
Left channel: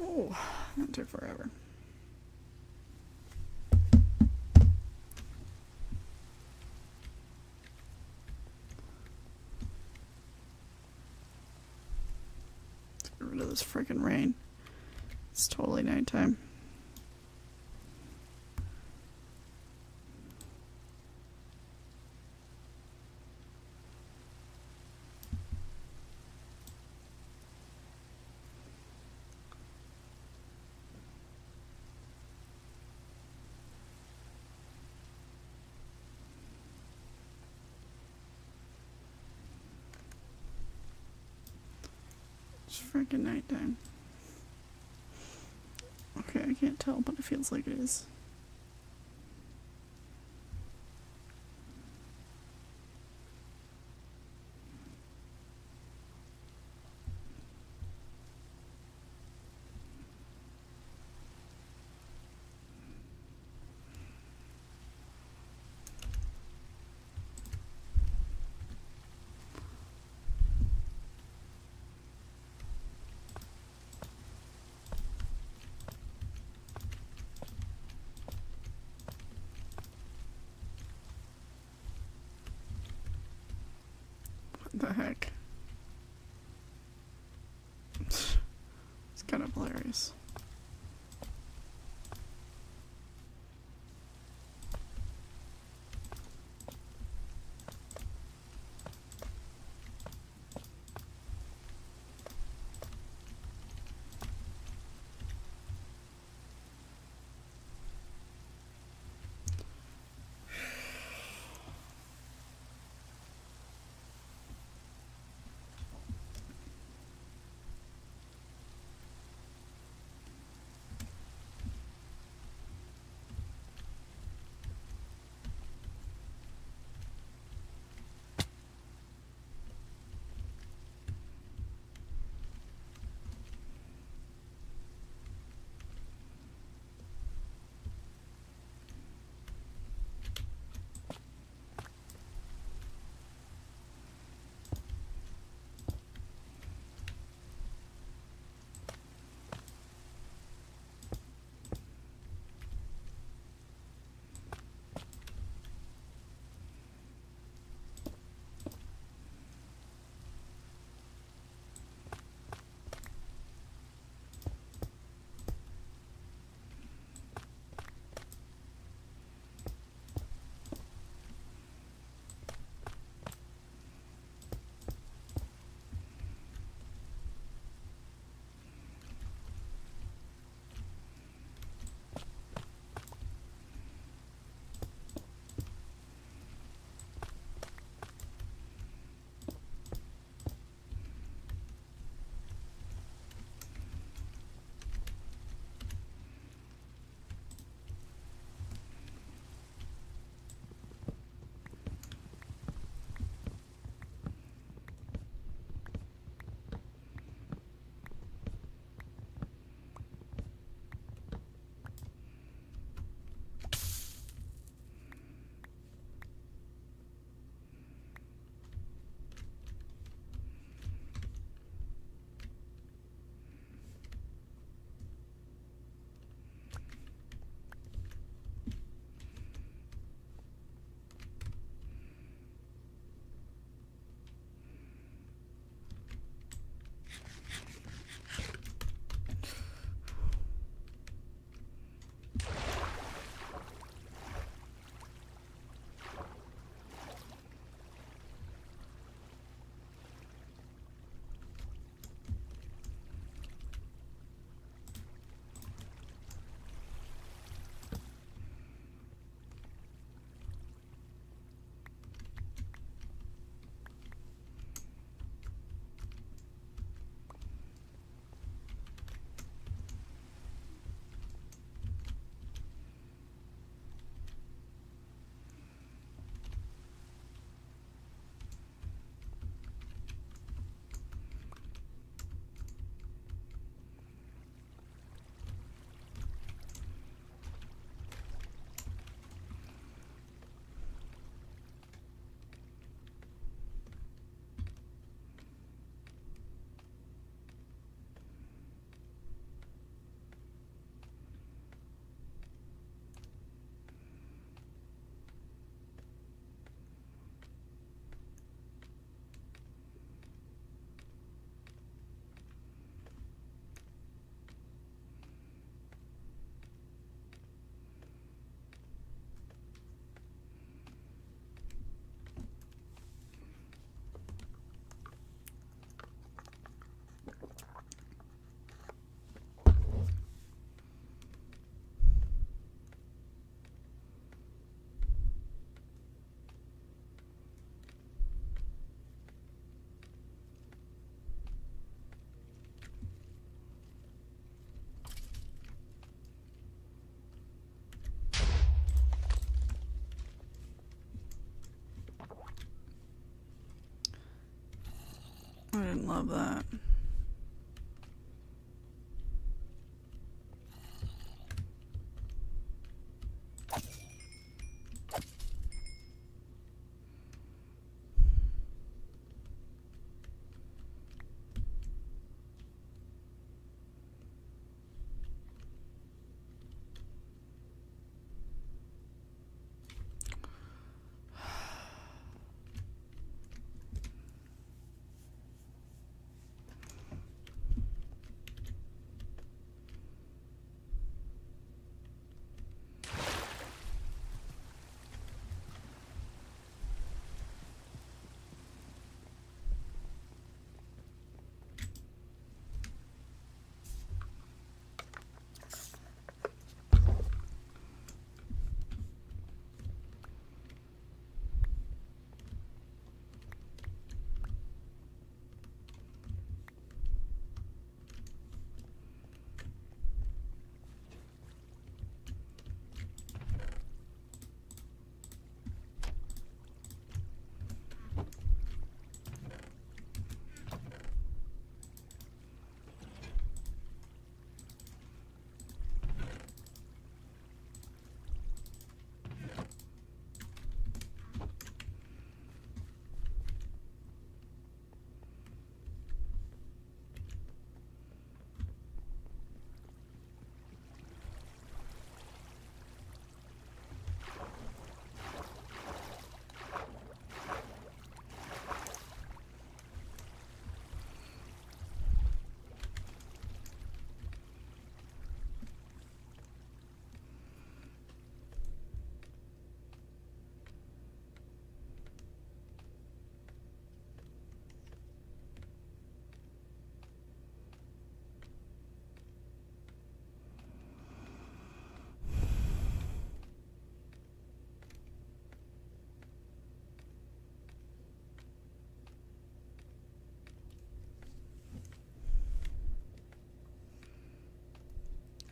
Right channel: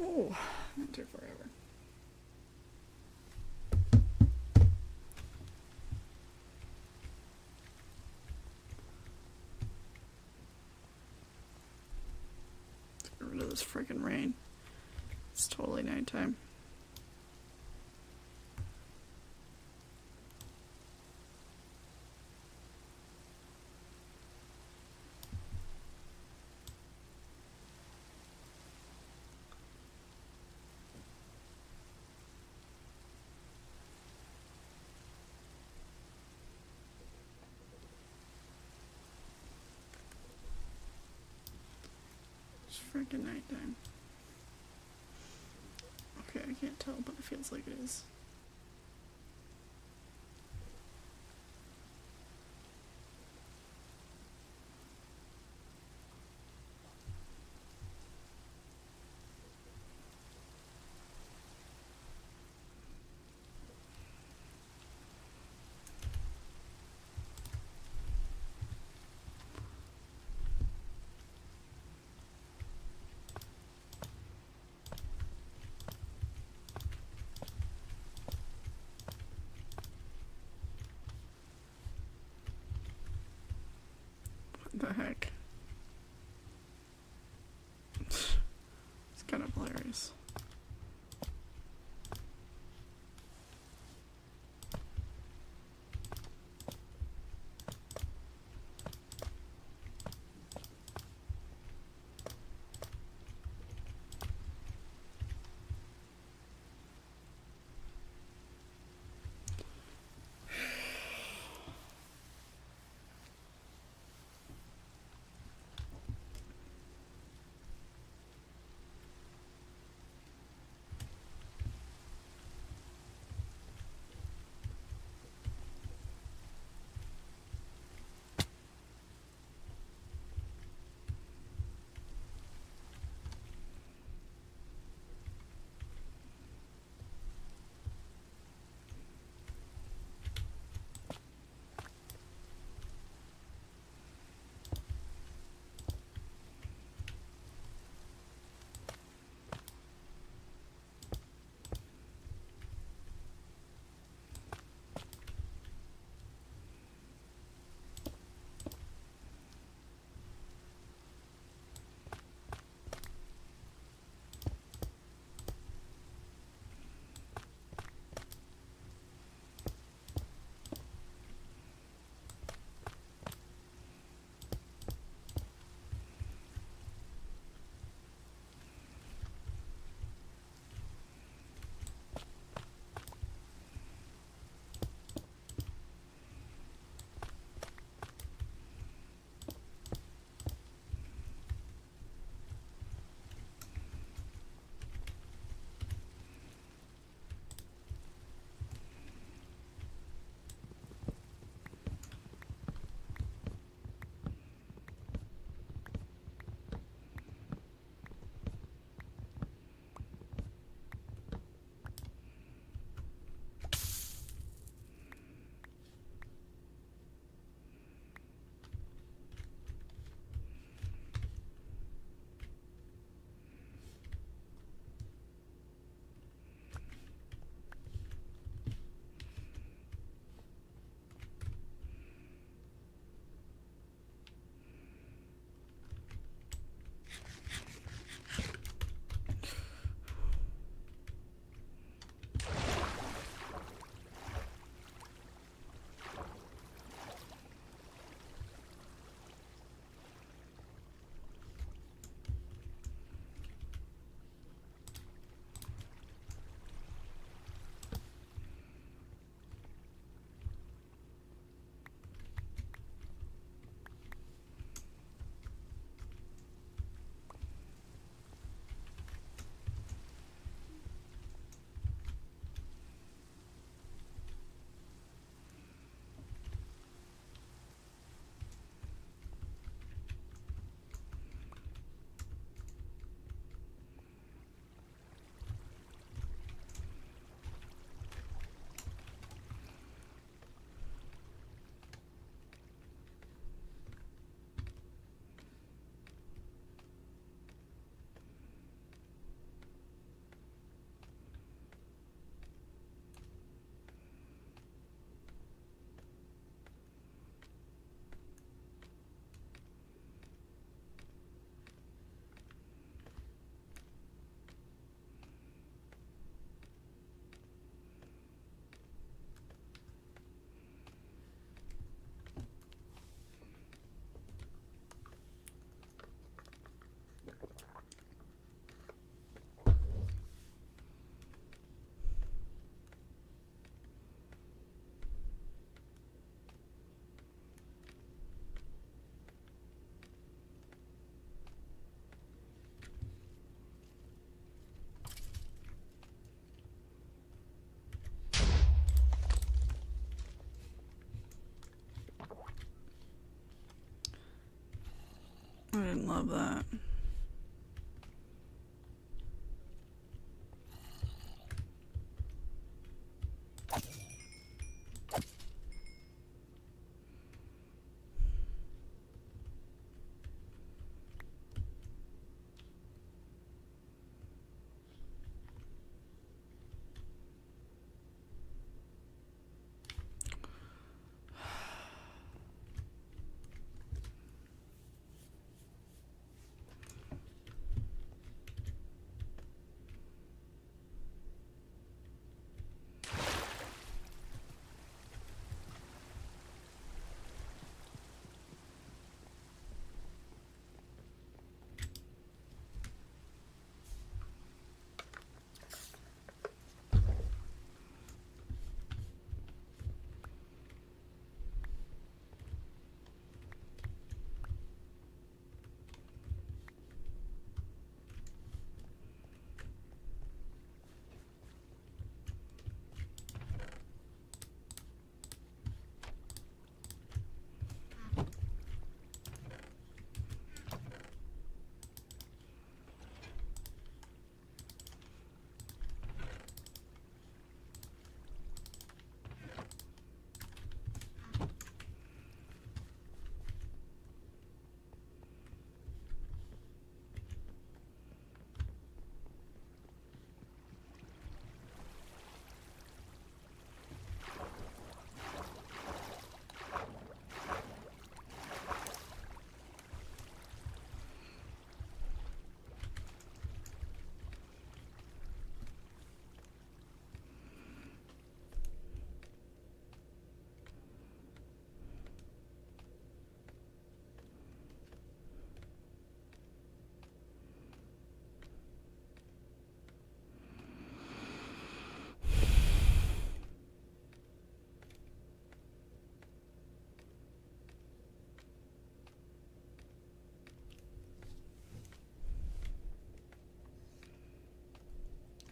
Oh, that took forever. Let's get rid of this freaking rain. It's totally nighttime. It's freaking nighttime. Okay, I can't tell, but it feels like it is. What the heck? It's kind of hilarious. love that.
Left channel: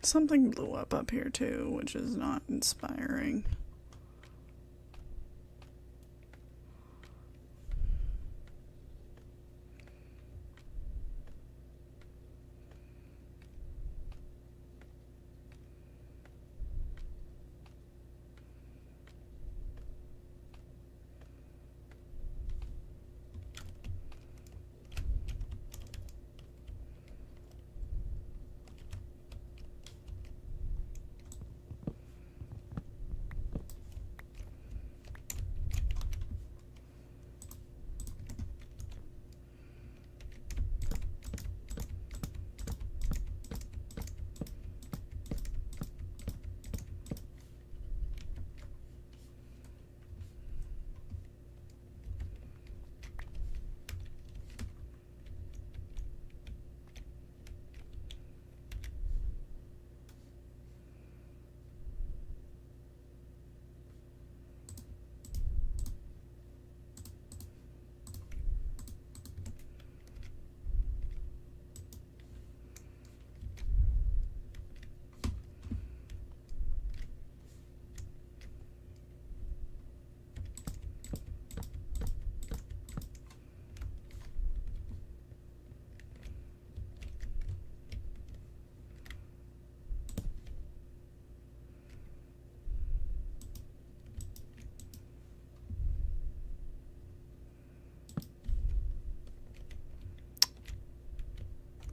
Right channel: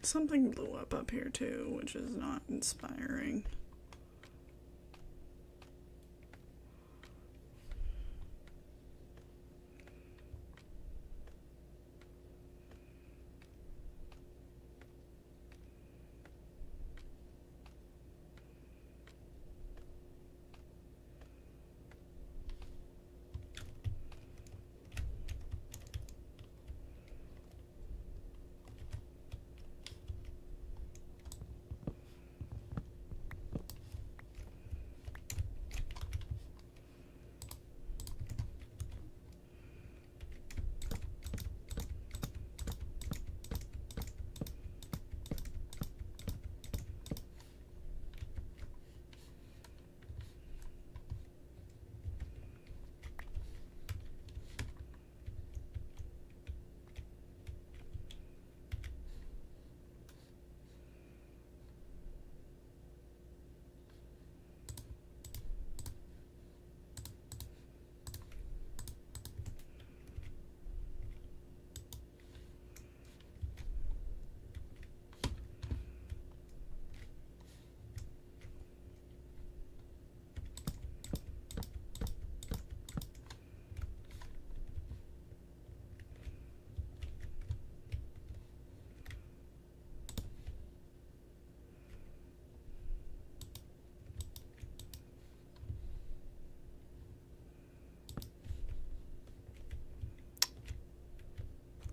Something blew up here too, which is not inspiring.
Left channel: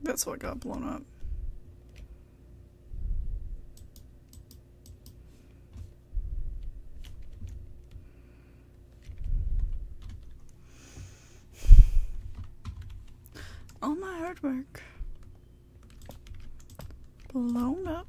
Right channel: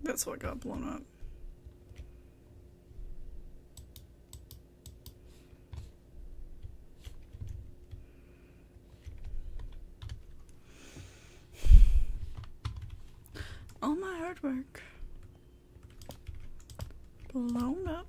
That's what got blown up. All my hard work blown up.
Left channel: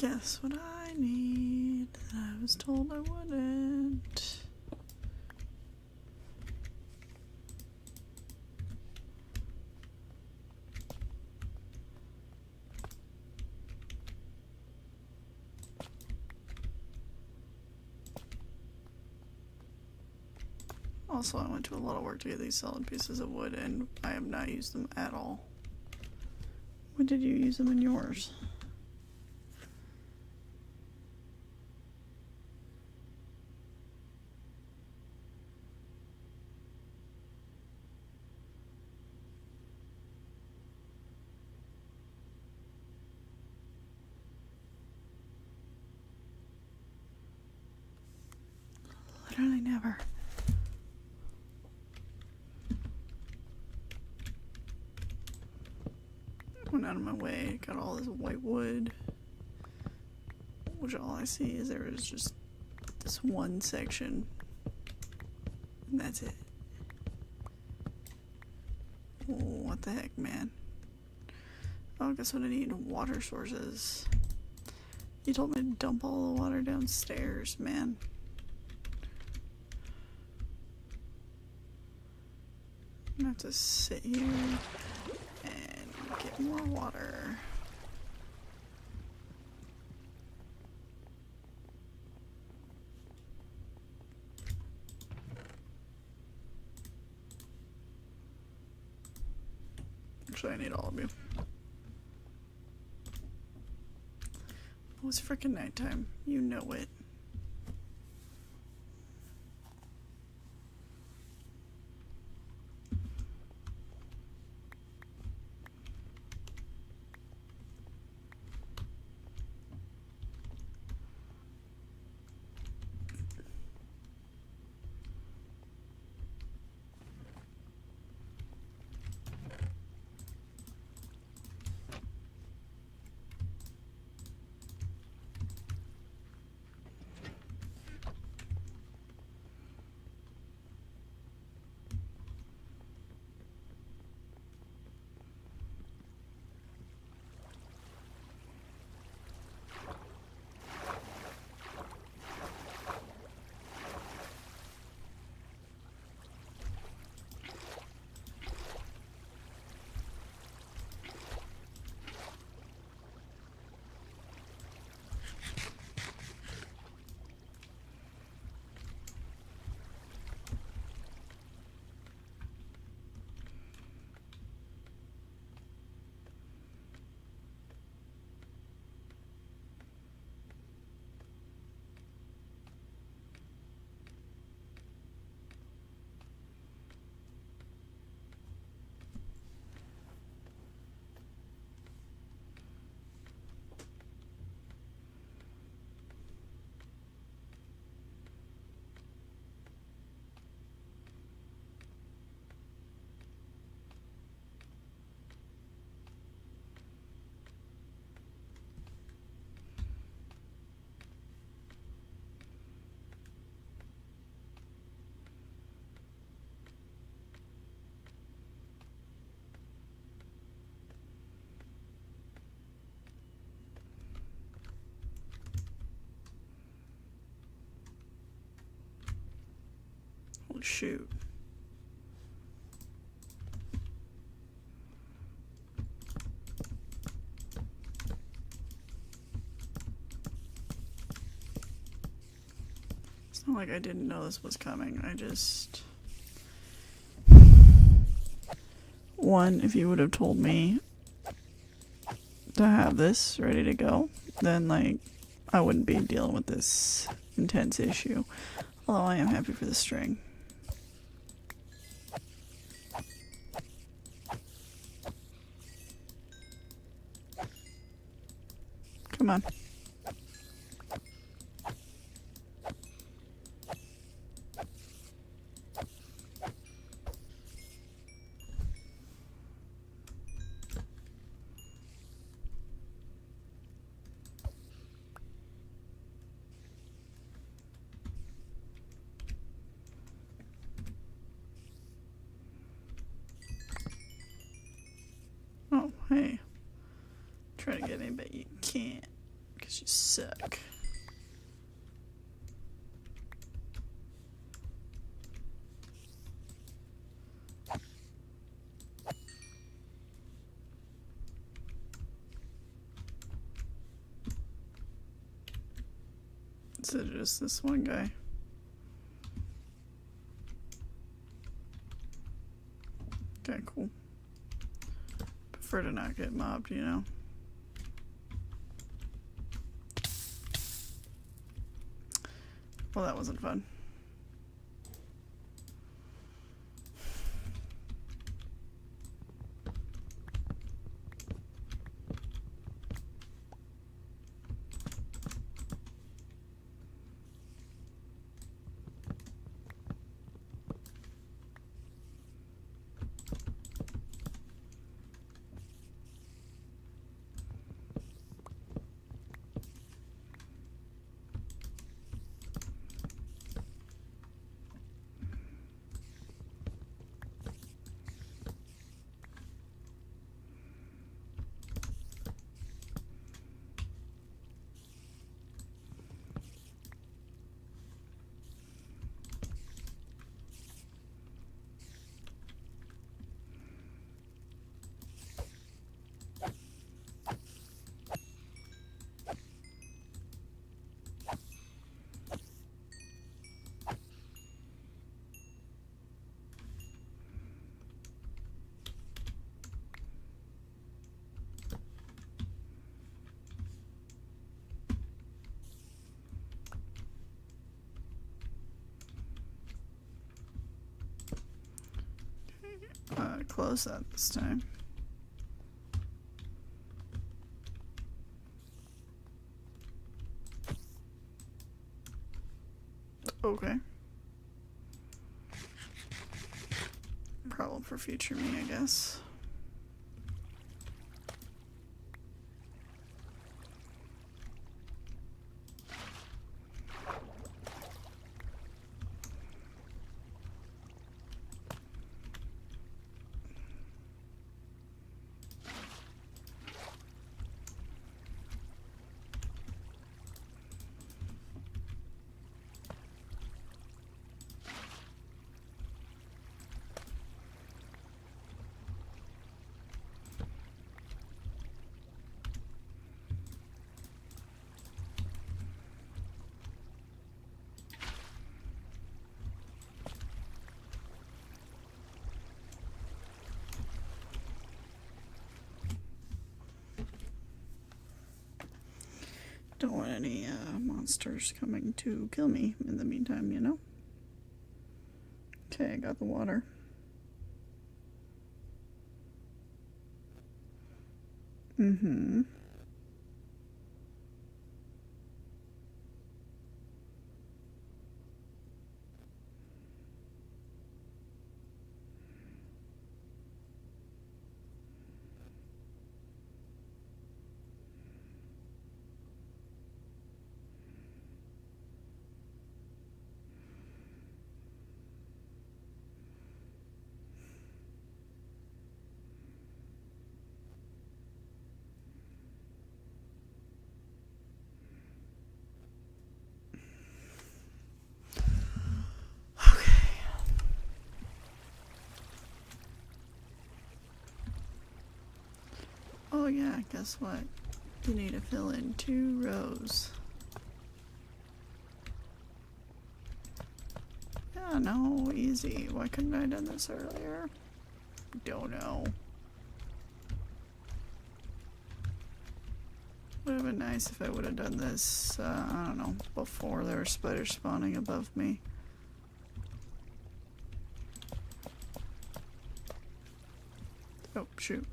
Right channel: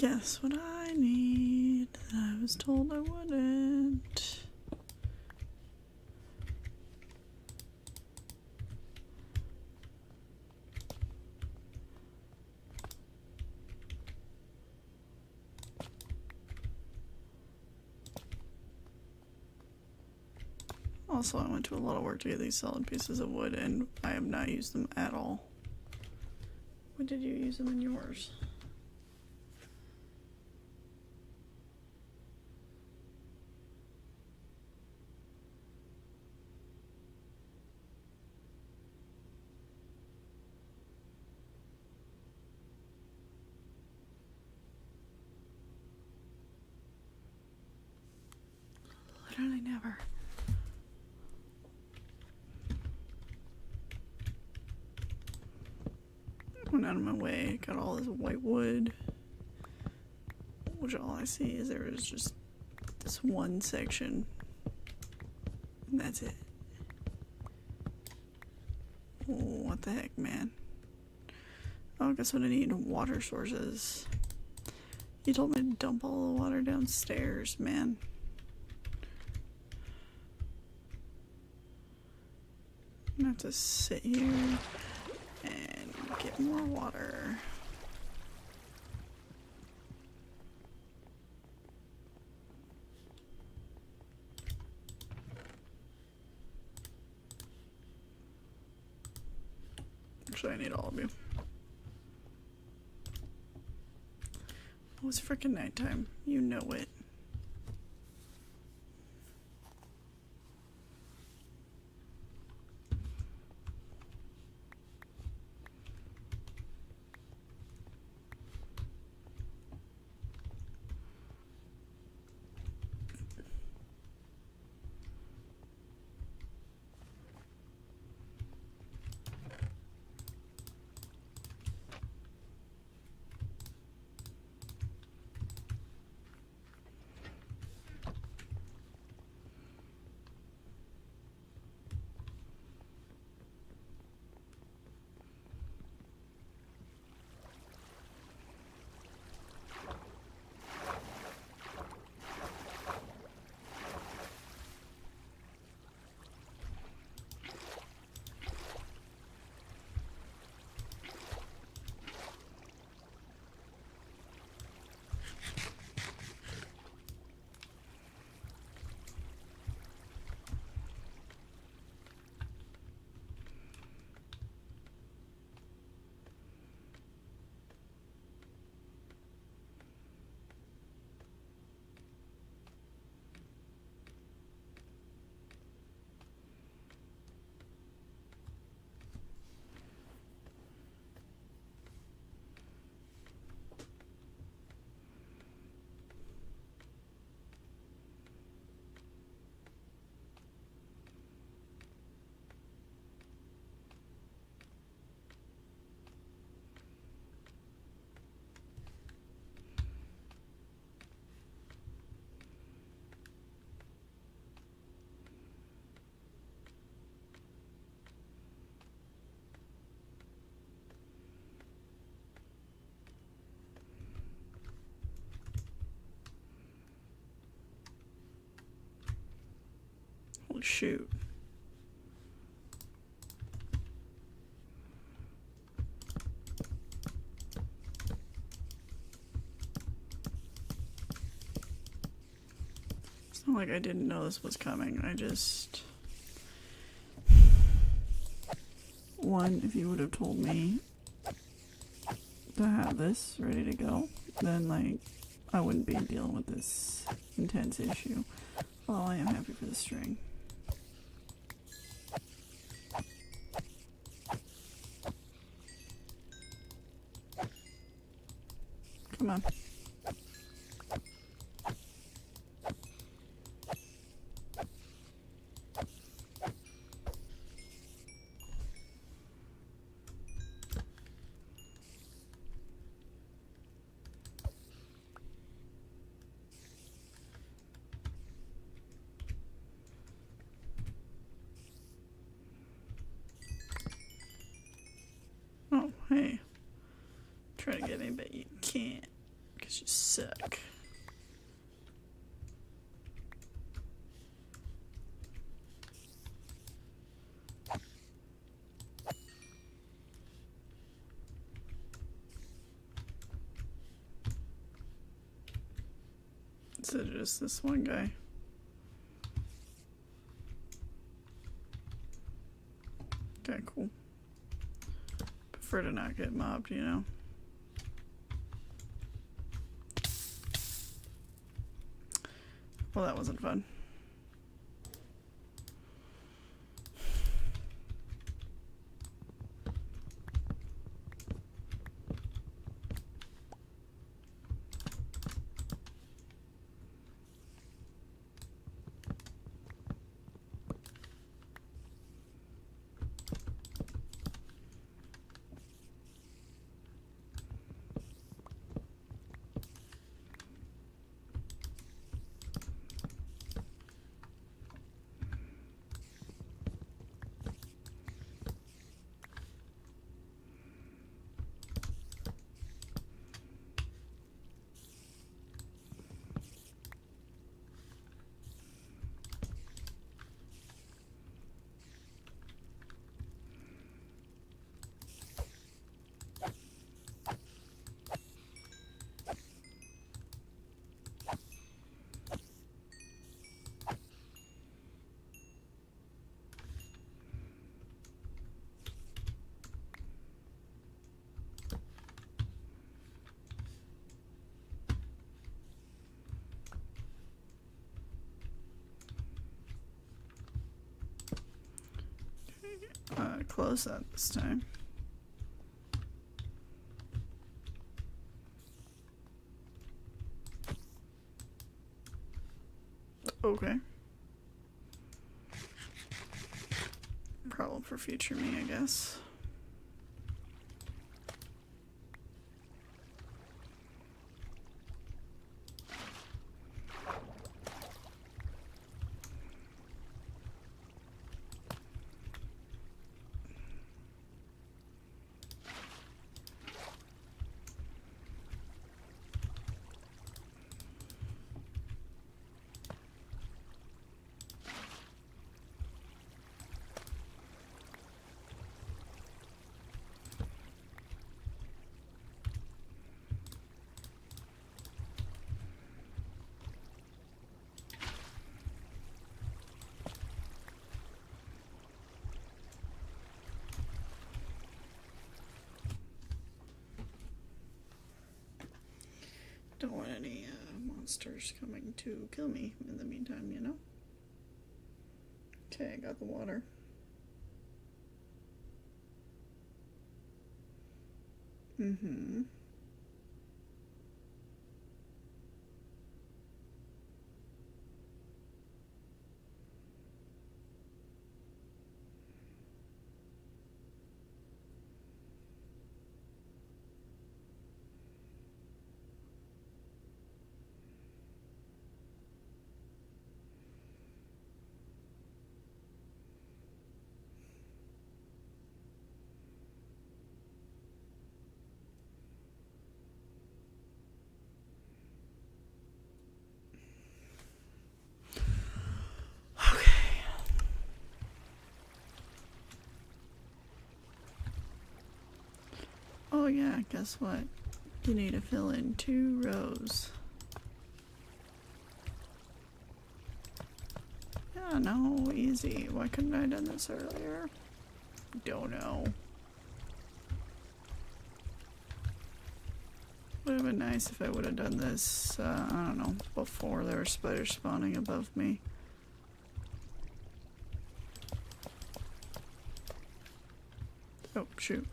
Guess what I need that I was told I wouldn't. Also, I went to a lot of work to get these solid pieces of wood, and I have not used them at all. When did you use them in yours? Literally never. Went out of my way, got all this white wood, which all I see is there is just this one section, and that's it. What the heck, man? Oh, guess what I need? Water sources. You told me to dump all the water downstairs, man. I'm gonna have to sit here and get more water. Actually, I need all of you. Oh, it's freaking nighttime. You know it. Oh, shoot. It's not like I didn't know this was coming. I just... One, if you would have told me to have this ready to go, then, like, I wouldn't be dealing with this intense issue. Although I am happy for the string. Come on. Oh, hey. Try to get me, but you can't. 'Cause you suck. Is it just this one guy? Okay, cool. Prefer to not get mobbed, you know? Well, that wasn't fun. Close that this time. Okay. Problem for future me, I guess. Don't want any monsters coming to kill me in the meantime, you know? Okay, I got the water. Mm-hmm. Oh yeah, guess what? You need to fill in 2 rows. Yeah, no, easy. Why couldn't I have done this earlier? Don't know. Would have been nice if I would have done this, I don't know, before there were spiders spawning above me. Oh, shoot.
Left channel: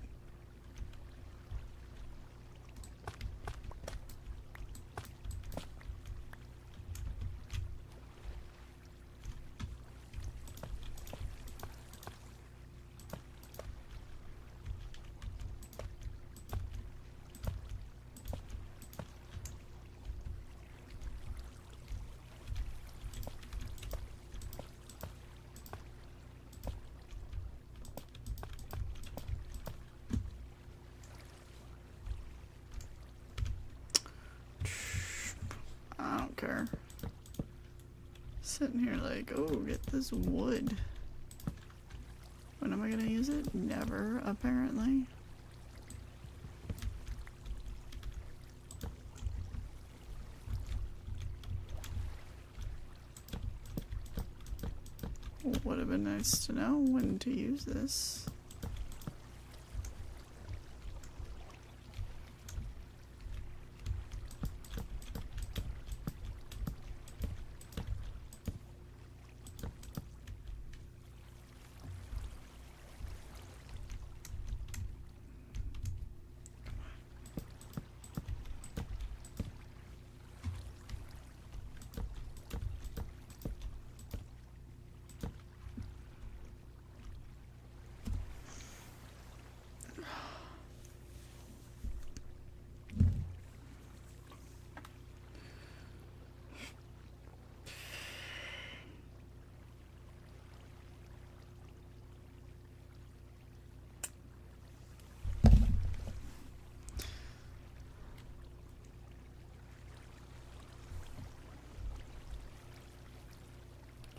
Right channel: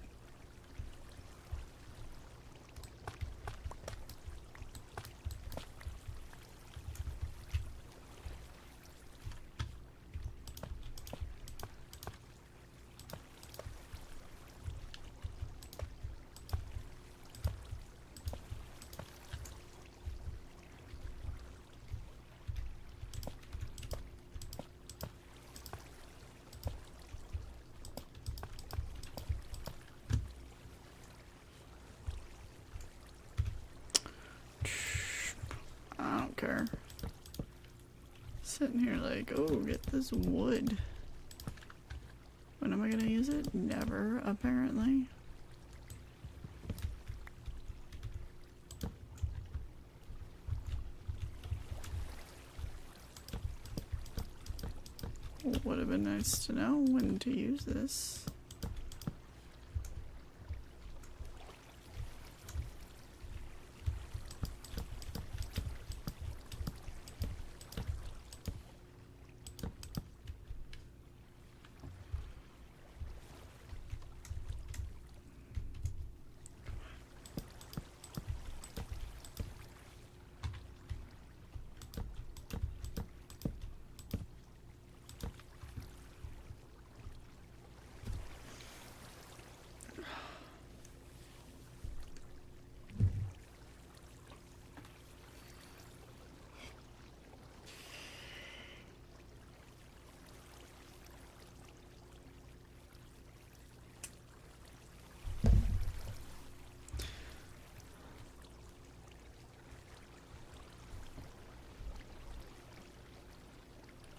care. Sitting here like, oh, get this wood. When am I gonna use it? Never, apparently. Would have been nice to know when to use this.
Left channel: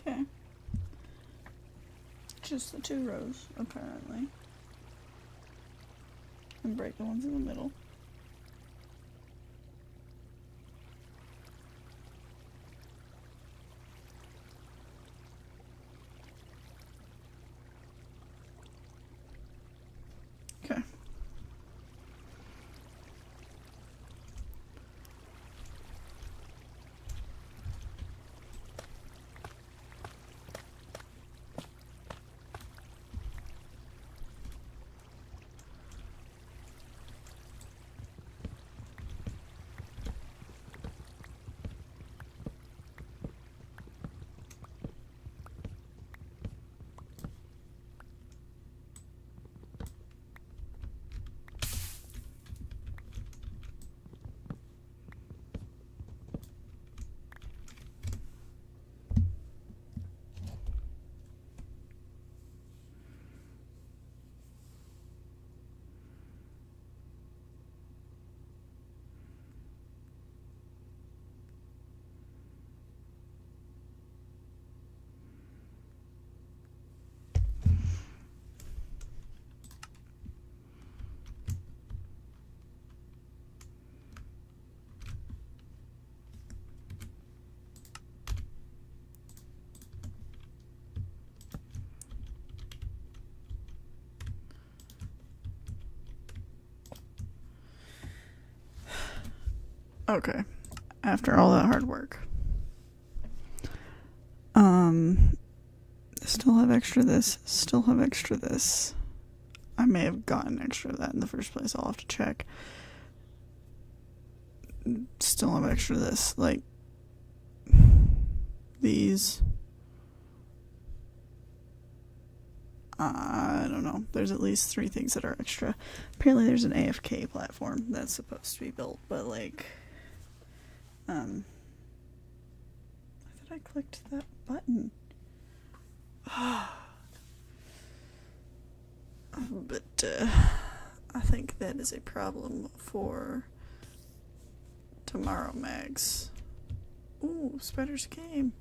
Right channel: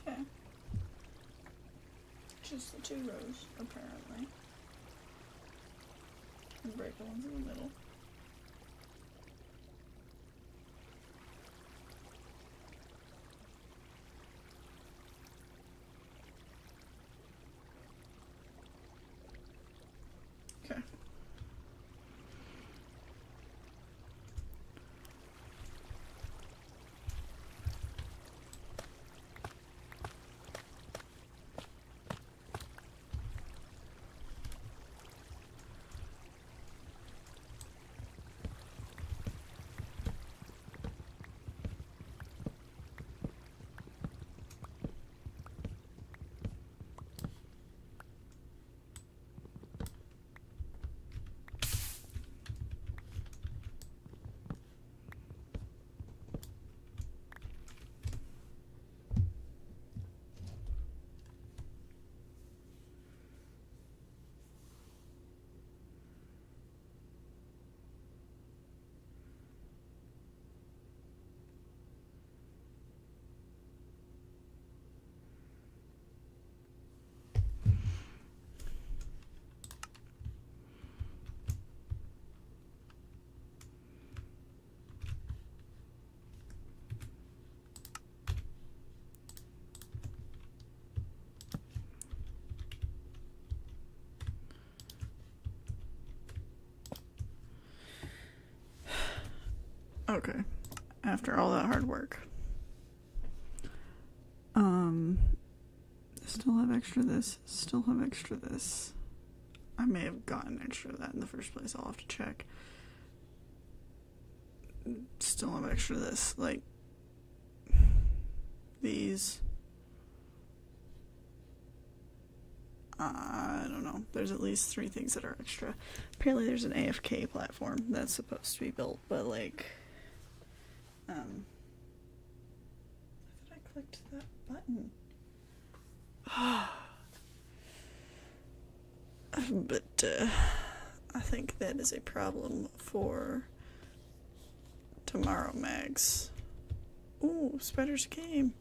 Okay. Just the 2 rows, apparently. And break the ones in the middle. Okay. Okay. After all that hard work. Still have extra this. Still have extra this. I may have gotten extra of that in the first place. I'll have to check. Still have extra this. Like, these. I don't know. There's at least 3 things that are extra. Apparently there's an AFK platform that's supposed to be built, but like, I thought I clicked that button. But I think that is a problem for tomorrow, Mags. Ooh, spiders came.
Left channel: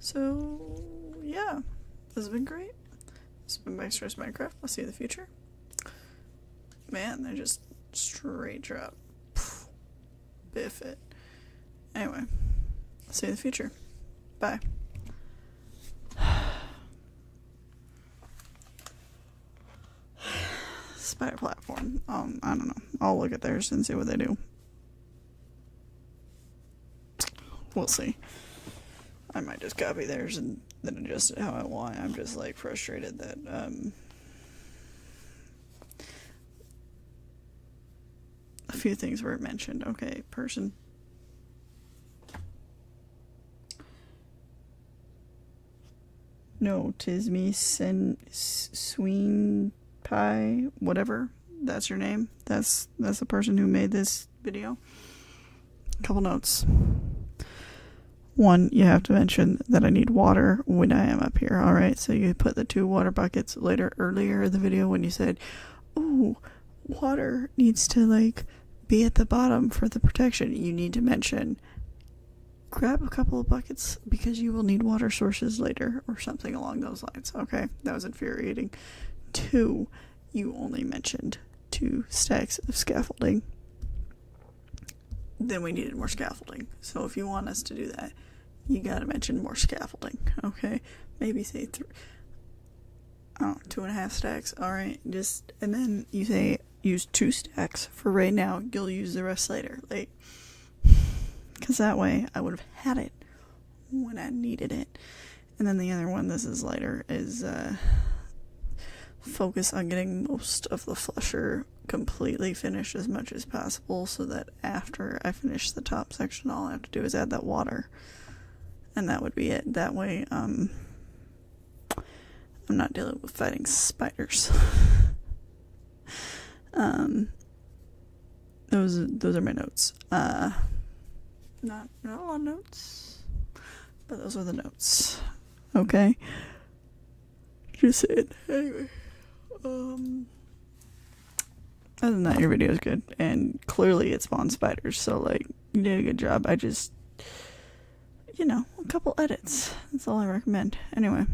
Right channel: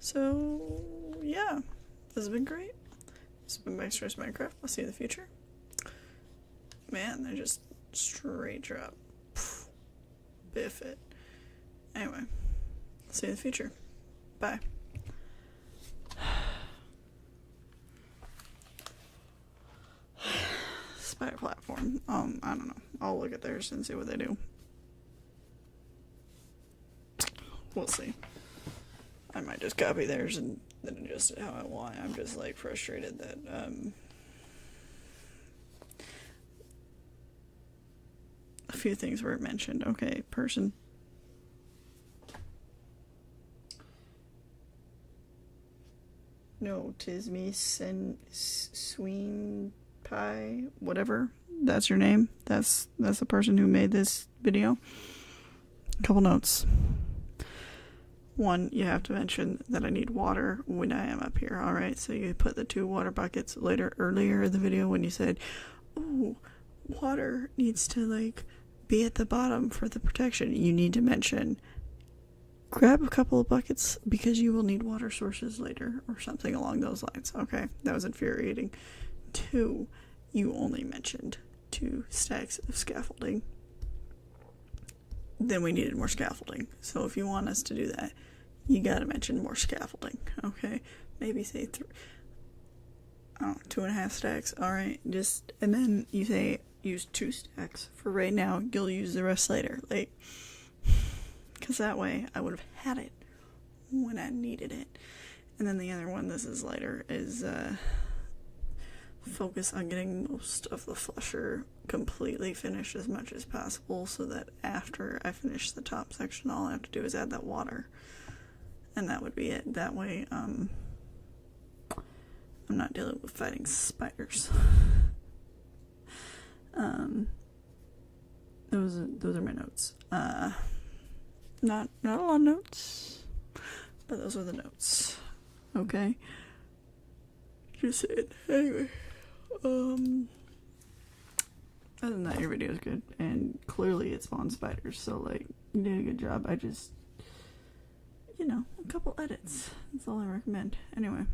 So, yeah. This has been great. This has been Max Race Minecraft. I'll see you in the future. Man, they just straight drop. Biff it. Anyway, I'll see you in the future. Bye. Spider platform. I don't know. I'll look at theirs and see what they do. We'll see. I might just copy theirs and then adjust it how I want. I'm just like frustrated that a few things weren't mentioned. Okay, person. No, tis me, Sween Pie, whatever. That's your name. That's the person who made this video. A couple notes. 1, you have to mention that I need water when I am up here. Alright, so you put the 2 water buckets earlier in the video when you said, oh, water needs to like be at the bottom for the protection. You need to mention grab a couple of buckets because you will need water sources later or something along those lines. Okay, that was infuriating. 2, you only mentioned 2 stacks of scaffolding. Then we needed more scaffolding. So if you want us to do that, you gotta mention more scaffolding. Okay, maybe say 2.5 stacks. All right, and then you say use 2 stacks for right now. You'll use the rest later, like, because that way I would have had it when I needed it. And then the other one, this is lighter, is focus on getting most of the flusher completely finished as much as possible, so that after I finish the top section, all I have to do is add that water, and that would be it. That way, I'm not dealing with fighting spiders. Those are my notes. Not a lot of notes, but those are the notes. Okay, just saying. Anyway, other than that, your video is good, and clearly it spawned spiders. So like, you did a good job. I just, a couple edits. That's all I recommend. Anyway.